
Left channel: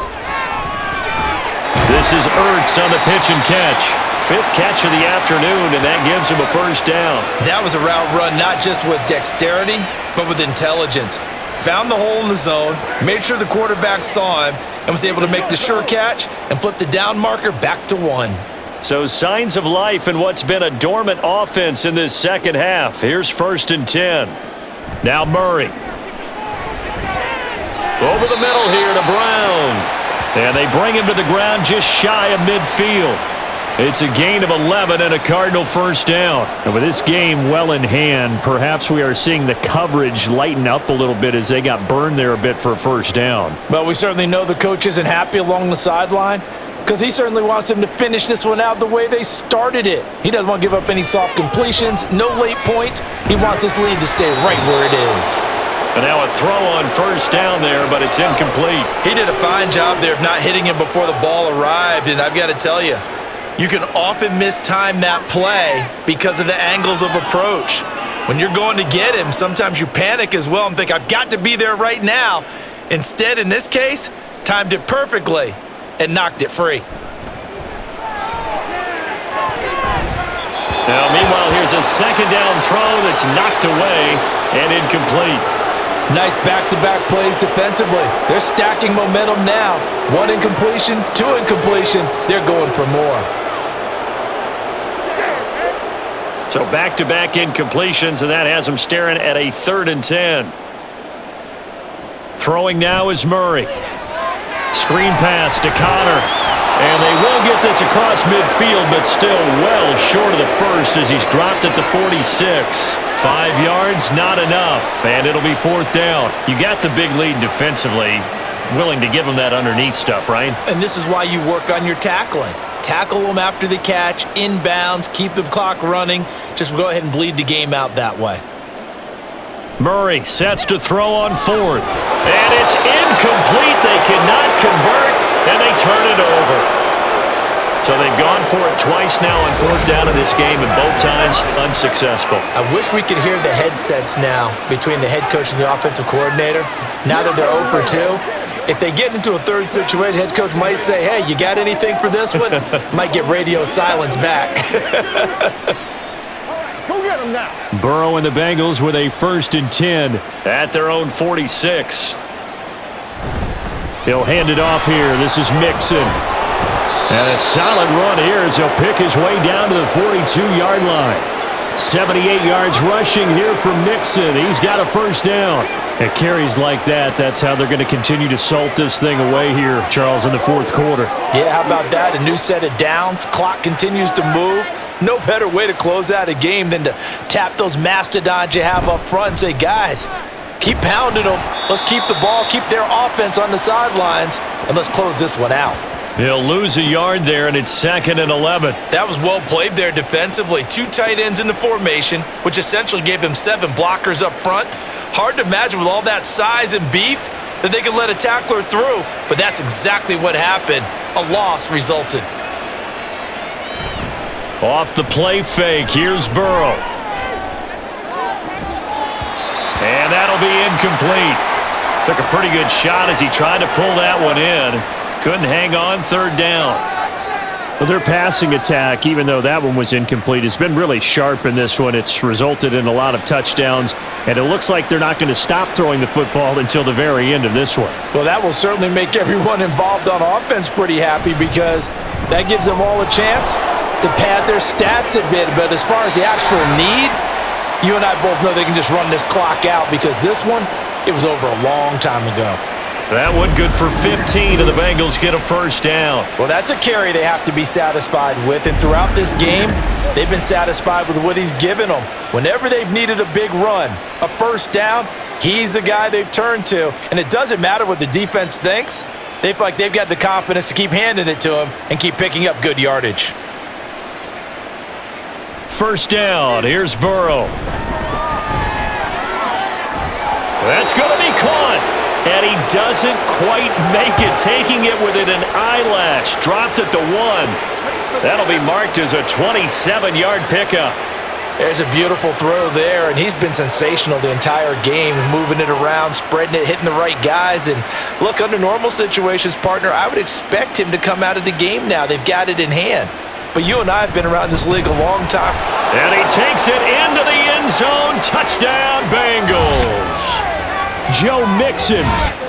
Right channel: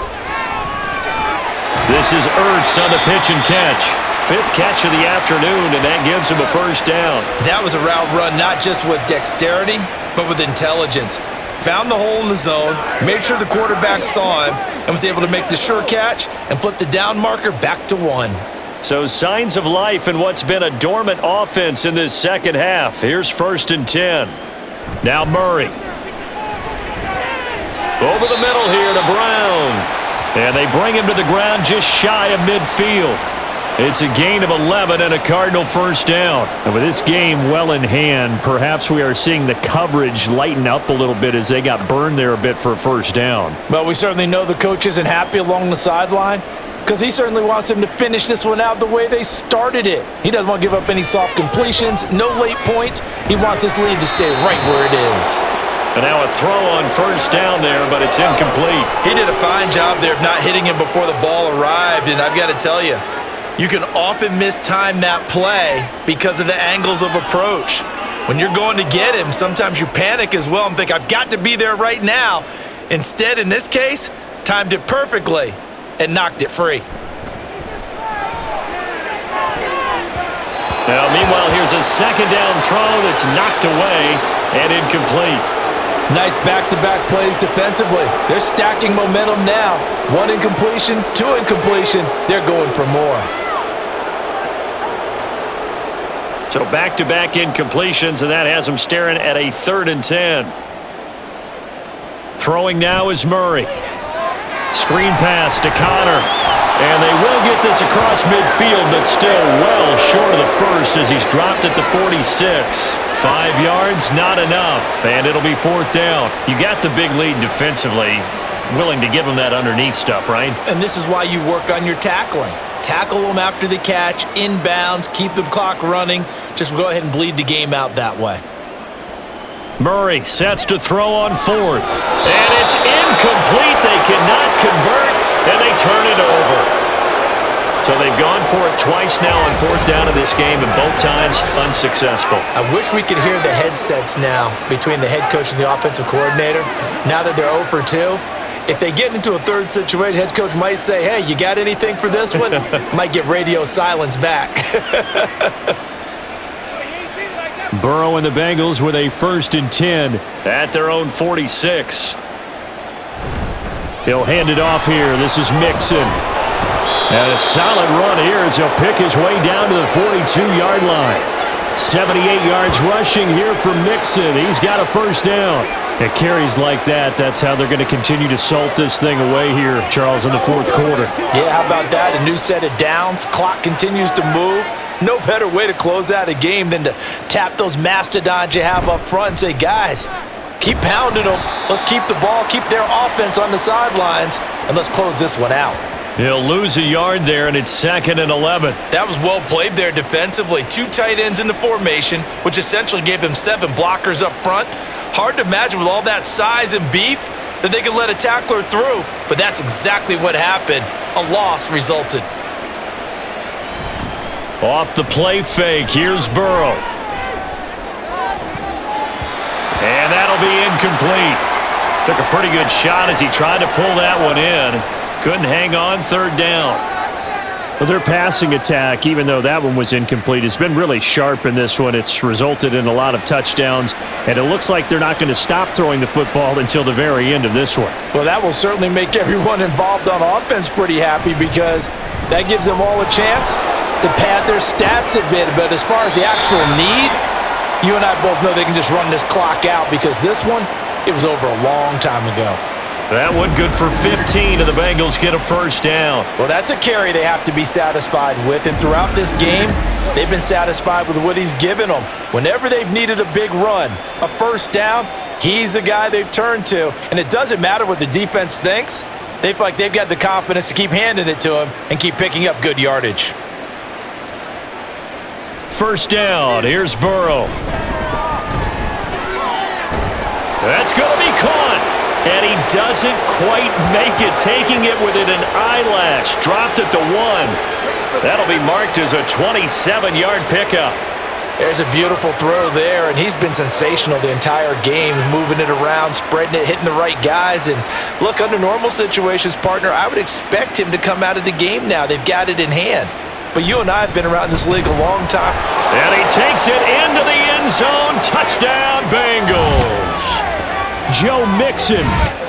This is Ertz on the pitch and catch. 5th catch of the afternoon, and that gives him a first down. That was a route run not just with dexterity, but with intelligence. Found the hole in the zone, made sure the quarterback saw him, and was able to make the sure catch and flip the down marker back to 1. So signs of life in what's been a dormant offense in this second half. Here's 1st and 10. Now Murray. Over the middle here to Brown. And they bring him to the ground just shy of midfield. It's a gain of 11 and a Cardinal first down. And with this game well in hand, perhaps we are seeing the coverage lighten up a little bit as they got burned there a bit for a first down. Well, we certainly know the coach isn't happy along the sideline because he certainly wants them to finish this one out the way they started it. He doesn't want to give up any soft completions, no late points. He wants this lead to stay right where it is. And now a throw on first down there, but it's incomplete. He did a fine job there of not hitting him before the ball arrived, and I've got to tell you, you can often mistime that play because of the angles of approach. When you're going to get him, sometimes you panic as well and think, I've got to be there right now. Instead, in this case, timed it perfectly and knocked it free. Now, meanwhile, here's a 2nd down throw that's knocked away and incomplete. Nice back-to-back plays defensively. They're stacking momentum now. 1 incompletion, 2 incompletion. They're going for more. So back-to-back incompletions, and that has them staring at a 3rd and 10. Throwing now is Murray. Screen pass to Connor. And they will get this across midfield, but still well short of the first as he's dropped at the 46. 5 yards, not enough, and it'll be 4th down. You got the big lead defensively. Willing to give them that underneath stuff, right? And this is why you work on your tackling. Tackle them after the catch, inbounds, keep the clock running. Just go ahead and bleed the game out that way. Murray sets to throw on 4th. And it's incomplete. They cannot convert, and they turn it over. So they've gone for it twice now on 4th down in this game, and both times unsuccessful. I wish we could hear the headsets now between the head coach and the offensive coordinator. Now that they're 0 for 2, if they get into a third situation, head coach might say, hey, you got anything for this one? Might get radio silence back. Burrow and the Bengals with a 1st and 10 at their own 46. He'll hand it off here. This is Mixon. And a solid run here as he'll pick his way down to the 42-yard line. 78 yards rushing here from Mixon. He's got a 1st down. It carries like that. That's how they're going to continue to salt this thing away here, Charles, in the 4th quarter. Yeah, how about that? A new set of downs. Clock continues to move. No better way to close out a game than to tap those mastodons you have up front and say, guys, keep pounding them. Let's keep the ball, keep their offense on the sidelines, and let's close this one out. He'll lose a yard there, and it's 2nd and 11. That was well played there defensively. 2 tight ends in the formation, which essentially gave them 7 blockers up front. Hard to imagine with all that size and beef that they could let a tackler through, but that's exactly what happened. A loss resulted. Off the play fake, here's Burrow. And that'll be incomplete. Took a pretty good shot as he tried to pull that one in. Couldn't hang on, 3rd down. Well, their passing attack, even though that one was incomplete, has been really sharp in this one. It's resulted in a lot of touchdowns, and it looks like they're not going to stop throwing the football until the very end of this one. Well, that will certainly make everyone involved on offense pretty happy because that gives them all a chance to pad their stats a bit. But as far as the actual need, you and I both know they can just run this clock out because this one, it was over a long time ago. That one good for 15, and the Bengals get a 1st down. Well, that's a carry they have to be satisfied with, and throughout this game, they've been satisfied with what he's given them. Whenever they've needed a big run, a 1st down, he's the guy they've turned to, and it doesn't matter what the defense thinks. They feel like they've got the confidence to keep handing it to him and keep picking up good yardage. 1st down, here's Burrow. That's going to be caught. And he doesn't quite make it, taking it within an eyelash. Dropped at the 1. That'll be marked as a 27-yard pickup. There's a beautiful throw there, and he's been sensational the entire game, moving it around, spreading it, hitting the right guys. And look, under normal situations, partner, I would expect him to come out of the game now. They've got it in hand. But you and I have been around this league a long time. And he takes it into the end zone. Touchdown, Bengals. Joe Mixon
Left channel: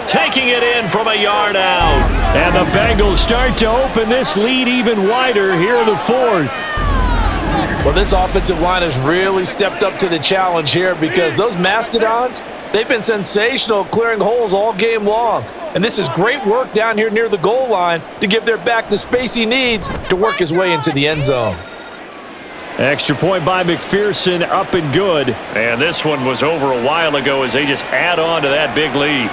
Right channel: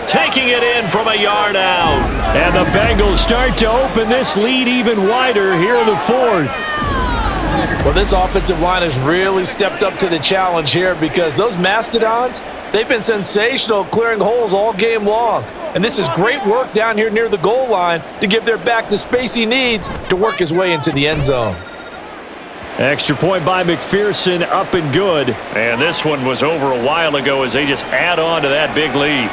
taking it in from a yard out. And the Bengals start to open this lead even wider here in the 4th. Well, this offensive line has really stepped up to the challenge here because those mastodons, they've been sensational clearing holes all game long. And this is great work down here near the goal line to give their back the space he needs to work his way into the end zone. Extra point by McPherson, up and good. And this one was over a while ago as they just add on to that big lead.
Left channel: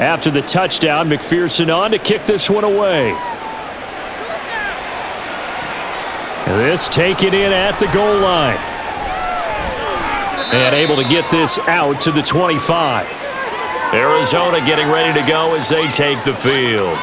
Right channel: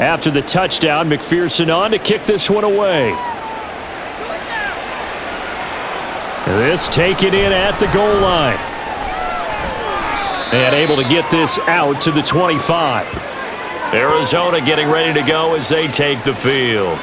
After the touchdown, McPherson on to kick this one away. This taken in at the goal line. And able to get this out to the 25. Arizona getting ready to go as they take the field.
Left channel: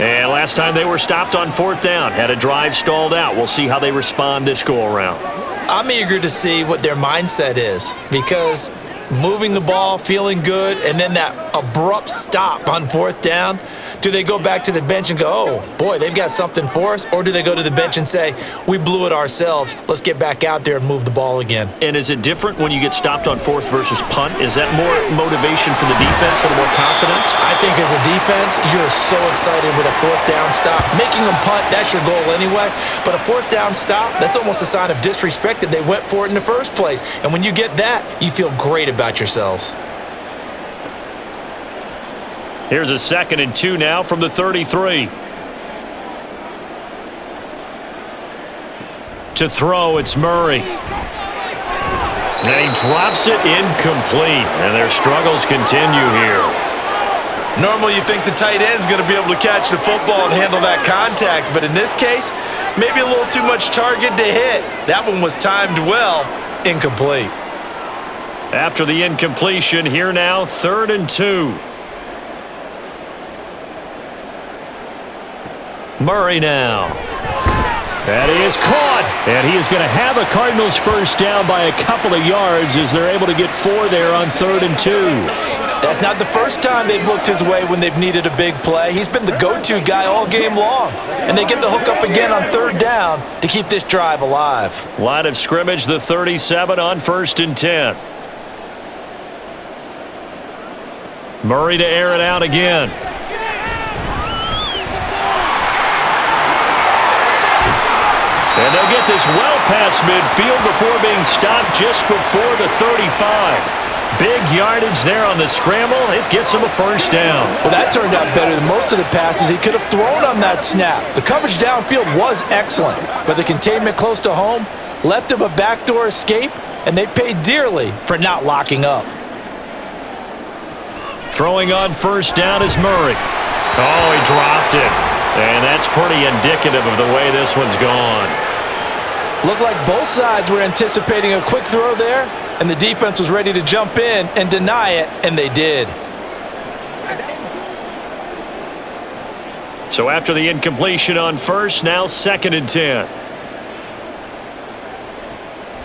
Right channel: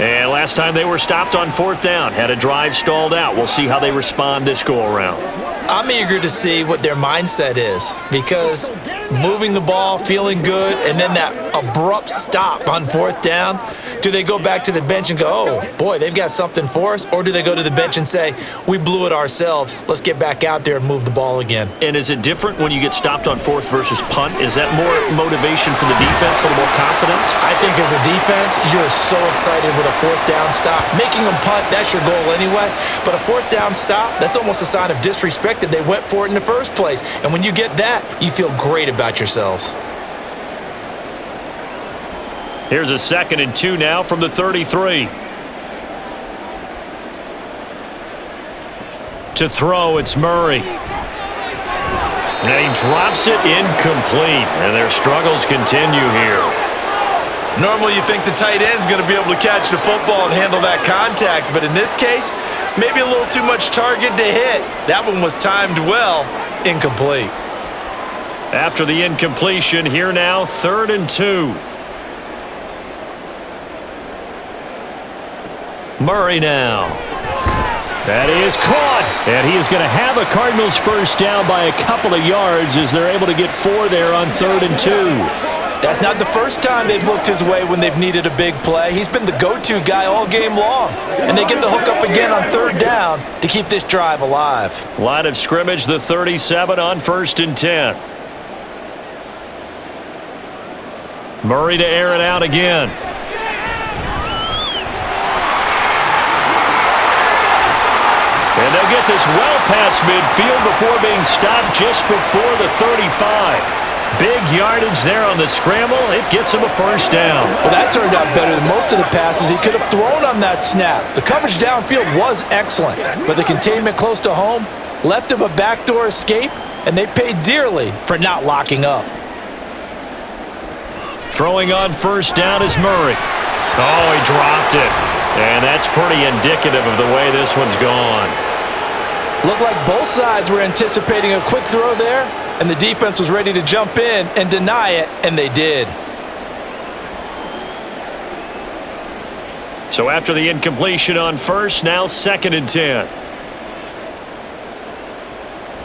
And last time they were stopped on 4th down, had a drive stalled out. We'll see how they respond this go-around. I'm eager to see what their mindset is because moving the ball, feeling good, and then that abrupt stop on 4th down? Do they go back to the bench and go, oh, boy, they've got something for us? Or do they go to the bench and say, we blew it ourselves, let's get back out there and move the ball again? And is it different when you get stopped on 4th versus punt? Is that more motivation for the defense, a little more confidence? I think as a defense, you're so excited with a 4th down stop. Making them punt, that's your goal anyway. But a 4th down stop, that's almost a sign of disrespect that they went for it in the first place. And when you get that, you feel great about yourselves. Here's a 2nd and 2 now from the 33. To throw, it's Murray. And he drops it incomplete. And their struggles continue here. Normally you think the tight end's going to be able to catch the football and handle that contact. But in this case, maybe a little too much target to hit. That one was timed well. Incomplete. After the incompletion, here now, 3rd and 2. Murray now. And he is caught. And he is going to have a Cardinals first down by a couple of yards as they're able to get 4 there on 3rd and 2. That's not the first time they've looked his way when they've needed a big play. He's been the go-to guy all game long. And they get the hook up again on 3rd down to keep this drive alive. Line of scrimmage, the 37 on 1st and 10. Murray to air it out again. And they'll get this well past midfield before being stopped just before the 35. Big yardage there on the scramble. It gets him a first down. Well, that turned out better than most of the passes he could have thrown on that snap. The coverage downfield was excellent, but the containment close to home left him a backdoor escape, and they paid dearly for not locking up. Throwing on first down is Murray. Oh, he dropped it. And that's pretty indicative of the way this one's gone. Looked like both sides were anticipating a quick throw there, and the defense was ready to jump in and deny it, and they did. So after the incompletion on first, now 2nd and 10.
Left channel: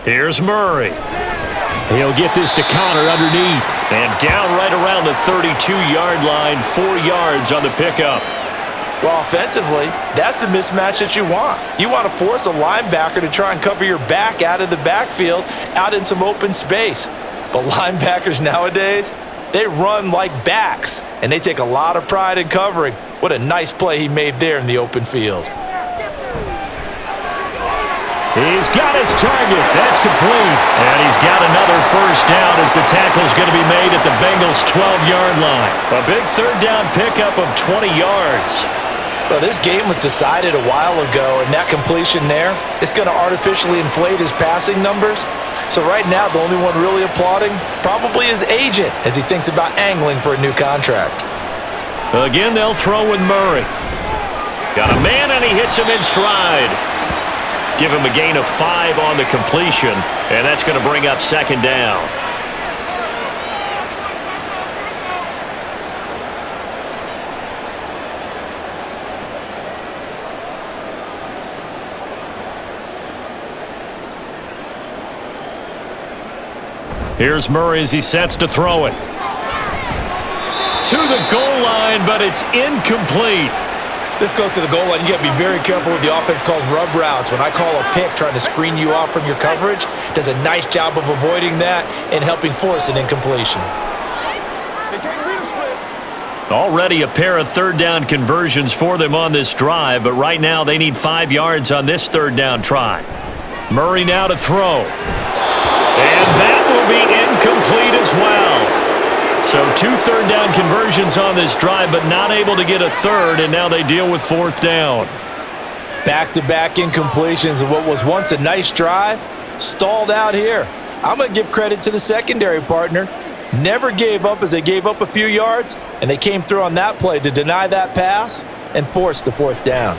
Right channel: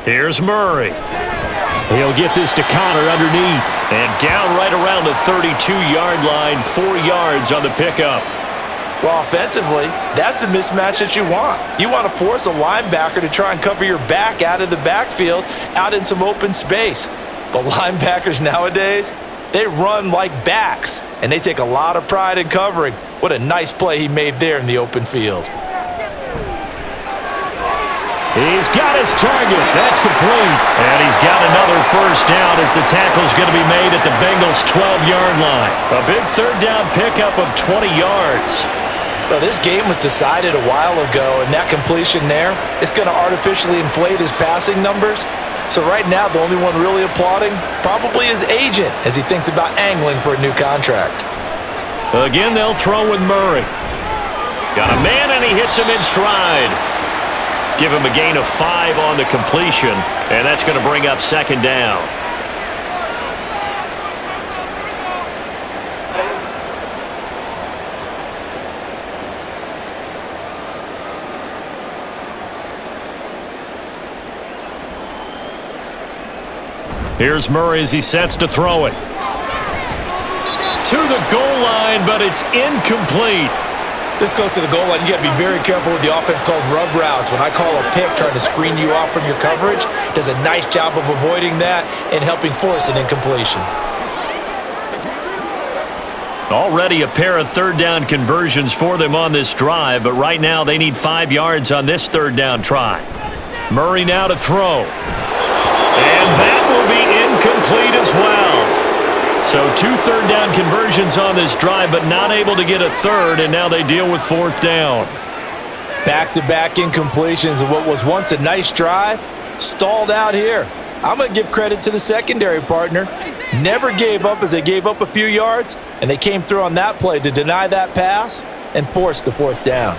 Here's Murray. He'll get this to Connor underneath. And down right around the 32-yard line, 4 yards on the pickup. Well, offensively, that's the mismatch that you want. You want to force a linebacker to try and cover your back out of the backfield, out in some open space. But linebackers nowadays, they run like backs, and they take a lot of pride in covering. What a nice play he made there in the open field. He's got his target. That's complete. And he's got another first down as the tackle's going to be made at the Bengals' 12-yard line. A big 3rd down pickup of 20 yards. Well, this game was decided a while ago, and that completion there is going to artificially inflate his passing numbers. So right now, the only one really applauding probably his agent as he thinks about angling for a new contract. Again, they'll throw with Murray. Got a man, and he hits him in stride. Give him a gain of 5 on the completion, and that's going to bring up 2nd down. Here's Murray as he sets to throw it. To the goal line, but it's incomplete. This goes to the goal line. You got to be very careful with the offense calls rub routes. When I call a pick trying to screen you off from your coverage, does a nice job of avoiding that and helping force an incompletion. Already a pair of 3rd down conversions for them on this drive, but right now they need 5 yards on this 3rd down try. Murray now to throw. And that will be incomplete as well. So 2 3rd down conversions on this drive, but not able to get a 3rd, and now they deal with 4th down. Back-to-back incompletions of what was once a nice drive, stalled out here. I'm going to give credit to the secondary partner. Never gave up as they gave up a few yards, and they came through on that play to deny that pass and force the 4th down.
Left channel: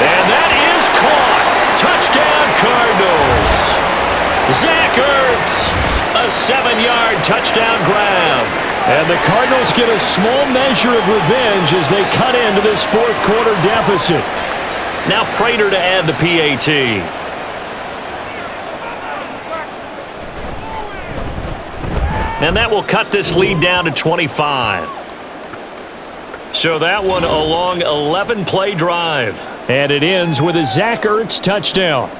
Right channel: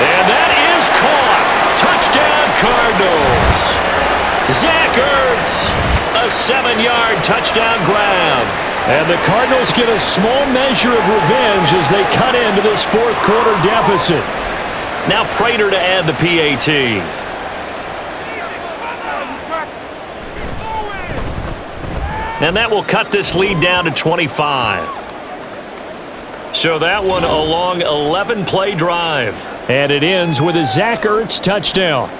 And that is caught. Touchdown, Cardinals. Zach Ertz, a 7-yard touchdown grab. And the Cardinals get a small measure of revenge as they cut into this 4th quarter deficit. Now Prater to add the PAT. And that will cut this lead down to 25. So that one a long 11-play drive. And it ends with a Zach Ertz touchdown.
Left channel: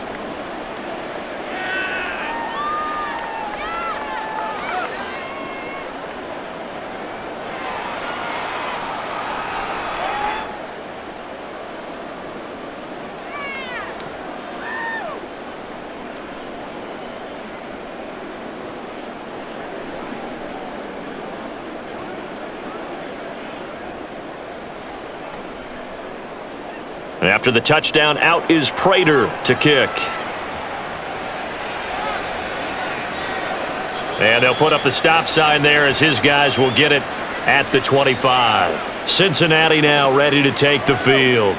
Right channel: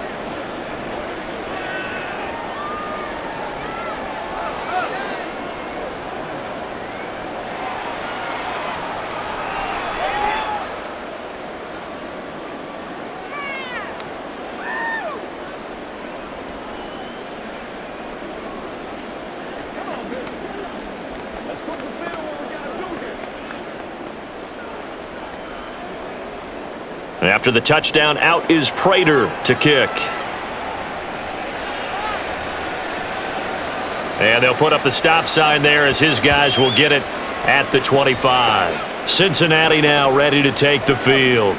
After the touchdown, out is Prater to kick. And they'll put up the stop sign there as his guys will get it at the 25. Cincinnati now ready to take the field.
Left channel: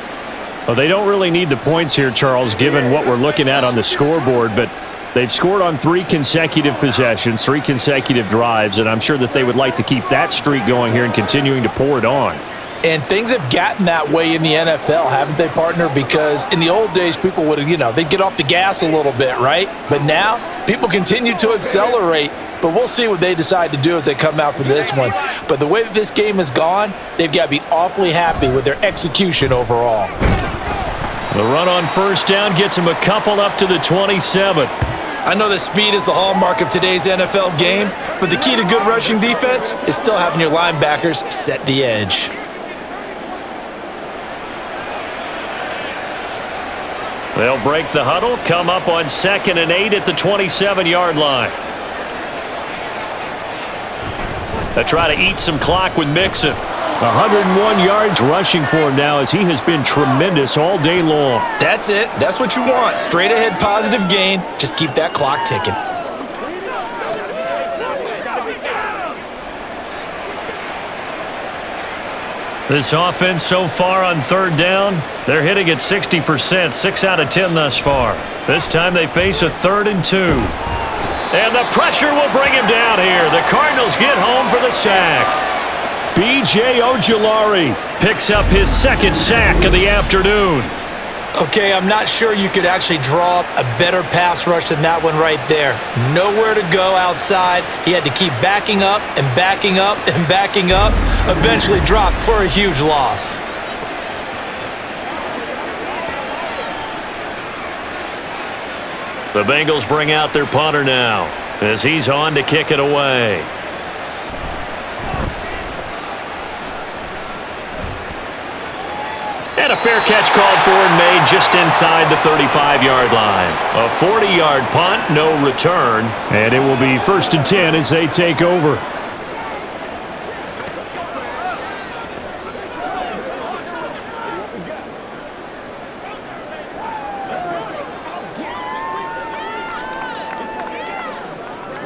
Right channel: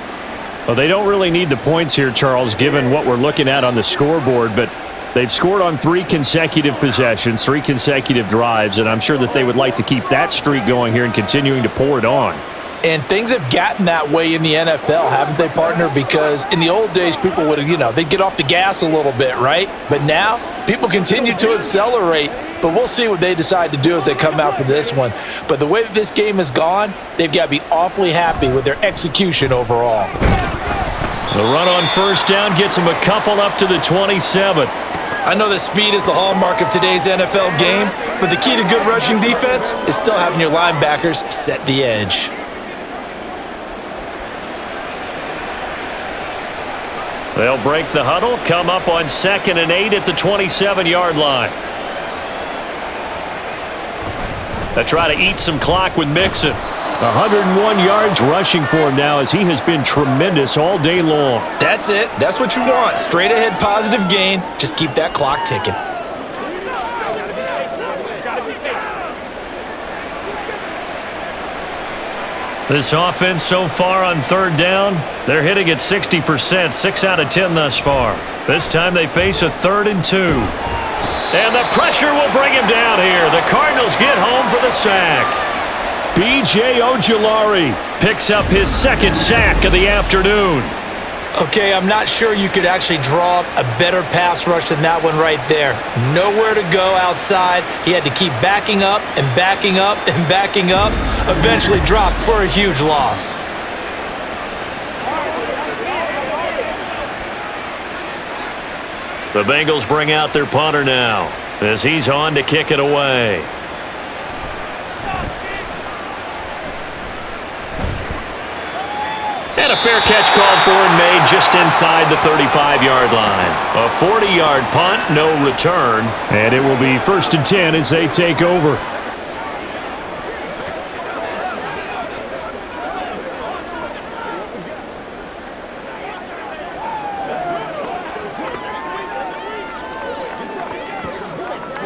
Well, they don't really need the points here, Charles, given what we're looking at on the scoreboard, but they've scored on 3 consecutive possessions, 3 consecutive drives, and I'm sure that they would like to keep that streak going here and continuing to pour it on. And things have gotten that way in the NFL, haven't they, partner? Because in the old days, people would, they'd get off the gas a little bit, right? But now, people continue to accelerate. But we'll see what they decide to do as they come out for this one. But the way that this game has gone, they've got to be awfully happy with their execution overall. The run on first down gets them a couple up to the 27. I know that speed is the hallmark of today's NFL game, but the key to good rushing defense is still having your linebackers set the edge. They'll break the huddle, come up on 2nd and 8 at the 27-yard line. They'll try to eat some clock with Mixon. 101 yards rushing for him now as he has been tremendous all day long. That's it. That's what you want. Straight ahead positive gain. Just keep that clock ticking. This offense so far on 3rd down, they're hitting at 60%, 6 out of 10 thus far. This time they face a 3rd and 2. And the pressure will bring him down here. The Cardinals get home for the sack. B.J. Ojulari picks up his 2nd sack of the afternoon. Okay, I'm not sure you could actually draw up a better pass rush than that one right there. Nowhere to go outside. He had to keep backing up and backing up and backing up. Eventually dropped for a huge loss. The Bengals bring out their punter now as he's on to kick it away. And a fair catch called for and made just inside the 35-yard line. A 40-yard punt, no return. And it will be 1st and 10 as they take over.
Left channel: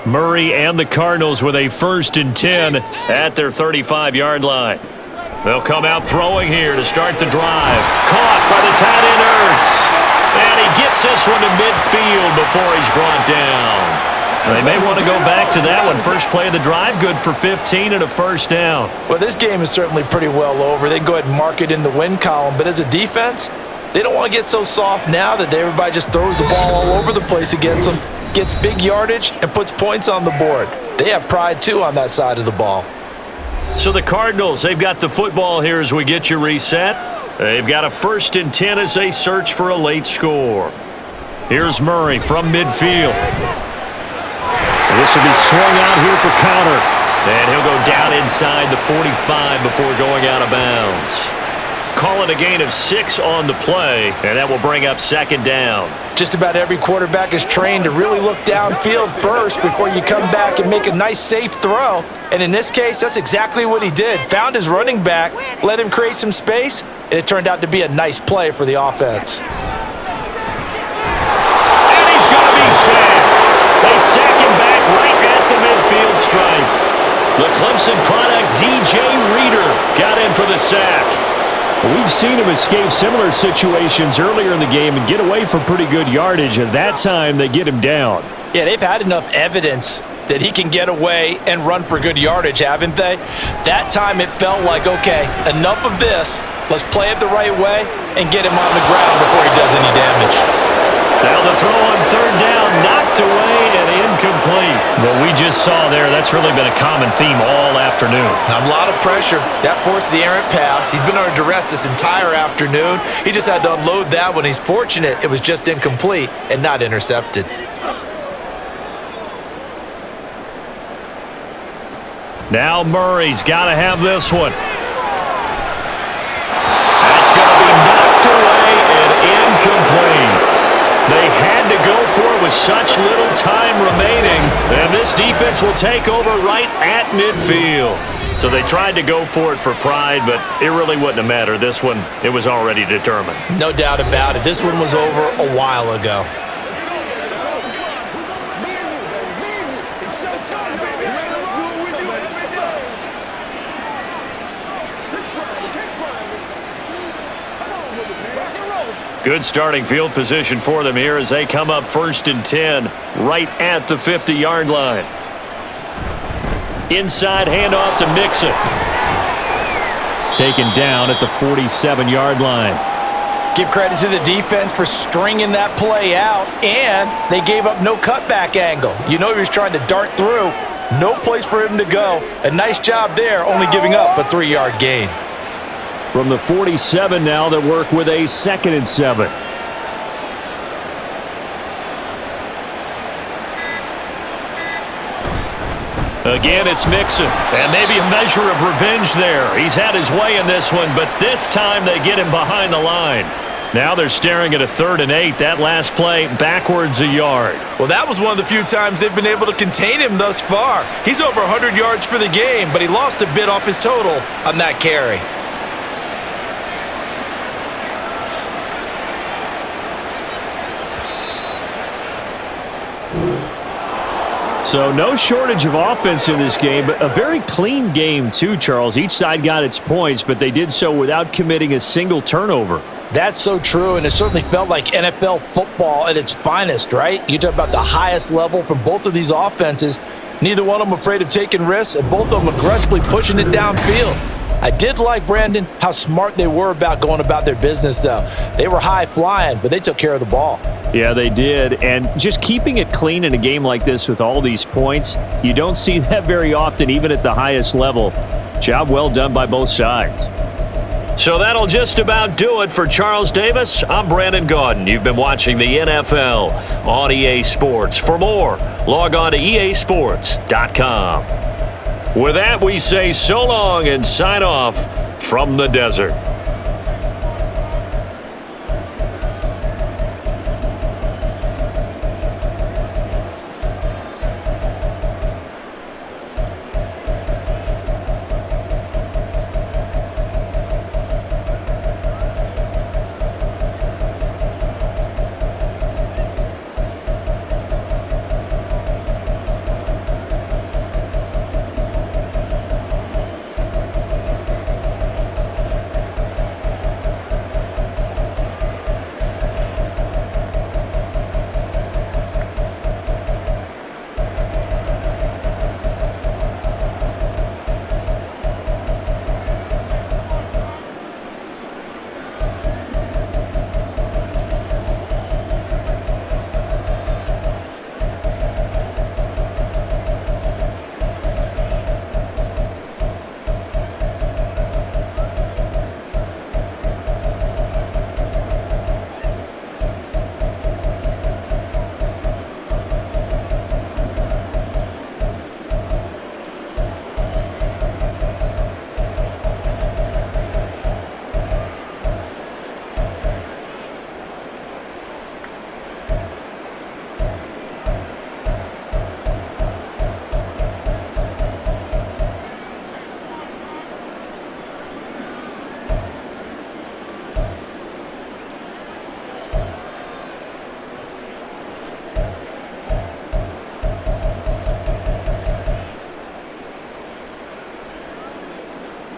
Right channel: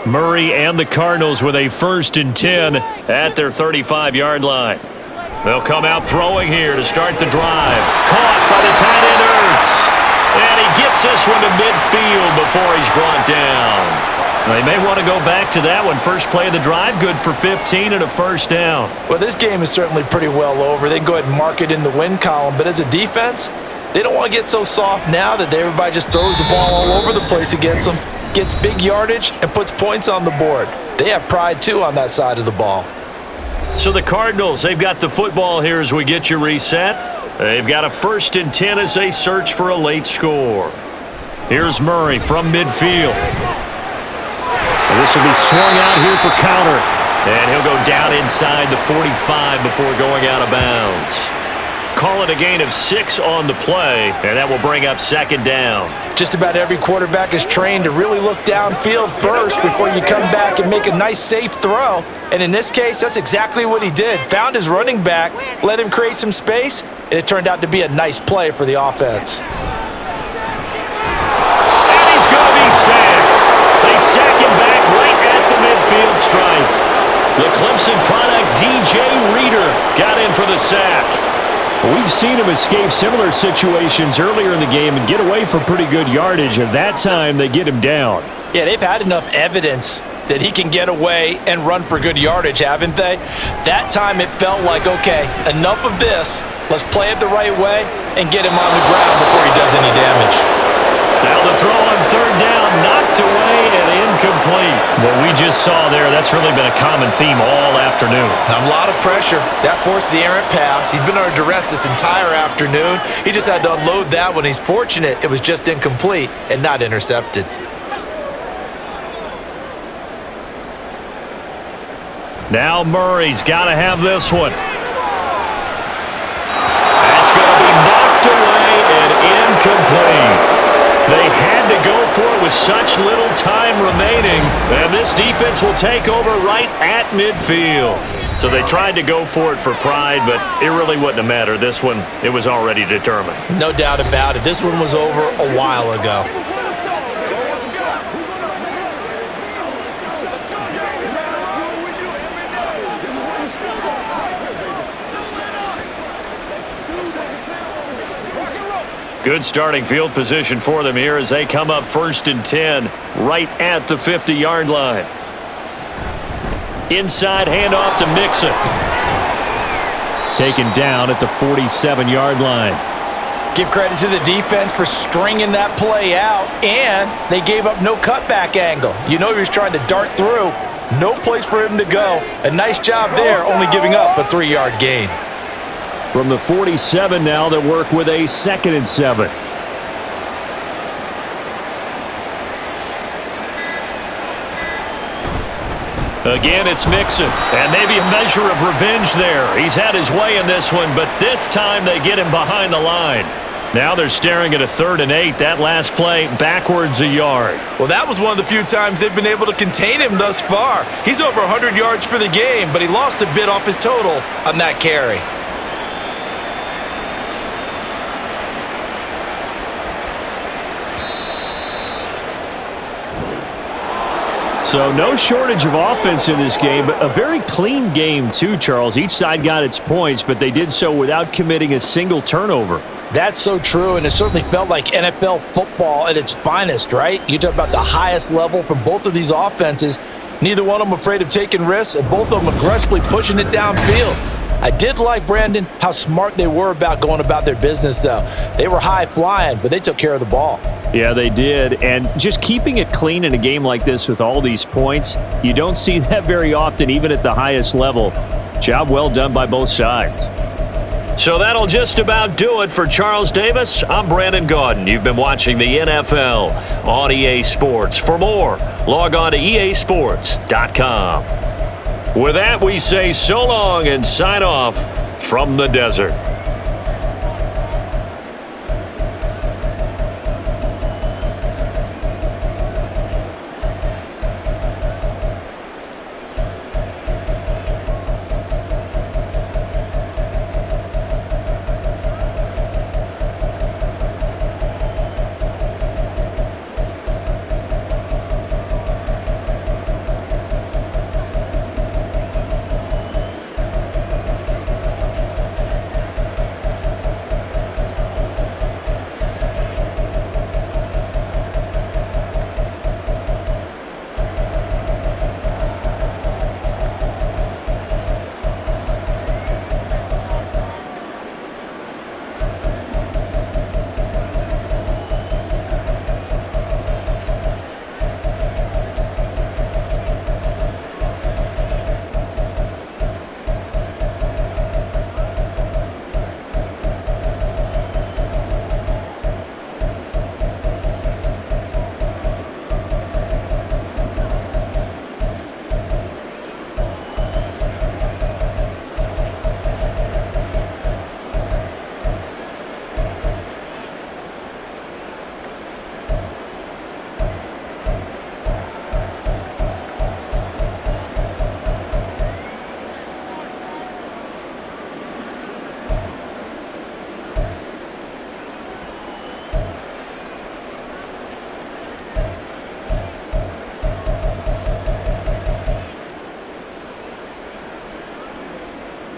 Murray and the Cardinals with a 1st and 10 at their 35-yard line. They'll come out throwing here to start the drive. Caught by the tight end Ertz. And he gets this one to midfield before he's brought down. They may want to go back to that one. First play of the drive, good for 15 and a 1st down. Well, this game is certainly pretty well over. They can go ahead and mark it in the win column. But as a defense, they don't want to get so soft now that everybody just throws the ball all over the place against them, gets big yardage, and puts points on the board. They have pride, too, on that side of the ball. So the Cardinals, they've got the football here as we get you reset. They've got a 1st and 10 as they search for a late score. Here's Murray from midfield. And this will be swung out here for counter. And he'll go down inside the 45 before going out of bounds. Call it a gain of 6 on the play, and that will bring up 2nd down. Just about every quarterback is trained to really look downfield first before you come back and make a nice, safe throw. And in this case, that's exactly what he did. Found his running back, let him create some space, and it turned out to be a nice play for the offense. And he's going to be sacked. They sack him back right at the midfield stripe. The Clemson product, DJ Reader, got in for the sack. We've seen him escape similar situations earlier in the game and get away from pretty good yardage, and that time they get him down. Yeah, they've had enough evidence that he can get away and run for good yardage, haven't they? That time it felt like, okay, enough of this. Let's play it the right way and get him on the ground before he does any damage. Now the throw on 3rd down, knocked away and incomplete. What we just saw there, that's really been a common theme all afternoon. A lot of pressure. That forced the errant pass. He's been under duress this entire afternoon. He just had to unload that one. He's fortunate it was just incomplete and not intercepted. Now Murray's got to have this one. That's going to be knocked away and incomplete. They had to go for it with such little time remaining, and this defense will take over right at midfield. So they tried to go for it for pride, but it really wouldn't have mattered. This one, it was already determined. No doubt about it. This one was over a while ago. Good starting field position for them here as they come up 1st and 10 right at the 50-yard line. Inside handoff to Mixon. Taken down at the 47-yard line. Give credit to the defense for stringing that play out, and they gave up no cutback angle. You know he was trying to dart through. No place for him to go. A nice job there, only giving up a 3-yard gain. From the 47 now, they work with a 2nd and 7. Again, it's Mixon, and maybe a measure of revenge there. He's had his way in this one, but this time they get him behind the line. Now they're staring at a 3rd and 8. That last play, backwards a yard. Well, that was one of the few times they've been able to contain him thus far. He's over 100 yards for the game, but he lost a bit off his total on that carry. So no shortage of offense in this game, but a very clean game too, Charles. Each side got its points, but they did so without committing a single turnover. That's so true, and it certainly felt like NFL football at its finest, right? You talk about the highest level from both of these offenses. Neither one of them afraid of taking risks, and both of them aggressively pushing it downfield. I did like, Brandon, how smart they were about going about their business, though. They were high flying, but they took care of the ball. Yeah, they did, and just keeping it clean in a game like this with all these points, you don't see that very often, even at the highest level. Job well done by both sides. So that'll just about do it for Charles Davis. I'm Brandon Gaudin. You've been watching the NFL on EA Sports. For more, log on to easports.com. With that, we say so long and sign off from the desert.